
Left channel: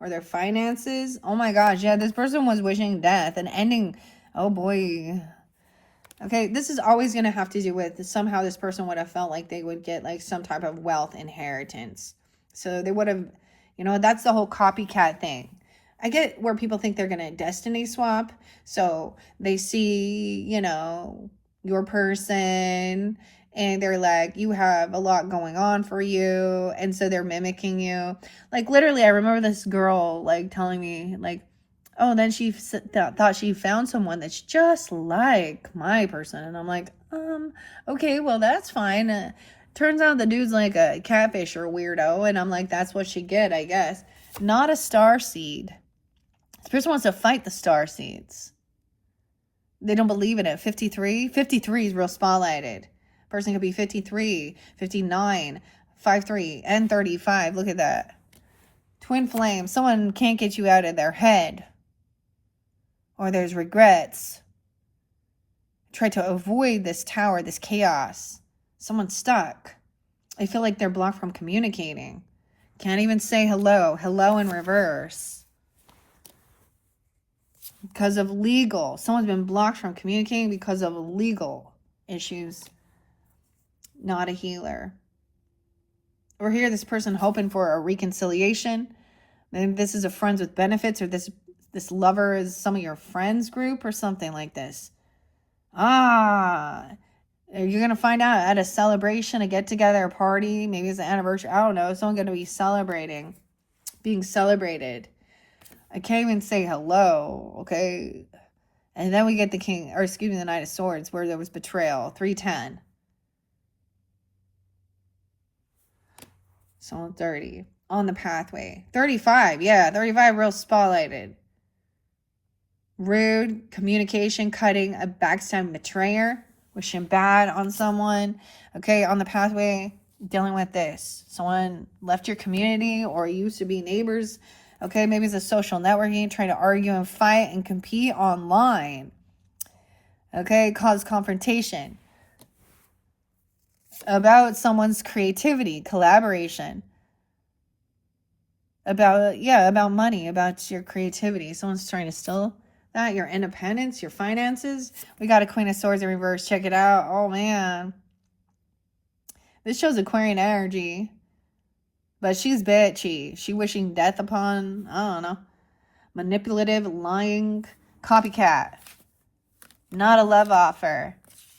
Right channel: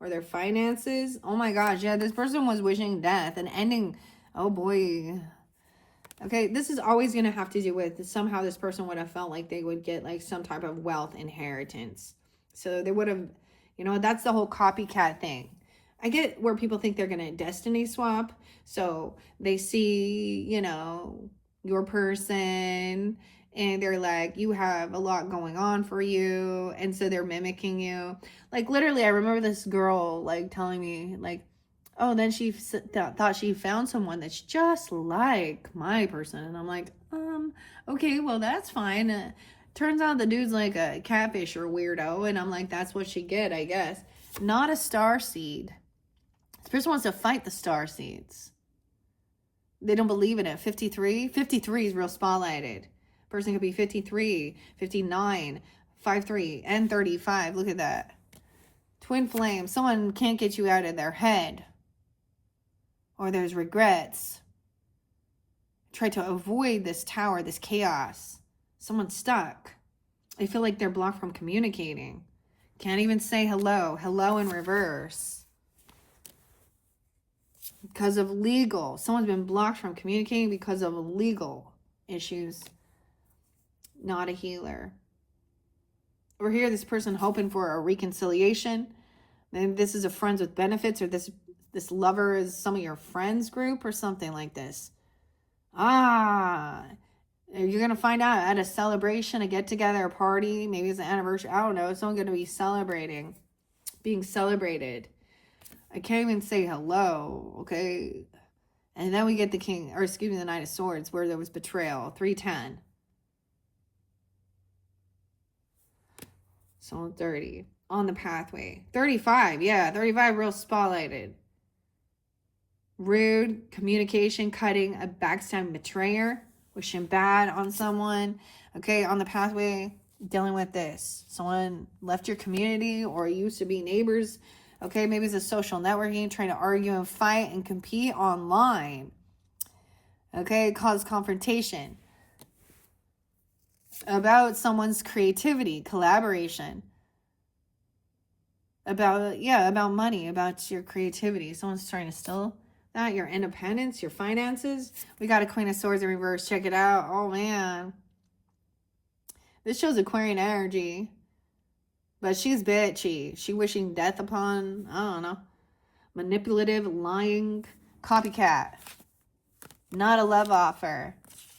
or their finances. Oh my gosh, yeah, this person was wishing death and ending. Oh boy. Okay, this is always going to have to do with somehow this person would have felt like they would get like some type of wealth inheritance. So they would have, you know, that's the whole copycat thing. I get where people think they're going to destiny swap. So they see, you know, your person and they're like, you have a lot going on for you. And so they're mimicking you. Like literally, I remember this girl like telling me like, oh, then she thought she found someone that's just like my person. And I'm like, okay, well, that's fine. Turns out the dude's like a catfish or a weirdo. And I'm like, that's what she get, I guess. Not a star seed. This person wants to fight the star seeds. They don't believe in it. 53? 53 is real spotlighted. Person could be 53, 59, 53, and 35. Look at that. Twin flame. Someone can't get you out of their head. Or there's regrets. Try to avoid this tower, this chaos. Someone's stuck. I feel like they're blocked from communicating. Can't even say hello. Hello in reverse. Because of legal. Someone's been blocked from communicating because of legal issues. Not a healer. Or here, this person hoping for a reconciliation. Maybe this is a friends with benefits, or this lover is some of your friends group or something like this. You're going to find out at a celebration, a get-together, a party. Maybe it's an anniversary. I don't know. Someone going to be celebrating. Being celebrated. I can't even say hello, okay? And then we get the king, or excuse me, the Knight of Swords, where there was betrayal. 310. So 30. On the pathway. 35. Yeah, 35 real spotlighted. Rude, communication, cutting, a backstab betrayer, wishing bad on someone. Okay, on the pathway, dealing with this. Someone left your community or used to be neighbors. Okay, maybe it's a social networking, trying to argue and fight and compete online. Okay, cause confrontation. About someone's creativity, collaboration. About money, about your creativity. Someone's trying to steal that, your independence, your finances. We got a Queen of Swords in reverse. Check it out. Oh, man. This shows Aquarian energy. But she's bitchy. She wishing death upon, I don't know, manipulative, lying, copycat. Not a love offer.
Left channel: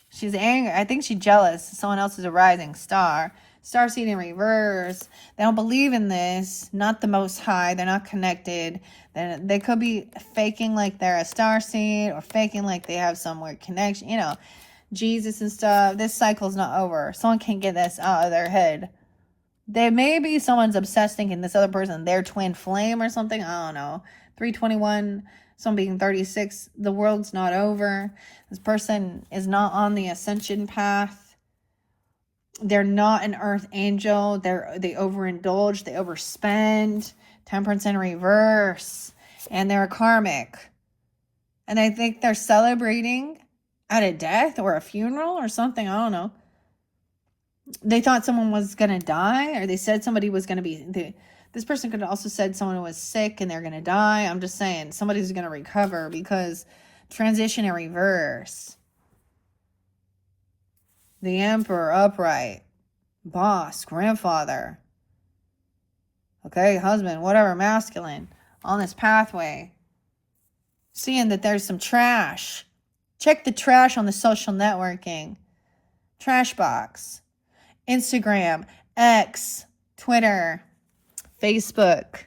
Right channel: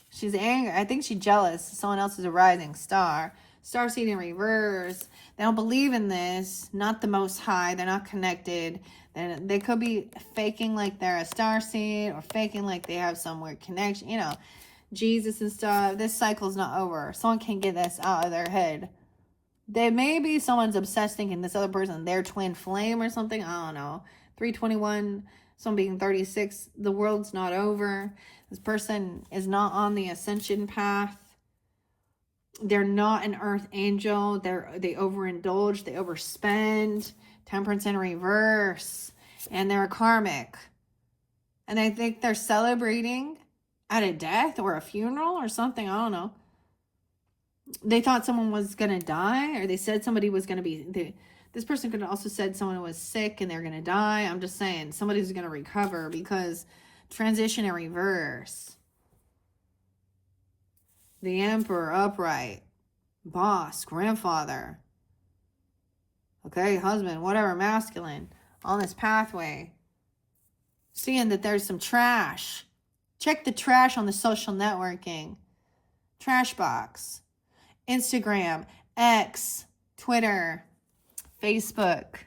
She's angry. I think she's jealous. Someone else is a rising star. Starseed in reverse. They don't believe in this. Not the Most High. They're not connected. Then they could be faking like they're a starseed or faking like they have some weird connection. You know, Jesus and stuff. This cycle's not over. Someone can't get this out of their head. There may be someone's obsessed thinking this other person, their twin flame or something. I don't know. 321, someone being 36. The world's not over. This person is not on the ascension path. They're not an earth angel. They overindulge. They overspend. Temperance in reverse. And they're a karmic. And I think they're celebrating at a death or a funeral or something. I don't know. They thought someone was going to die, or they said somebody was going to be... This person could have also said someone was sick and they're going to die. I'm just saying somebody's going to recover because transition in reverse. The Emperor upright. Boss, grandfather. Okay, husband, whatever, masculine. On this pathway. Seeing that there's some trash. Check the trash on the social networking. Trash box. Instagram, X, Twitter, Facebook.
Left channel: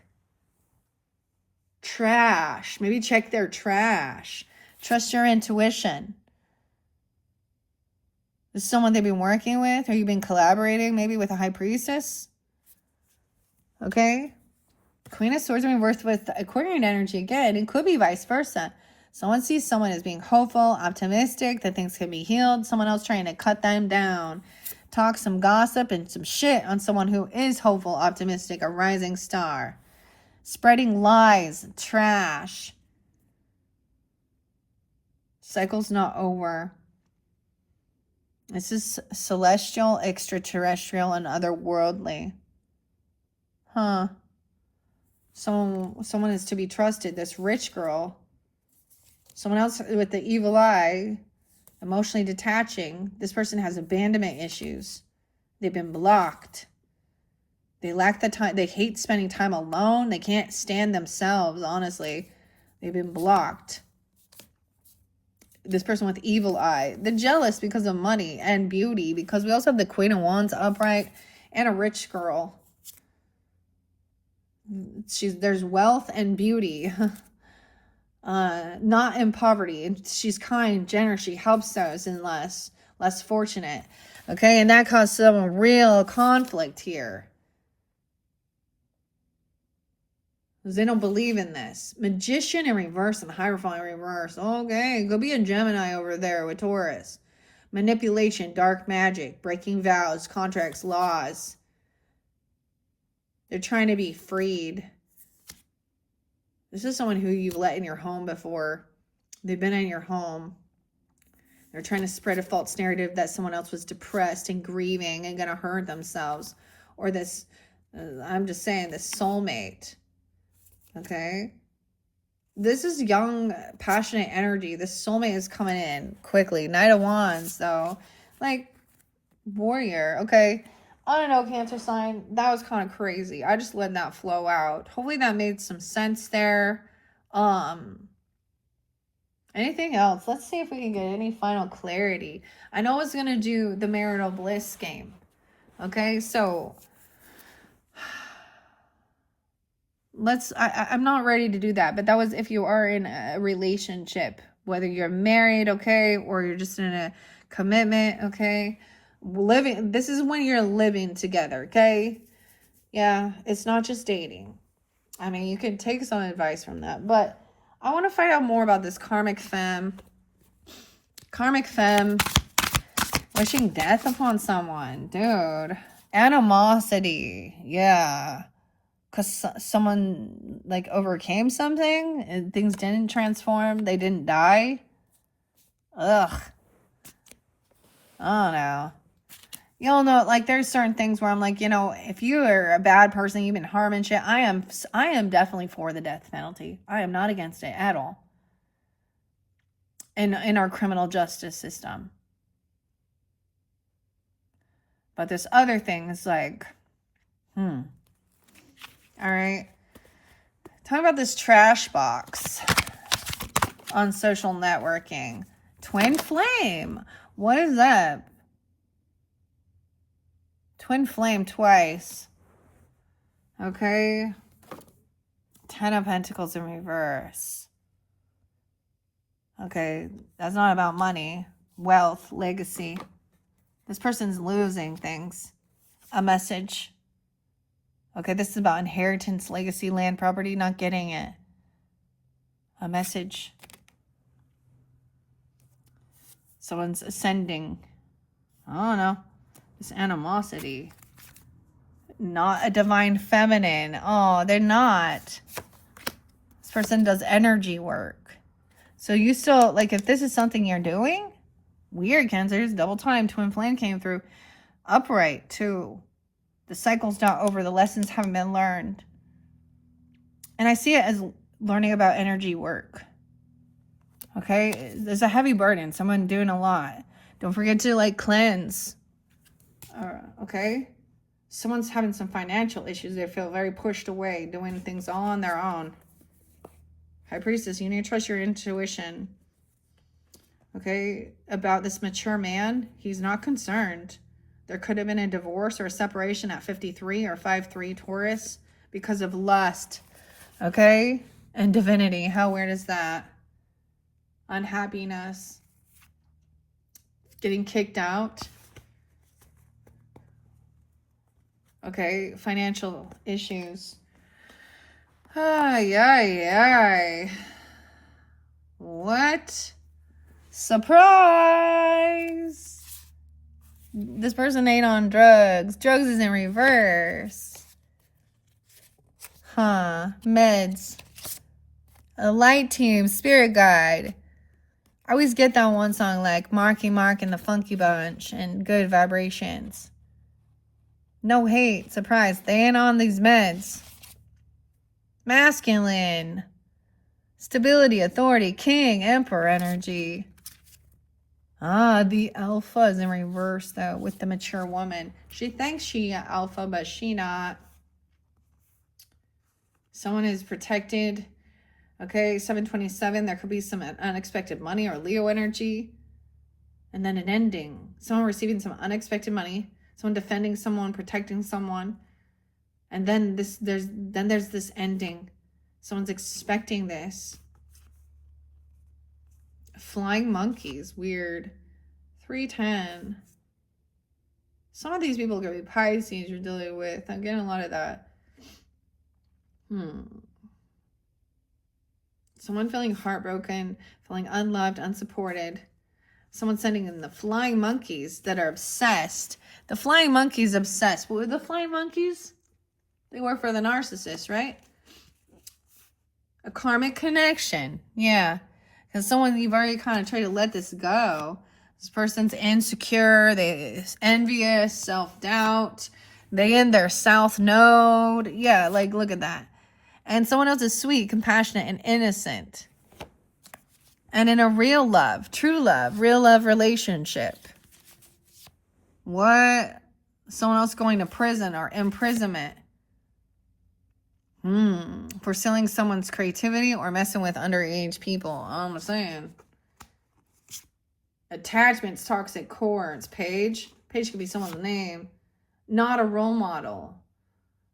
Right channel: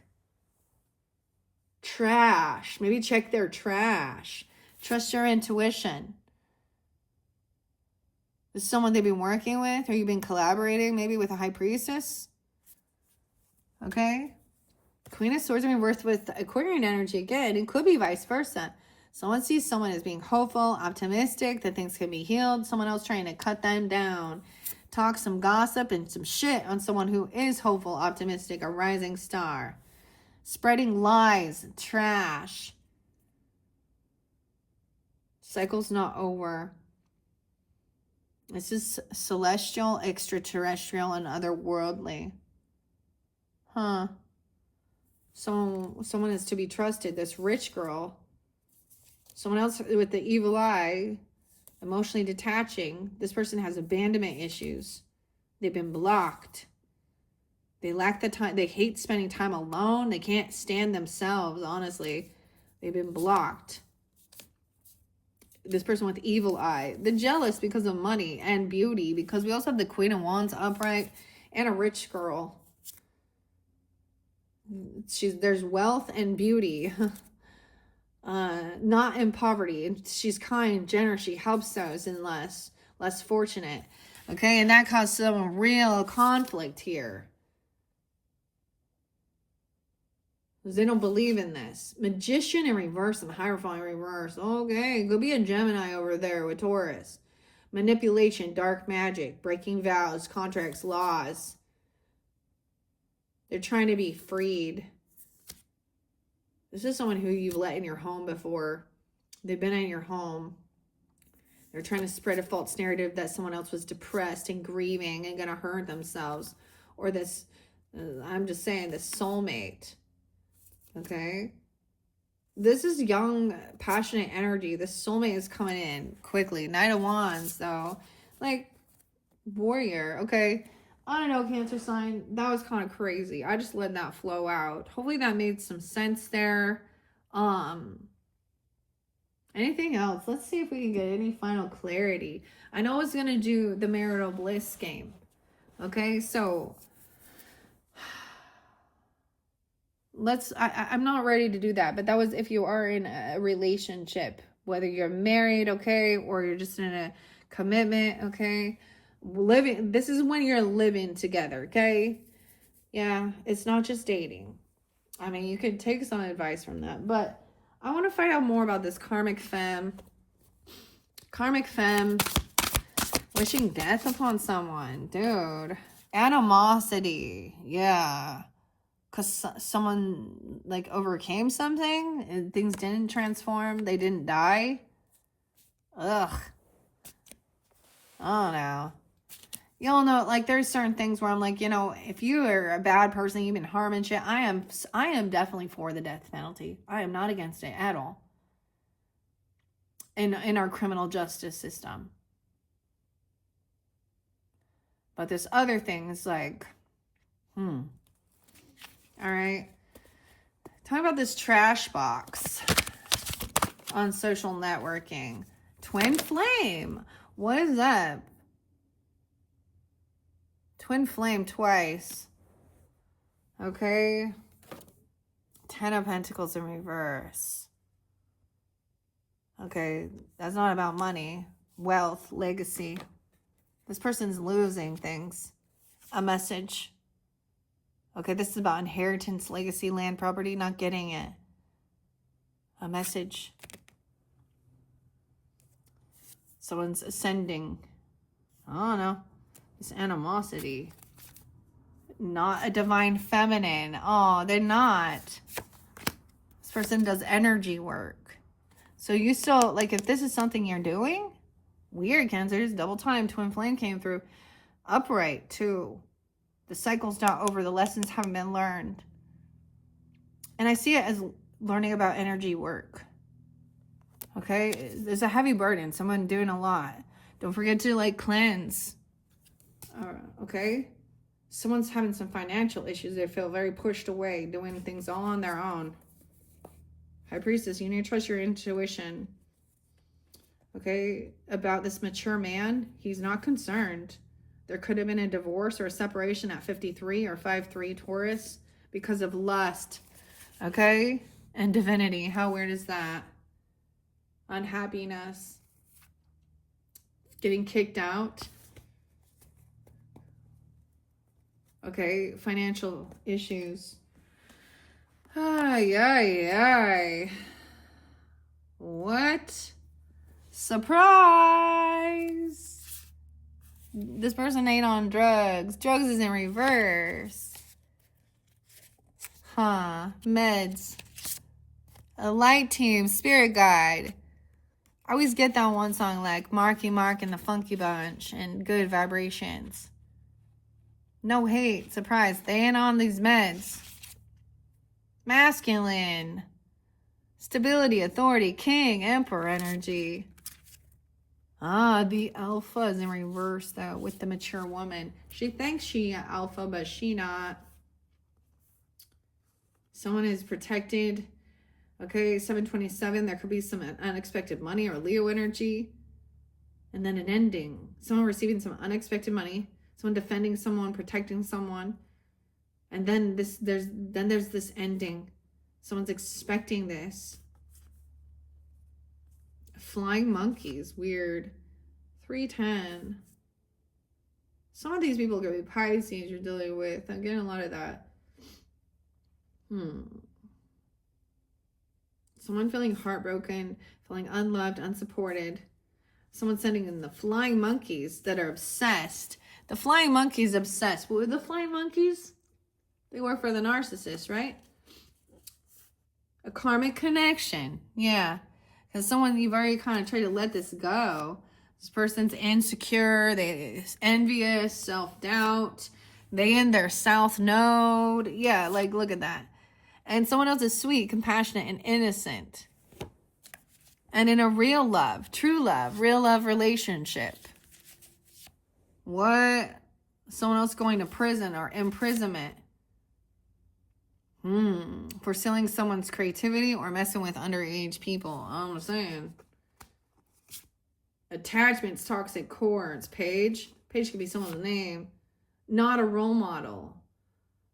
Trash. Maybe check their trash. Trust your intuition. Is this someone they've been working with? Or you've been collaborating maybe with a high priestess? Okay. Queen of Swords in reverse with Aquarian energy again. It could be vice versa. Someone sees someone as being hopeful, optimistic, that things can be healed. Someone else trying to cut them down. Talk some gossip and some shit on someone who is hopeful, optimistic, a rising star. Spreading lies, trash. Cycle's not over. This is celestial, extraterrestrial, and otherworldly. Huh. Someone is to be trusted. This rich girl. Someone else with the evil eye. Emotionally detaching. This person has abandonment issues. They've been blocked. They lack the time. They hate spending time alone. They can't stand themselves, honestly. They've been blocked. This person with evil eye. The jealous because of money and beauty. Because we also have the Queen of Wands upright. And a rich girl. There's wealth and beauty. Not in poverty. And she's kind, generous. She helps those and less fortunate. Okay, and that caused some real conflict here. Because they don't believe in this. Magician in reverse and Hierophant in reverse. Okay, go be a Gemini over there with Taurus. Manipulation, dark magic, breaking vows, contracts, laws. They're trying to be freed. This is someone who you've let in your home before. They've been in your home. They're trying to spread a false narrative that someone else was depressed and grieving and going to hurt themselves. Or this, I'm just saying, this soulmate. Okay? This is young, passionate energy. This soulmate is coming in quickly. Knight of Wands, though. Like, warrior. Okay? I don't know, Cancer sign. That was kind of crazy. I just let that flow out. Hopefully that made some sense there. Anything else? Let's see if we can get any final clarity. I know I was going to do the marital bliss game. Okay, so I'm not ready to do that, but that was if you are in a relationship, whether you're married, okay, or you're just in a commitment, okay. This is when you're living together, okay? Yeah, it's not just dating. I mean, you can take some advice from that, but I want to find out more about this karmic femme. Karmic femme wishing death upon someone, dude. Animosity, yeah. Because someone, like, overcame something and things didn't transform, they didn't die. Ugh. I don't know. You'll know, like, there's certain things where I'm like, you know, if you are a bad person, you've been harming shit, I am definitely for the death penalty. I am not against it at all. In our criminal justice system. But this other thing is like, all right. Talk about this trash box on social networking. Twin flame. What is that? Twin flame twice. Okay. 10 of Pentacles in reverse. Okay. That's not about money. Wealth. Legacy. This person's losing things. A message. Okay, this is about inheritance, legacy, land, property, not getting it. A message. Someone's ascending. I don't know. This animosity. Not a divine feminine. Oh, they're not. This person does energy work. So you still, like, if this is something you're doing, weird, Cancers, double time, twin flame came through. Upright, too. The cycle's not over. The lessons haven't been learned. And I see it as learning about energy work. Okay? There's a heavy burden. Someone doing a lot. Don't forget to, like, cleanse. Okay? Someone's having some financial issues. They feel very pushed away, doing things all on their own. High Priestess, you need to trust your intuition. Okay? About this mature man, he's not concerned. There could have been a divorce or a separation at 53 or 5'3" Taurus because of lust. Okay? And divinity. How weird is that? Unhappiness. Getting kicked out. Okay? Financial issues. Ay, ay, ay. What? Surprise! This person ain't on drugs. Drugs is in reverse. Huh. Meds. A light team. Spirit guide. I always get that one song like Marky Mark and the Funky Bunch and Good Vibrations. No hate. Surprise. They ain't on these meds. Masculine. Stability, authority, king, emperor energy. Ah, the alpha is in reverse though with the mature woman. She thinks she alpha, but she not. Someone is protected. Okay, 727. There could be some unexpected money or Leo energy. And then an ending. Someone receiving some unexpected money. Someone defending someone, protecting someone. And then there's this ending. Someone's expecting this. Flying monkeys, weird. 310. Some of these people could be Pisces you're dealing with. I'm getting a lot of that. Someone feeling heartbroken, feeling unloved, unsupported. Someone sending in the flying monkeys that are obsessed. The flying monkeys obsessed. What were the flying monkeys? They work for the narcissist, right? A karmic connection. Yeah. Because someone, you've already kind of tried to let this go. This person's insecure. They're envious, self-doubt. They in their south node. Yeah, like, look at that. And someone else is sweet, compassionate, and innocent. And in a real love, true love, real love relationship. What? Someone else going to prison or imprisonment. For stealing someone's creativity or messing with underage people. I'm saying. Attachments, toxic cords. Page. Page could be someone's name. Not a role model.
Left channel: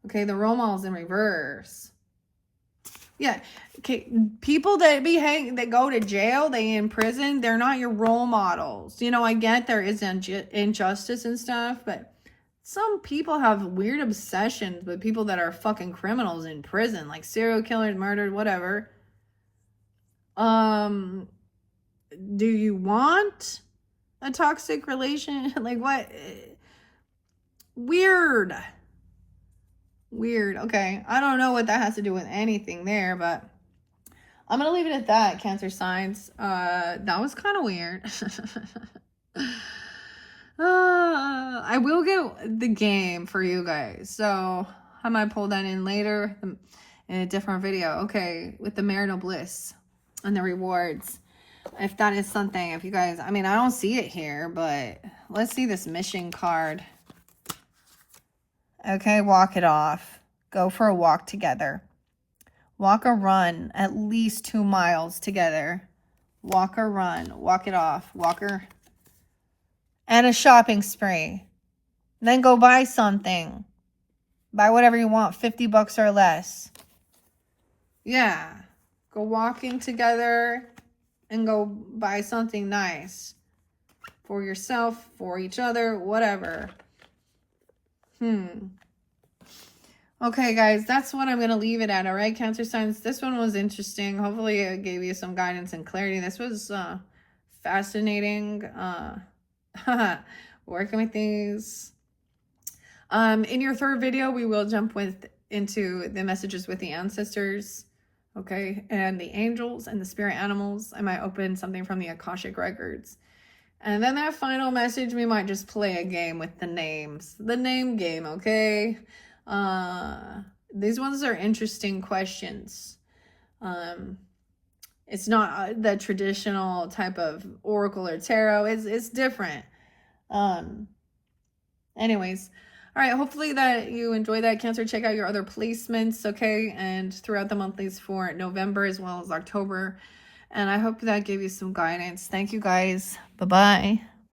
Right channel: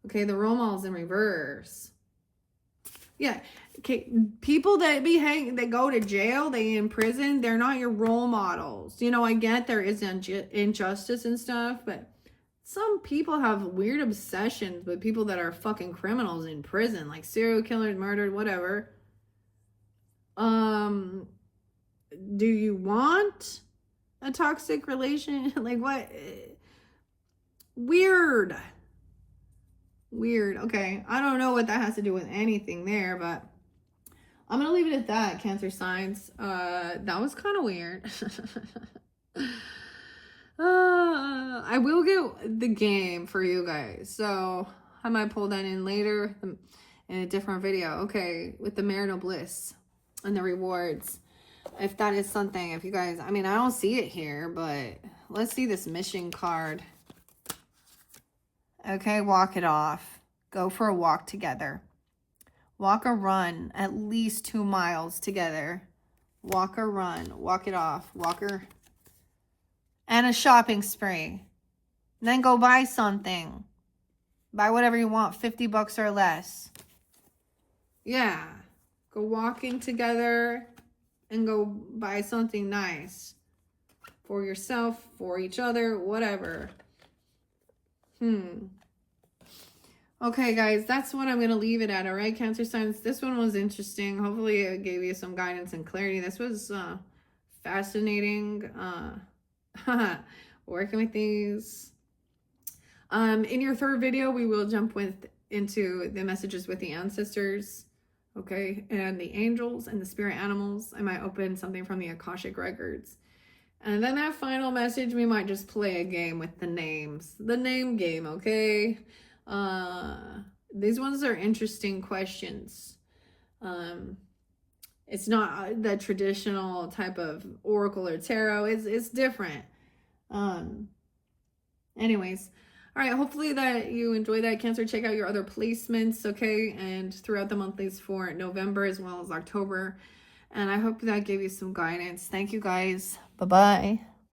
Okay, the role model's in reverse. Yeah. Okay, people that that go to jail, they in prison, they're not your role models. You know, I get there is injustice and stuff, but some people have weird obsessions with people that are fucking criminals in prison, like serial killers, murdered, whatever. Do you want a toxic relation? Like what? Weird. Okay. I don't know what that has to do with anything there, but I'm going to leave it at that, Cancer signs. That was kind of weird. I will get the game for you guys, so I might pull that in later in a different video. Okay, with the marital bliss and the rewards, if that is something, if you guys, I mean, I don't see it here, but let's see this mission card. Okay, walk it off. Go for a walk together. Walk or run at least 2 miles together. Walk or run. Walk it off. Walker. And a shopping spree. Then go buy something. Buy whatever you want. $50 or less. Yeah. Go walking together and go buy something nice. For yourself, for each other, whatever. Okay, guys, that's what I'm going to leave it at, all right, Cancer signs? This one was interesting. Hopefully it gave you some guidance and clarity. This was fascinating. Working with these. In your third video, we will jump into the messages with the ancestors, okay, and the angels and the spirit animals. I might open something from the Akashic records. And then that final message, we might just play a game with the names. The name game, okay? These ones are interesting questions. It's not the traditional type of oracle or tarot. It's different. Anyways, all right, hopefully that you enjoy that, Cancer. Check out your other placements, okay? And throughout the monthlies for November as well as October. And I hope that gave you some guidance. Thank you, guys. Bye-bye.